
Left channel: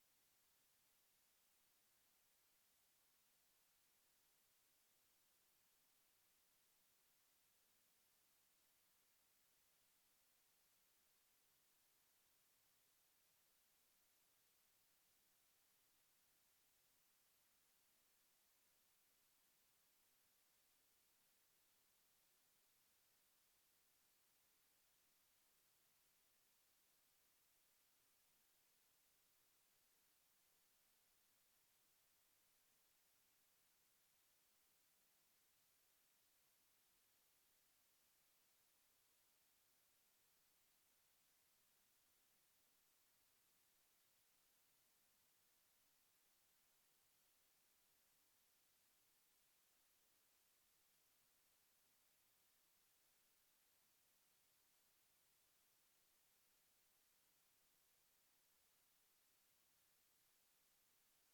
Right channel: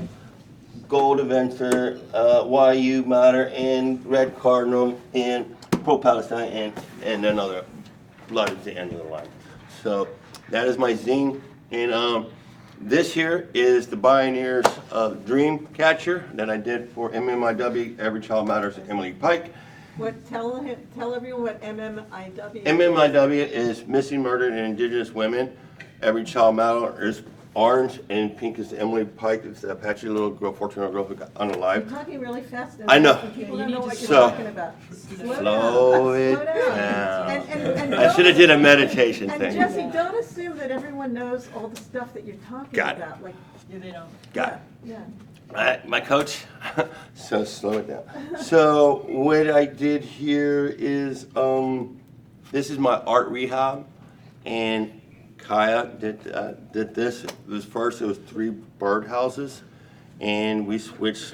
gold adventure, why you matter, and red cardinal, and pro-Palestine, and another blood at the end of the line. So that is my zine, and this here is the Pioneers of Dream Catcher that I did for MMIW, Every Child Matters, Emily Pike. Tell everyone what MMIW is. MMIW is Missing, Murdered, and Indigenous Women. Every Child Matters. Orange and pink is Emily Pike. It's the Apache little girl, 14-year-old girl who got unalive. You're talking really fast. I know. People don't know what you're talking about. Slow it down. And I should have did a meditation thing. And Jesse, don't assume that everyone knows all the stuff that you're talking about. Like, Got it. Yeah. My coach, so slow it down. So what I did here is, this is my art rehab, and Kaya did this. It was first, it was 3 birdhouses, and we switched,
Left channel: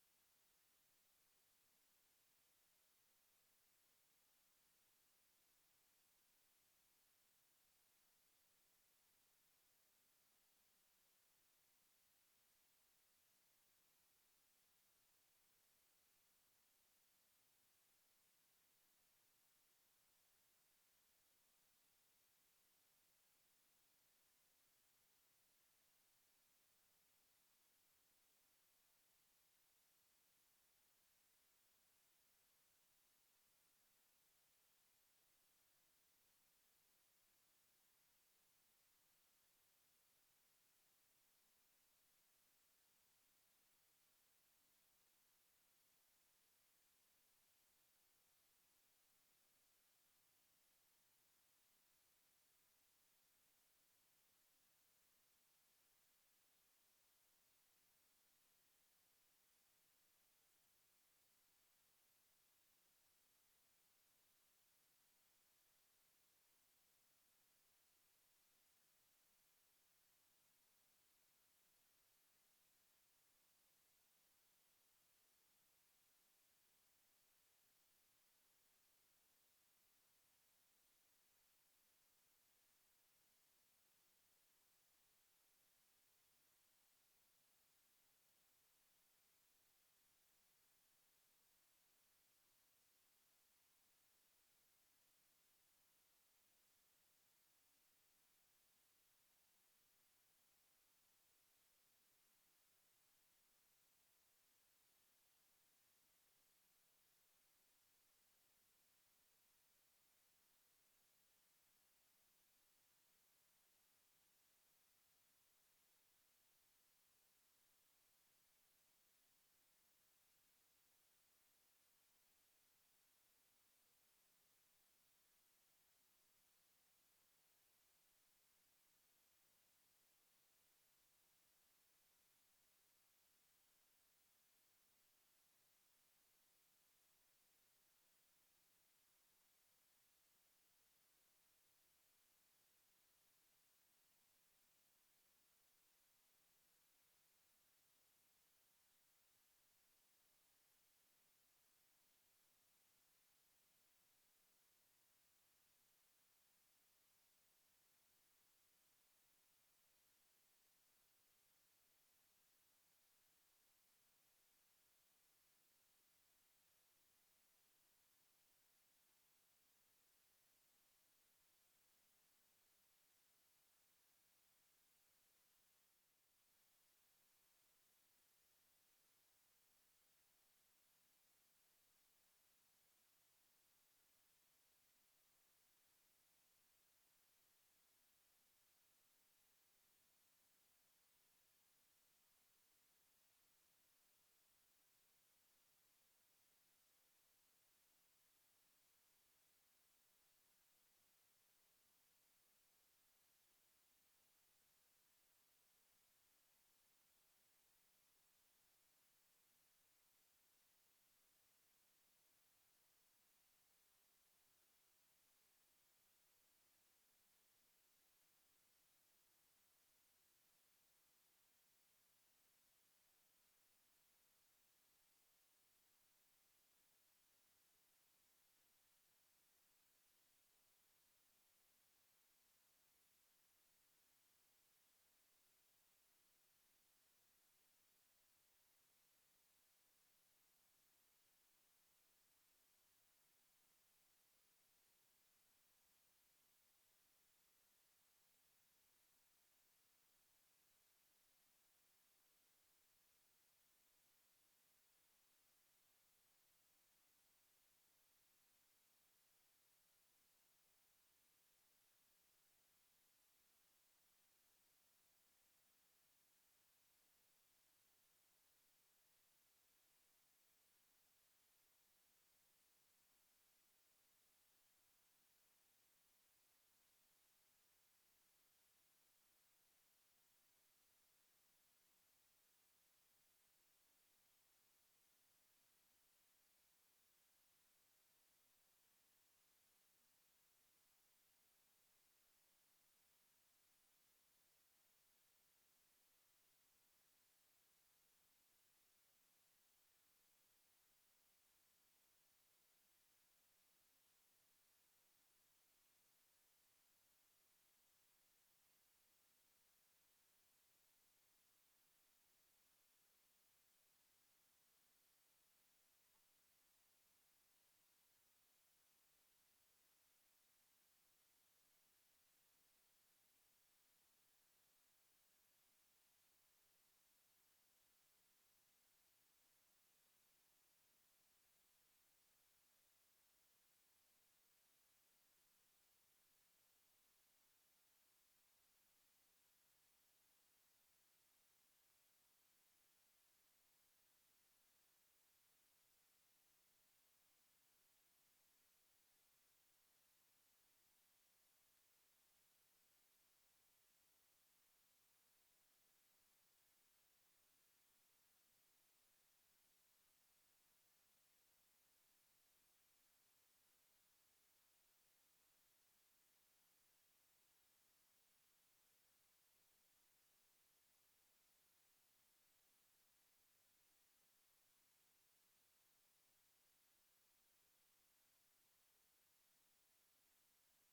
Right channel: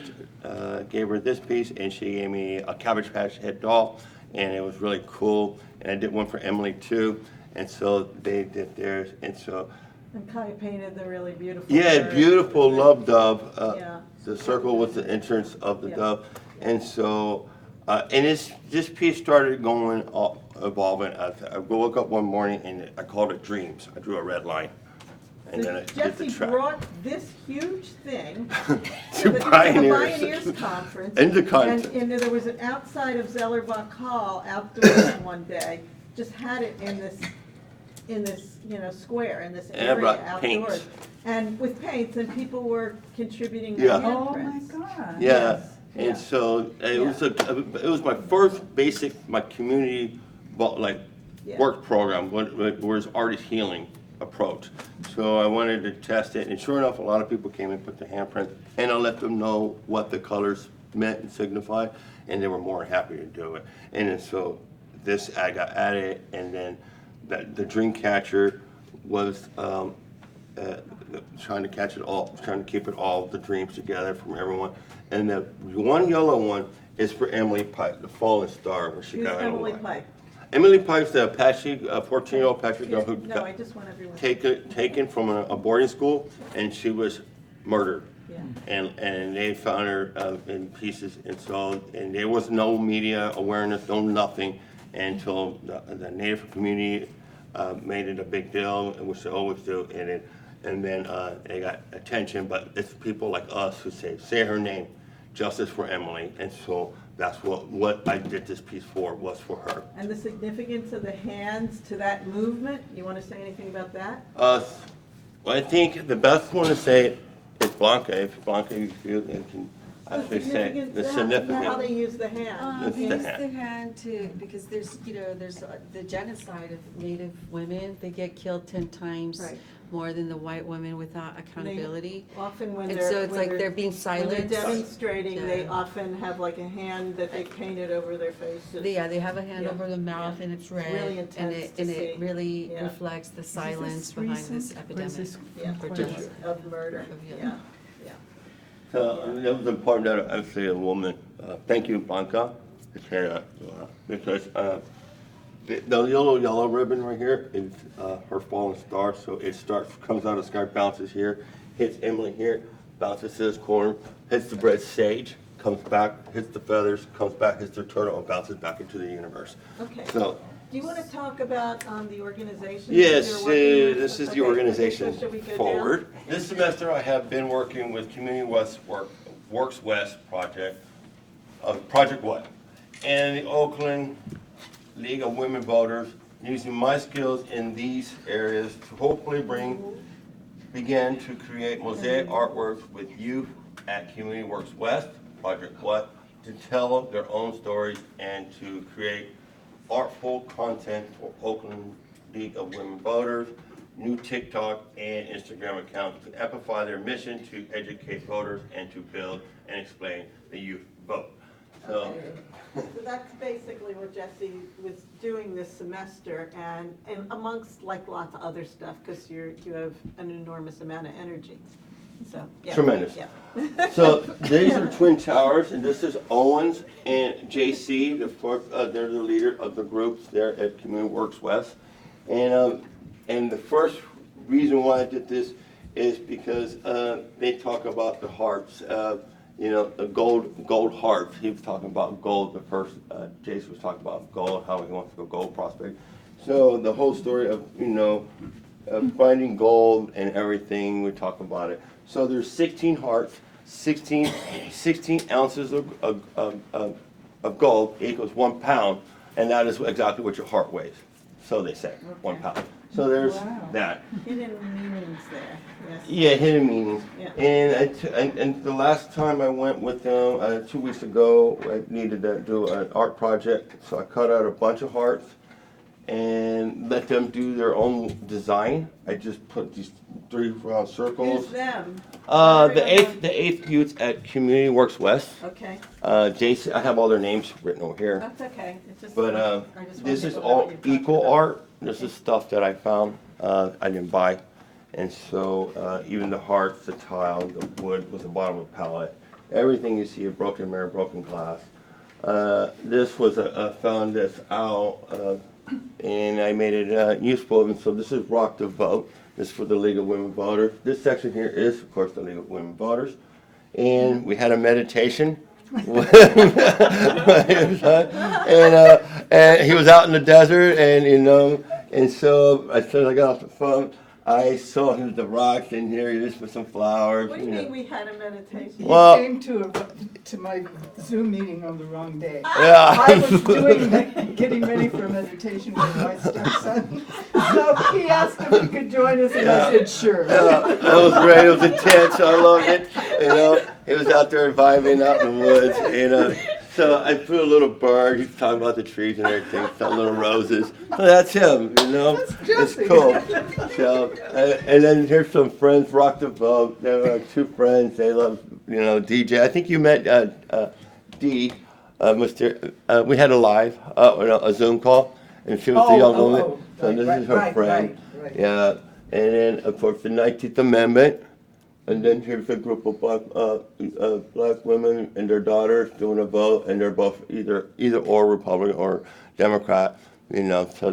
gave her this piece, and she gave me a Cabbage Patch head doll, and it was really cool. And I did one for Emily too, and so they did theirs, and so. And Kaya painted the really beautiful. Yeah, bird. beautiful love dove. Yeah. The circle was the entrance of the dove, and so, and this piece started going, evolving. I woke up one morning and I called it dreams. I drew a red line, and then I did the Jesse track. brought this huge thing To the Pioneers. Pioneers Conference. And the conference. And there was an outside of Zellerbach Hall outdoors one day, just had it in this, square, in this And I area brought paints. outdoors. And with paints, and people were contributing Yeah. their Oh my handprints. God. Yeah, Yeah. and so it was my first basic, my community, Yeah. work program, was artist healing approach. So I wanted to test it, and sure enough, a lot of people came and put the handprint, and I let them know what the colors meant and signified, and they were more than happy to do it. And then so this, I got added, and then the dream catcher was, trying to catch it all, trying to keep it all, the dreams together from everyone. And the one yellow one is for Emily Pike, the fallen star, where she Who's got Emily away. Pike? Emily Pike's the Apache, 14-year-old Apache girl who No, got I just want everyone. taken from a boarding school, and she was murdered. Yeah. And they found her in pieces, and so, and there was no media awareness, no nothing, until the Native community made it a big deal, which they always do, and then they got attention, but it's people like us who say her name, justice for Emily, and so that's what I did this piece for, was for her. And the significance of the hands to that movement, you want to say anything about that? Well, I think the best one to say is Blanca. If Blanca, you feel, you can actually say the How significance. they use the hand. It's They the use hand. the hand to, because there's the genocide of Native women. They get killed 10 times Right. more than the white women without accountability. Often when And they're. so it's when like they're being When they're silenced. demonstrating, they Yeah. often have like a hand that they painted over their faces. They have a hand Yeah. over the mouth and it's red. really and intense it, to and it see. really Yeah. reflects the silence behind this recent? Or epidemic. is this Yeah, or quite genocide. of murder, Of- yeah. So it was important that I say a woman. Thank you, Blanca, because the yellow ribbon right here is her fallen star. So it comes out of the sky, bounces here, hits Emily here, bounces to this corner, hits the red sage, comes back, hits the feathers, comes back, hits the turtle, and bounces back into the universe. Okay. So. Do you want to talk about the organization? Yes, that you're working with? this is the Okay, organization so should we go down? forward. This semester I have been working with Community West Works West project, Project What? And the Oakland League of Women Voters, using my skills in these areas to hopefully begin to create mosaic artworks with youth at Community Works West, Project What, to tell their own stories and to create artful content for Oakland League of Women Voters, new TikTok and Instagram accounts to amplify their mission to educate voters and to build and explain the youth vote. So, So that's basically what Jesse was doing this semester, and amongst like lots of other stuff, because you have an enormous amount of energy. So yeah. Tremendous. Yeah. So these are Twin Towers, and this is Owens and JC. They're the leader of the groups there at Community Works West. And the first reason why I did this is because they talk about the harps. The gold harps. He was talking about gold. The first Jason was talking about gold, how he wants to go gold prospect. So the whole story of finding gold and everything, we talk about it. So there's 16 hearts, 16 ounces of gold equals 1 pound, and that is exactly what your heart weighs. So they say, 1 pound. So there's that. Hidden meanings there. Yes. Yeah, hidden meanings. Yeah. And the last time I went with them, 2 weeks ago, I needed to do an art project, so I cut out a bunch of hearts, and let them do their own design. I just put these 3 round circles. Who's them? The eighth youth at Community Works West. Okay. Jason, I have all their names written over here. That's okay. It's just, But I just this want is people to know all what you're talking eco about. art. This is stuff that I found. I didn't buy, and so even the hearts, the tile, the wood was the bottom of the palette. Everything you see, a broken mirror, broken glass. This was found this owl, and I made it useful. And so this is Rock the Vote. This is for the League of Women Voters. This section here is, of course, the League of Women Voters. And we had a meditation. And he was out in the desert, and and so as soon as I got off the phone, I saw him the rocks in here. He just put some flowers. What do you mean we had a meditation? You Well- came to my Zoom meeting on the wrong day. Yeah. I was getting ready for a meditation with my stepson. So he asked if he could join us, and I said, sure. Yeah, that was great. It was intense. I loved it. He was out there vibing out in the woods. So I put a little bird. He's talking about the trees and everything. Some little roses. So that's him. It's cool. So and then here's some friends. Rock the Boat. There were 2 friends. They love DJ. I think you met Dee. We had a live a Zoom call, and she was the young woman. So this is her friend. Right. Yeah, and then of course the 19th Amendment, and then here's a group of black women and their daughters doing a vote, and they're both either or Republican or Democrat, so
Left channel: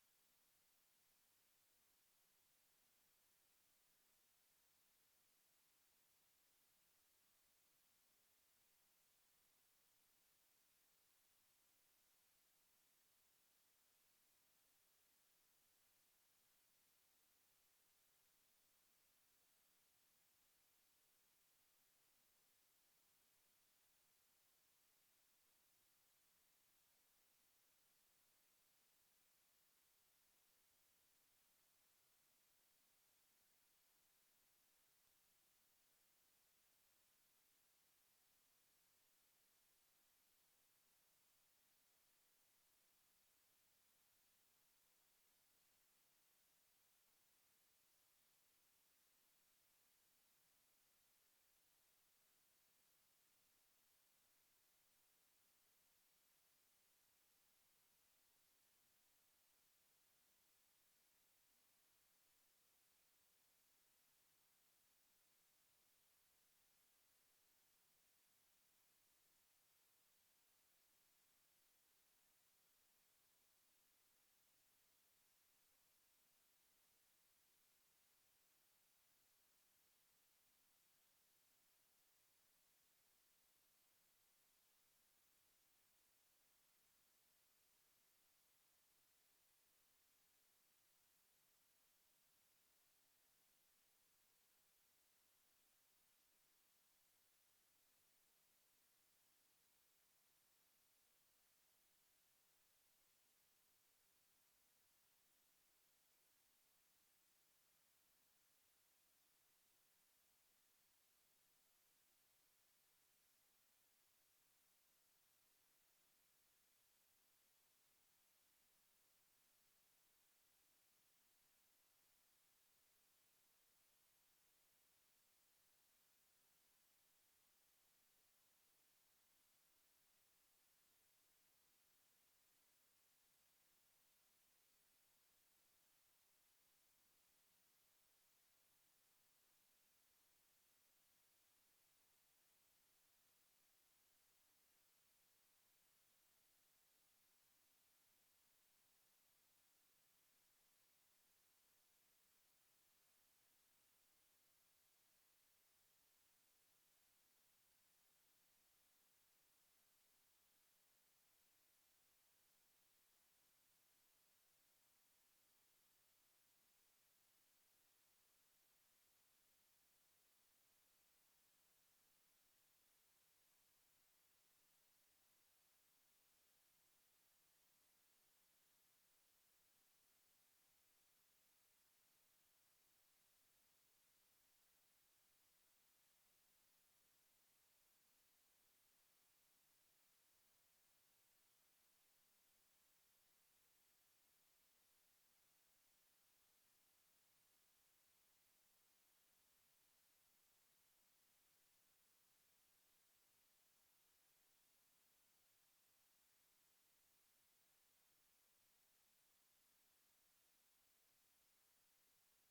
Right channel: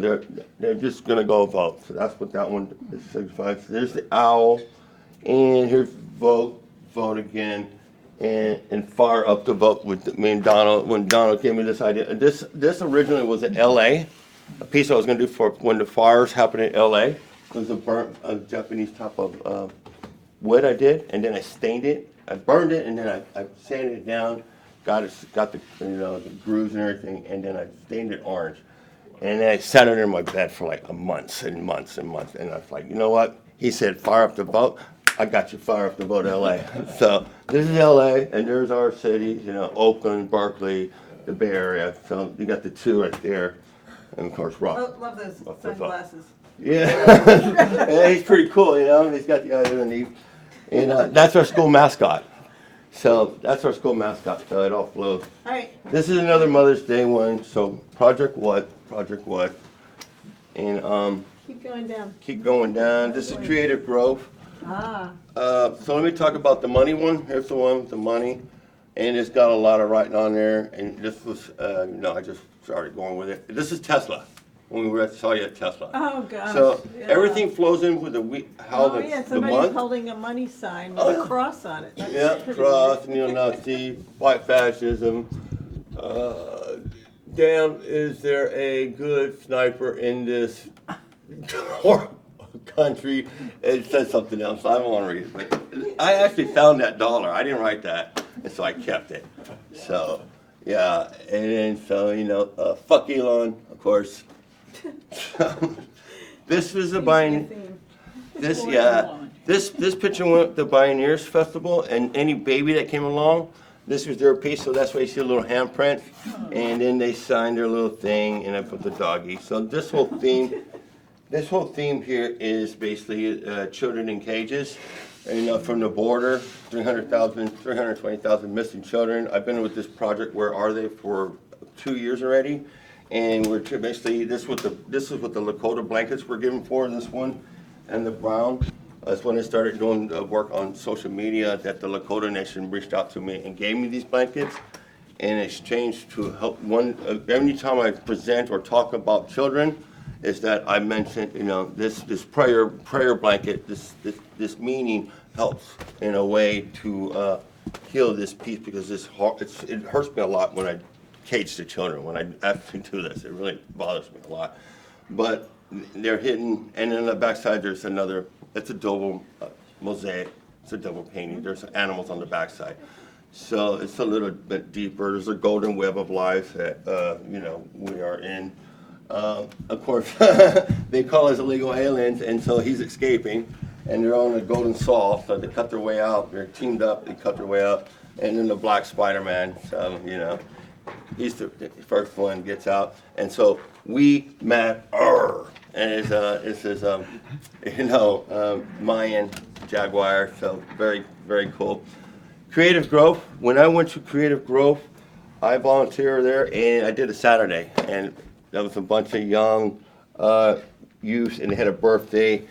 they're just gonna go vote. So that's what that one signifies. There's the owl, and here's vote again, and fire up the vote with me and Donald. When Donald gave me this idea, this originally was in L.A. A piece I was going to do for when the fires happened in L.A. It was a Japanese type of wood I did, and then I stained it. I burned it, and then I sanded it down, got the the grooves and everything, and then I stained it orange. And then I sat under my bed for like months and months and months, and I was like, you know what? He said, fire up the vote. I got you, fire up the vote, L.A. So this is L.A., and there's our cities, Oakland, Berkeley, the Bay Area. So you got the 2 right there. And of course, Rock. Love those sunglasses. Yeah. Yeah, he's pretty cool, He's got the eyes underneath. And that's our school mascot. So that's our school mascot. So it all flows. All right. This is another Mother's Day one. So Project What? And keep going down. This is Creative Growth. So let me talk about the money one. Here's the one with the money. And it's got a lot of writing on there. And this was, I just started going with it. This is Tesla. When we were at saw you at Tesla. Oh gosh. So yeah. everything flows in with the somebody's month. holding a money sign with a cross on it. That's pretty cross, weird. neo-Nazi, white fascism. Damn, is there a good sniper in this country? It says something else. I don't want to read it. But I actually found that dollar. I didn't write that, and so I kept it. So, yeah, and then so fuck Elon, of course. This is a This picture went to the Pioneers Festival, and any baby that came along, this was their piece. So that's why you see a little handprint, and then they signed their little thing, and I put the doggy. So this whole theme here is basically children in cages. And from the border, 320,000 missing children. I've been with this project, Where Are They, for 2 years already. And we're basically, this is what the Lakota blankets were given for, this one, and the brown. That's when I started doing work on social media, that the Lakota Nation reached out to me and gave me these blankets in exchange to help every time I present or talk about children, is that I mention, this prayer blanket, this meaning helps in a way to heal this piece, because it hurts me a lot when I cage the children. When I actually do this, it really bothers me a lot. But they're hidden, and then on the backside there's another. It's a double mosaic. It's a double painting. There's animals on the backside, so it's a little bit deeper. There's a golden web of life that we are in. Of course, they call us illegal aliens, and so he's escaping, and they're on a golden saw. So they cut their way out. They're teamed up. They cut their way out, and then the Black Spider-Man. So he's the first one gets out, and so We Matter, and it's this Mayan jaguar, so very, very cool. Creative Growth. When I went to Creative Growth, I volunteered there, and I did a Saturday, and there was a bunch of young youth, and they had a birthday,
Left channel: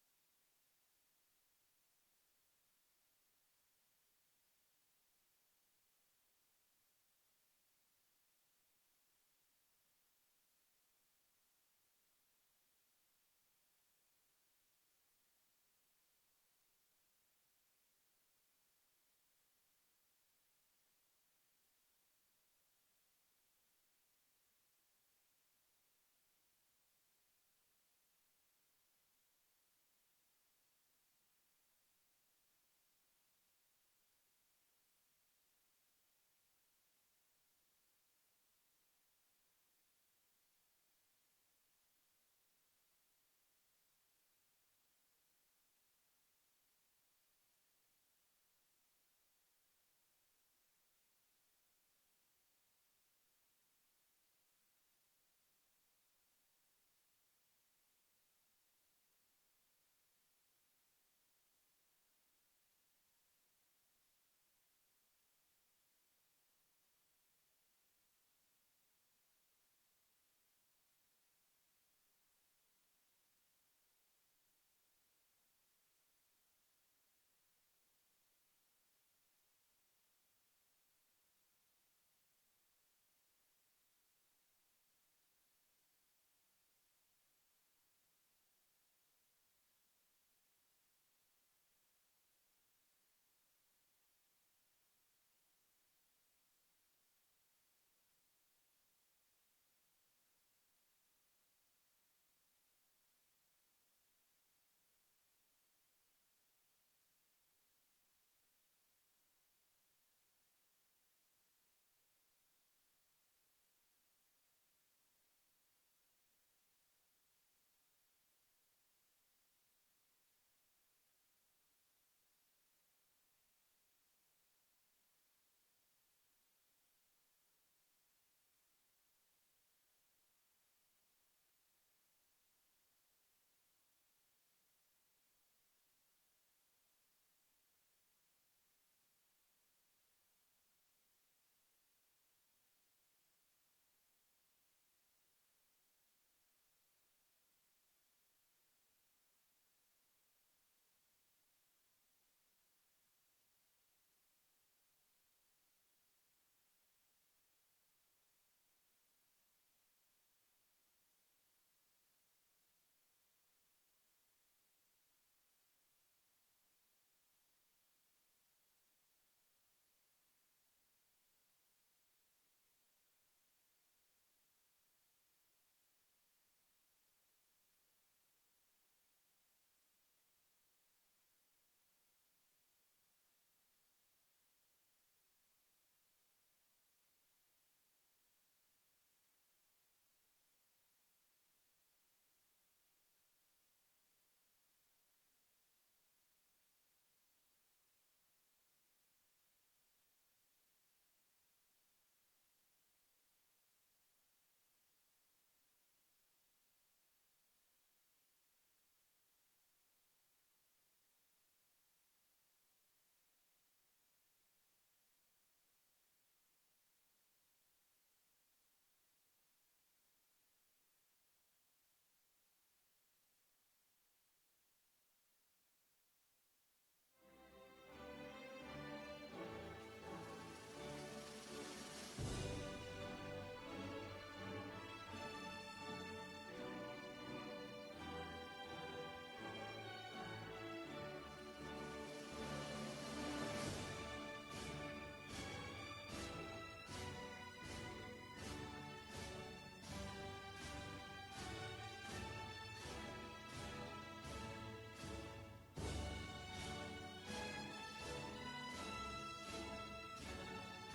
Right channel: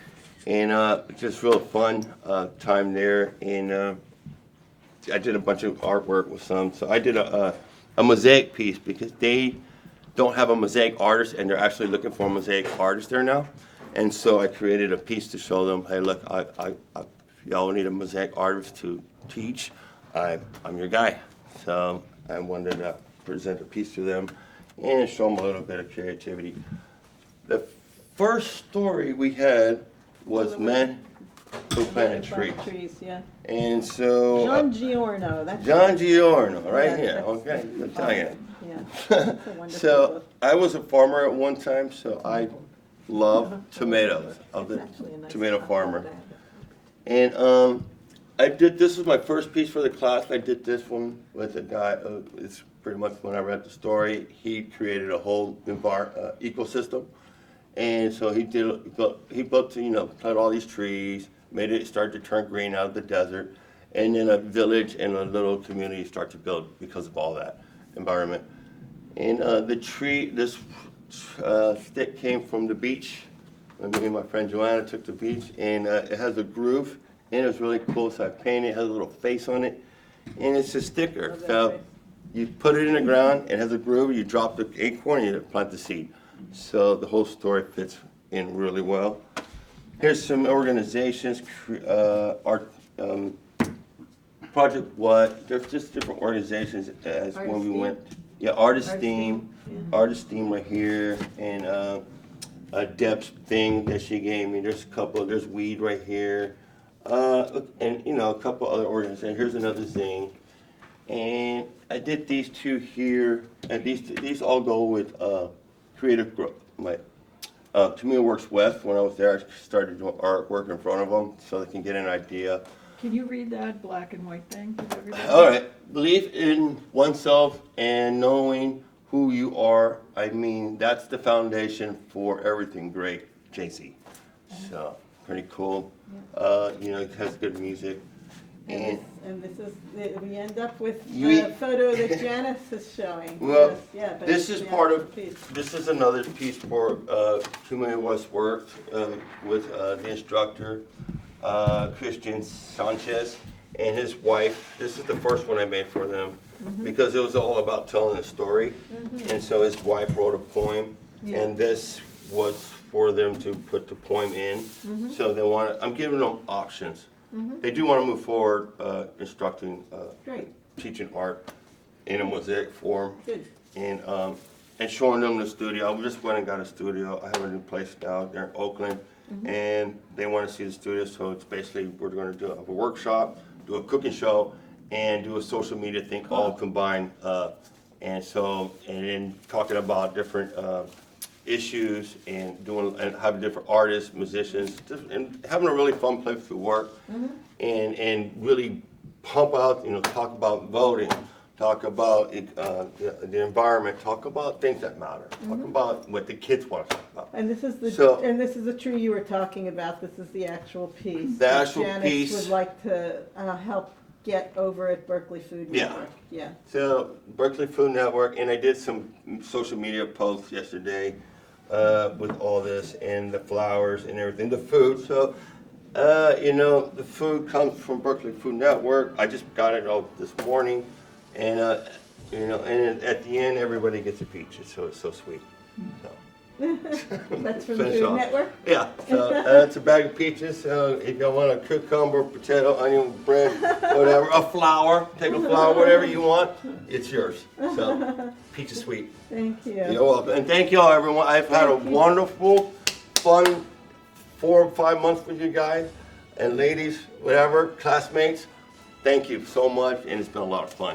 and just real fun time there, and I did a bunch of artwork with some. So I did a mosaic piece because they don't have a mosaic artist, and they're actually looking for a mosaic artist there now. And so I created a piece to show them, hey, look, if y'all need a mosaic artist to teach, I'm your guy. So I wanted to present a piece to them and show them a little bit of creativity. The first story we had was Men Who Planted Trees. Yeah. And so John Giorno. That's John Giorno, right Yeah, here. that's Okay, I'm telling you. Yeah. That's a wonderful So book. I was a farmer at one time, so I love tomatoes. I'm the tomato farmer. And I did, this was my first piece for the class. I did this one with a guy, it's pretty much when I read the story, he created a whole ecosystem. And so he built, planted all these trees, made it start to turn green out of the desert. And then a village and a little community start to build because of all that environment. And the tree, this stick came from the beach. Me and my friend Joanna took the beach, and it has a groove, and it was really cool. So I painted it, has a little face on it, and it's a sticker. So you put it in the ground, it has a groove, you drop the acorn, and you plant the seed. So the whole story fits in really well. Here's some organizations, Project What, there's just different organizations as when we went. Yeah, Artist Theme right here, and a Deb's thing that she gave me. There's a couple, there's Weed right here, and a couple other organizations. Here's another thing. And I did these two here, and these all go with Creative Growth. Tamina Works West, when I was there, I started doing artwork in front of them so they can get an idea. Can you read that black and white thing? All right. Believe in oneself and knowing who you are. I mean, that's the foundation for everything great, JC. So, pretty cool. It has good music. And this is, we end up with the photo that Janice is showing. Well, but this is part of, this is another piece for Tamina West work with the instructor, Christian Sanchez, and his wife. This is the first one I made for them because it was all about telling a story. And so his wife wrote a poem, and this was for them to put the poem in. So I'm giving them options. They do want to move forward instructing, teaching art in a mosaic form. Good. And showing them the studio. I just went and got a studio. I have a new place now there in Oakland. And they want to see the studio, so it's basically we're going to do a workshop, do a cooking show, and do a social media thing all combined. And then talking about different issues and having different artists, musicians, and having a really fun place to work, and really pump out, talk about voting, talk about the environment, talk about things that matter, talk about what the kids want to talk about. And this is the tree you were talking about. This is the actual piece. The actual Janice piece would like to help get over at Berkeley Food Network. Yeah. So Berkeley Food Network, and I did some social media posts yesterday with all this and the flowers and everything, the food. So the food comes from Berkeley Food Network. I just got it all this morning. And and at the end, everybody gets a peach. So it's so sweet. That's from the Food Network? Yeah. So it's a bag of peaches. So if you want a cucumber, potato, onion, bread, whatever, a flower, take a flower, whatever you want, it's yours. So peach is sweet. Thank you. You're welcome. And thank you all, everyone. I've had a wonderful, fun 4 or 5 months with you guys and ladies, whatever, classmates. Thank you so much, and it's been a lot of fun.